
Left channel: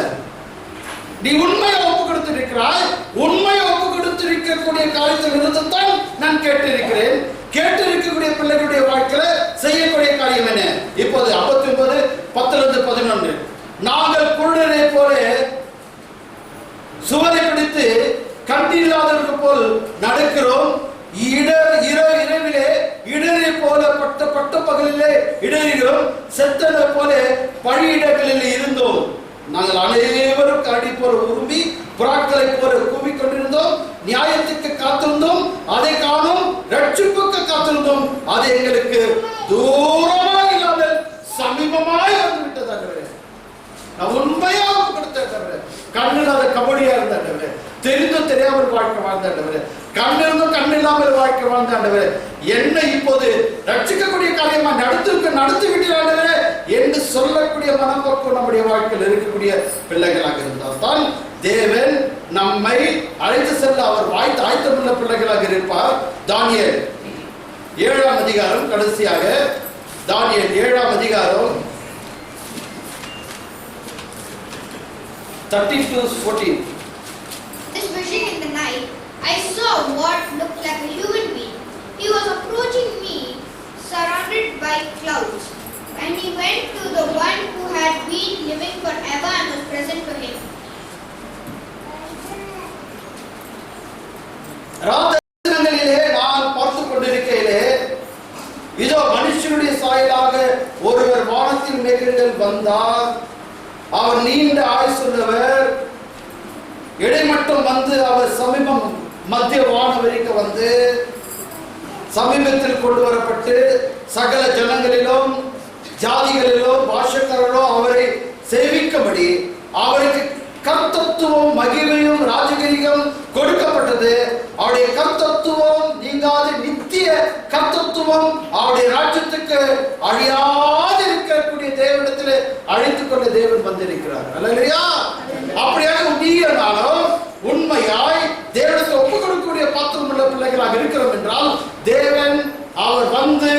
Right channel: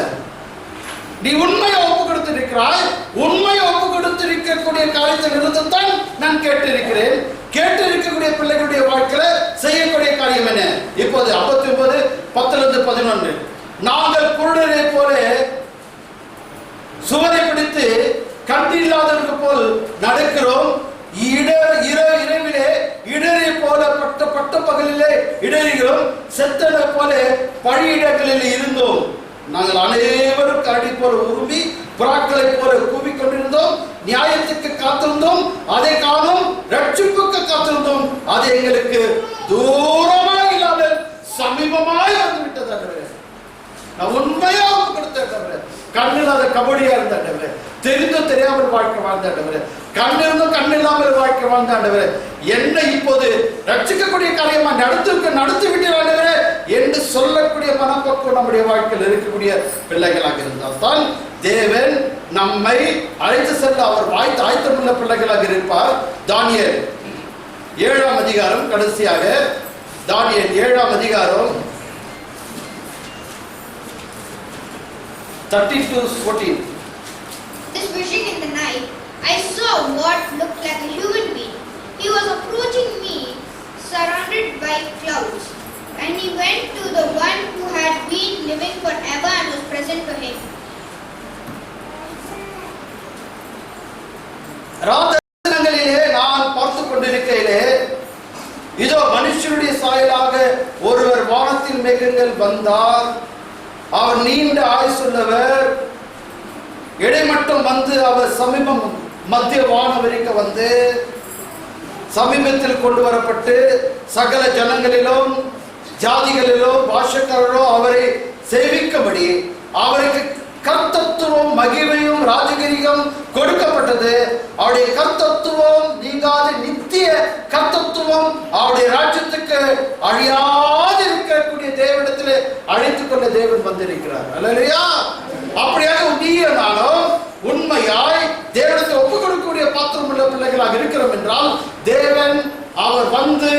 நீ உண்மையை ஒப்பு கொடுத்திருக்கிறாய். உண்மையை ஒப்பு கொடுத்திருக்கக்கூடிய காரியத்தில் இருந்துதான் நான் கேட்டிருக்கிறேன். கேட்டு இருக்கக்கூடிய பிள்ளைகளுடைய வாழ்க்கையில செய்யக்கூடிய காரியம் என்ன? இப்போது 59 10 to 11. நாங்கள் குருடரை போல சுவரை பிடித்து கண்டில்லாதவர்கள் போல் நடக்கிறோம். இரவிலே இடரை போல பட்ட பகலிலே இடறுகிறோம். செத்தனை போல பழியிடங்களில் இருந்தோம். நாங்கள் அனைவரும் கடி போல உருமி புறாக்களை போல கூவிக்கொண்டிருந்தோம். நியாயத்துக்கு காத்திருந்தோம், அதை காணும். ரட்சிப்புக்கு காத்திருந்தோம், அது எங்களுக்கு தூரமாக இல்லாமல் சமீபமாய் வந்து விட்டது. நான் உண்மையா கொடுத்தேன். கண்ணில்லாத கபடியா இருந்த தெரிந்தும் தெரியாமல் வாழ்க்கை வாழ்ந்த கண்ணிருந்தும் கண்ணில்லாமல் வாழ்க்கை வாழ்ந்த என்னை இப்போது ரட்சிக்கக்கூடிய காரியமா நடத்தி விட்டு என்று சொல்லக்கூடிய மனப்போக்கு நம்முடைய வாழ்க்கையில் இருக்கக்கூடிய பிள்ளைகளாக இருந்தால் தான் தேவன் நம்மை அழைத்து செல்ல அவர் ஆயத்தமுள்ள பிள்ளைகளாக இருப்பார். தானியேல் 7ஆம் அதிகாரம், கடைசியாக தானியேல் 7ஆம் அதிகாரம் 13 to 14. This vision in the night, I saw what looked like a human being. He was approaching me, surrounded by clouds, and he went to the one who had been living forever and was present to him. ராத்திரிகளிலே நான் பார்த்து கொண்டிருக்கையிலே, இதோ மனுஷனுடைய சாயலாக ஒருவர் வானத்தின் மேகங்கள் வந்தார். அவர் நீண்ட ஆயுசுள்ளவர், இடைமட்டம் வந்து அவர் சமீபம் மத்திய வானவெளிக்கு வந்து சமீபத்தில் கொண்டு வரப்பட்டு சகல ஜனங்களிலும் ஜாதிகளிலும் பாஷக்காரர்களும் அவரை சேவிக்கும்படி அவருக்கு கர்த்தத்துவம் மகிமையும் ராஜகிரியும் கொடுக்கப்பட்டது. அவருடைய கர்த்தத்துவம் நீங்காத நித்திய கர்த்தத்துவம் அவருடைய ராஜ்யத்துக்கு அழியாது இருக்கக்கூடிய தேவனிடத்தில் அழைத்துக் கொள்ள தேவன் வந்திருக்கிறார். அல்லேலூயா. அப்படியாக நீனாலும் உண்மையாய் தேவனிடத்தில் ஒப்புக் கொடுக்கக்கூடிய பாத்திரம் உள்ள பிள்ளைகளாக இருக்கிறோம் என்றால் தேவன் அவர் வந்து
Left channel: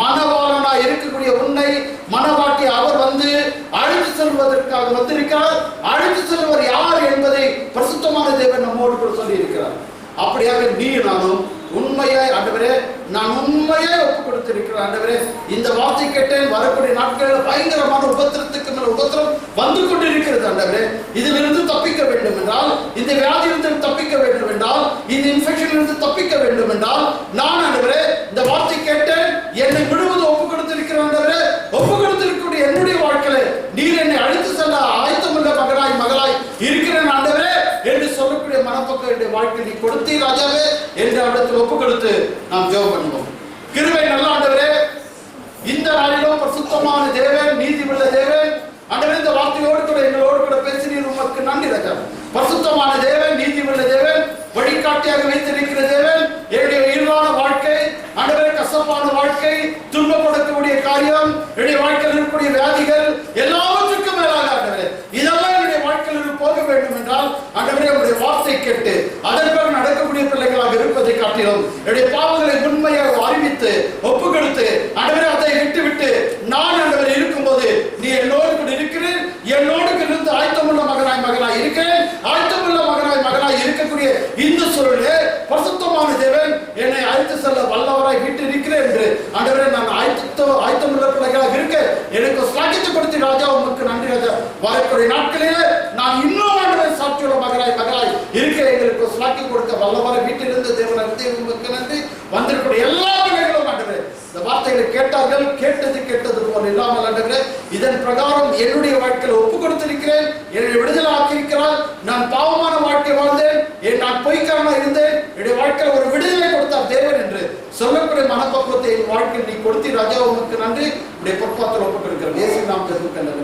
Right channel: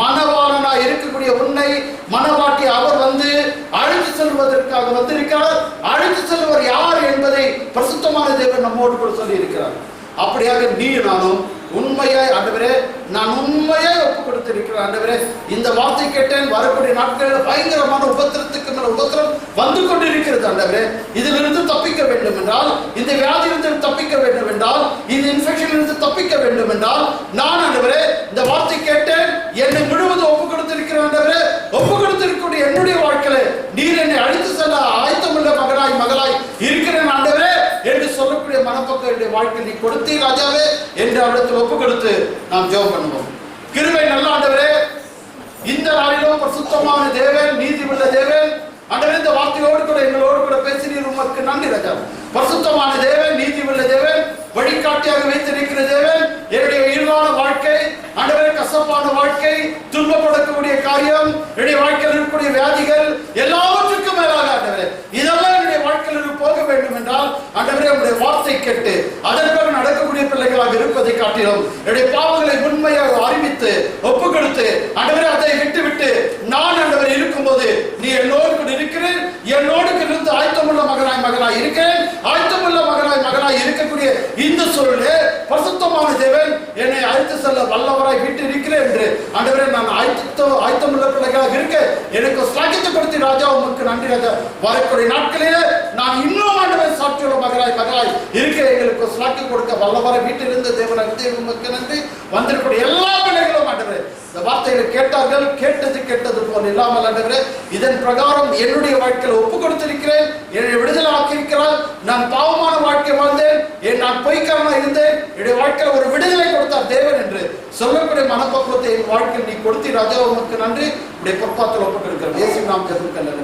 மனவாளனாய் இருக்கக்கூடிய உன்னை மனவாட்டி அவர் வந்து அழைத்து செல்வதற்காக வந்திருக்கிறார். அழைத்து செல்வர் யார் என்பதை பரிசுத்தமான தேவன் நம்மோடு கூட சொல்லி இருக்கிறார். அப்படியாக நீ நானும் உண்மையாய் ஆண்டவரே நான் உண்மையாய் ஒப்பு கொடுத்திருக்கிறேன். ஆண்டவரே இந்த வார்த்தை கேட்டேன், வரக்கூடிய நாட்களில் பயங்கரமான உபத்திரத்துக்கு மேல் உபத்திரம் வந்து கொண்டிருக்கிறது. ஆண்டவரே இதிலிருந்து தப்பிக்க வேண்டும் என்றால், இந்த வியாதியிலிருந்து தப்பிக்க வேண்டும் என்றால், இந்த இன்ஃபெக்ஷனிலிருந்து தப்பிக்க வேண்டும் என்றால் நான் ஆண்டவரே இந்த வார்த்தை கேட்டேன், என்னை முழுவதும் ஒப்பு கொடுத்திருக்கிறேன். ஆண்டவரே ஒப்பு கொடுத்திருக்கக்கூடிய என்னுடைய வாழ்க்கையில நீர் என்னை அழைத்து செல்ல ஆயத்தமுள்ள மகனாய் மகளாய் இருக்கிறேன் ஆண்டவரே என்று சொல்லக்கூடிய மனப்பக்கம் என்னுடைய வாழ்க்கை நீ கொடுத்தீ ராஜாவே என்று அவரிடத்தில் ஒப்பு கொடுத்து நாம் ஜெபம் பண்ணுவோம். கிருபை நல்ல ஆண்டவரே, இந்த நாளிலும் பரிசுத்தமான தேவன், நீதி உள்ள தேவன் ஆண்டவரே, இந்த வார்த்தையோடு கூட எங்களோடு கூட பேசினீர், உமக்கு நன்றி ராஜா. பரிசுத்தமான தேவன், நீதி உள்ள தேவன், வழிகாட்டியாக வைத்திருக்கிற தேவன், என்னுடைய உயிரான வாழ்க்கை ஆண்டவரே, கசப்பான வாழ்க்கை, துன்பப்படக்கூடிய காரியம், என்னுடைய வாழ்க்கையில் இருக்கக்கூடிய வியாதிகள் எல்லாவற்றுக்கும் மேலாக ஆண்டவரே இதெல்லாம் என்னுடைய வாழ்க்கையில் போக வேண்டும் என்றால் ஆண்டவரே உங்களுடைய வார்த்தை கேட்டு அதற்காக நடக்கக்கூடிய பிள்ளைகளாக இருப்பதை காட்டிலும் என்னுடைய பாவங்களை உண்மையாக அறிவித்து ஒப்பு கொடுத்து ஆண்டவரே அதை விட்டு நான் ஆண்டவர் இருக்கும்போது நீ என்னோடு கூட இருக்கிறேன், என்னோடு இருந்து ஆயத்தமுள்ள மகனாய் இருக்கிறேன், ஆயத்தமுள்ள மகனாய் இருக்கக்கூடிய இந்த சூழலே பரிசுத்தமான தேவன் என்னை அழைத்து செல்ல வல்லவராய் விட்டு இருக்கிறேன் என்று ஆண்டவரே நான் ஆயத்தமுள்ள பிள்ளைகளாக இருக்க எனக்கு ஸ்லாகித்து கொடுத்து ராஜா உமக்கு நன்றி ராஜா. வரக்கூடிய நாட்களிலே நான் இன்னும் ஆண்டவர் சாட்சியுள்ள மகளாய் இருக்க எங்களுக்கு ஸ்லாக்கி கொடுக்க வல்லவராய் வீட்டிலிருந்து தேவன் உமக்கு நன்றி. வந்திருக்கூடிய எல்லா பிள்ளைகளும் ஆண்டவரே இந்த வார்த்தைகளை கேட்டார்கள், கேட்டது போல் இல்லாமல் ஆண்டவரே இதன் பிரகாரம் என்னுடைய வாழ்க்கையில் ஒப்பு கொடுத்திருக்கிறேன், என்னை விடுதலை ஆக்கியிருக்கிறார். நான் பாவமான வாழ்க்கை வாழ்ந்தேன், நான் பொய்க்காரனா இருந்தேன், என்னுடைய வாழ்க்கையில் ஒரு விடுதலை கொடுத்தார் தேவன் என்று சொல்லக்கூடிய மனப்பக்குவத்தை என் வாழ்க்கையில் நீ கொடுத்தி ராஜா உமக்கு நன்றி. உடைய பொற்பாத்தில் ஒப்பு கொடுக்கிறேன். இயேசு நாமத்தில் நல்ல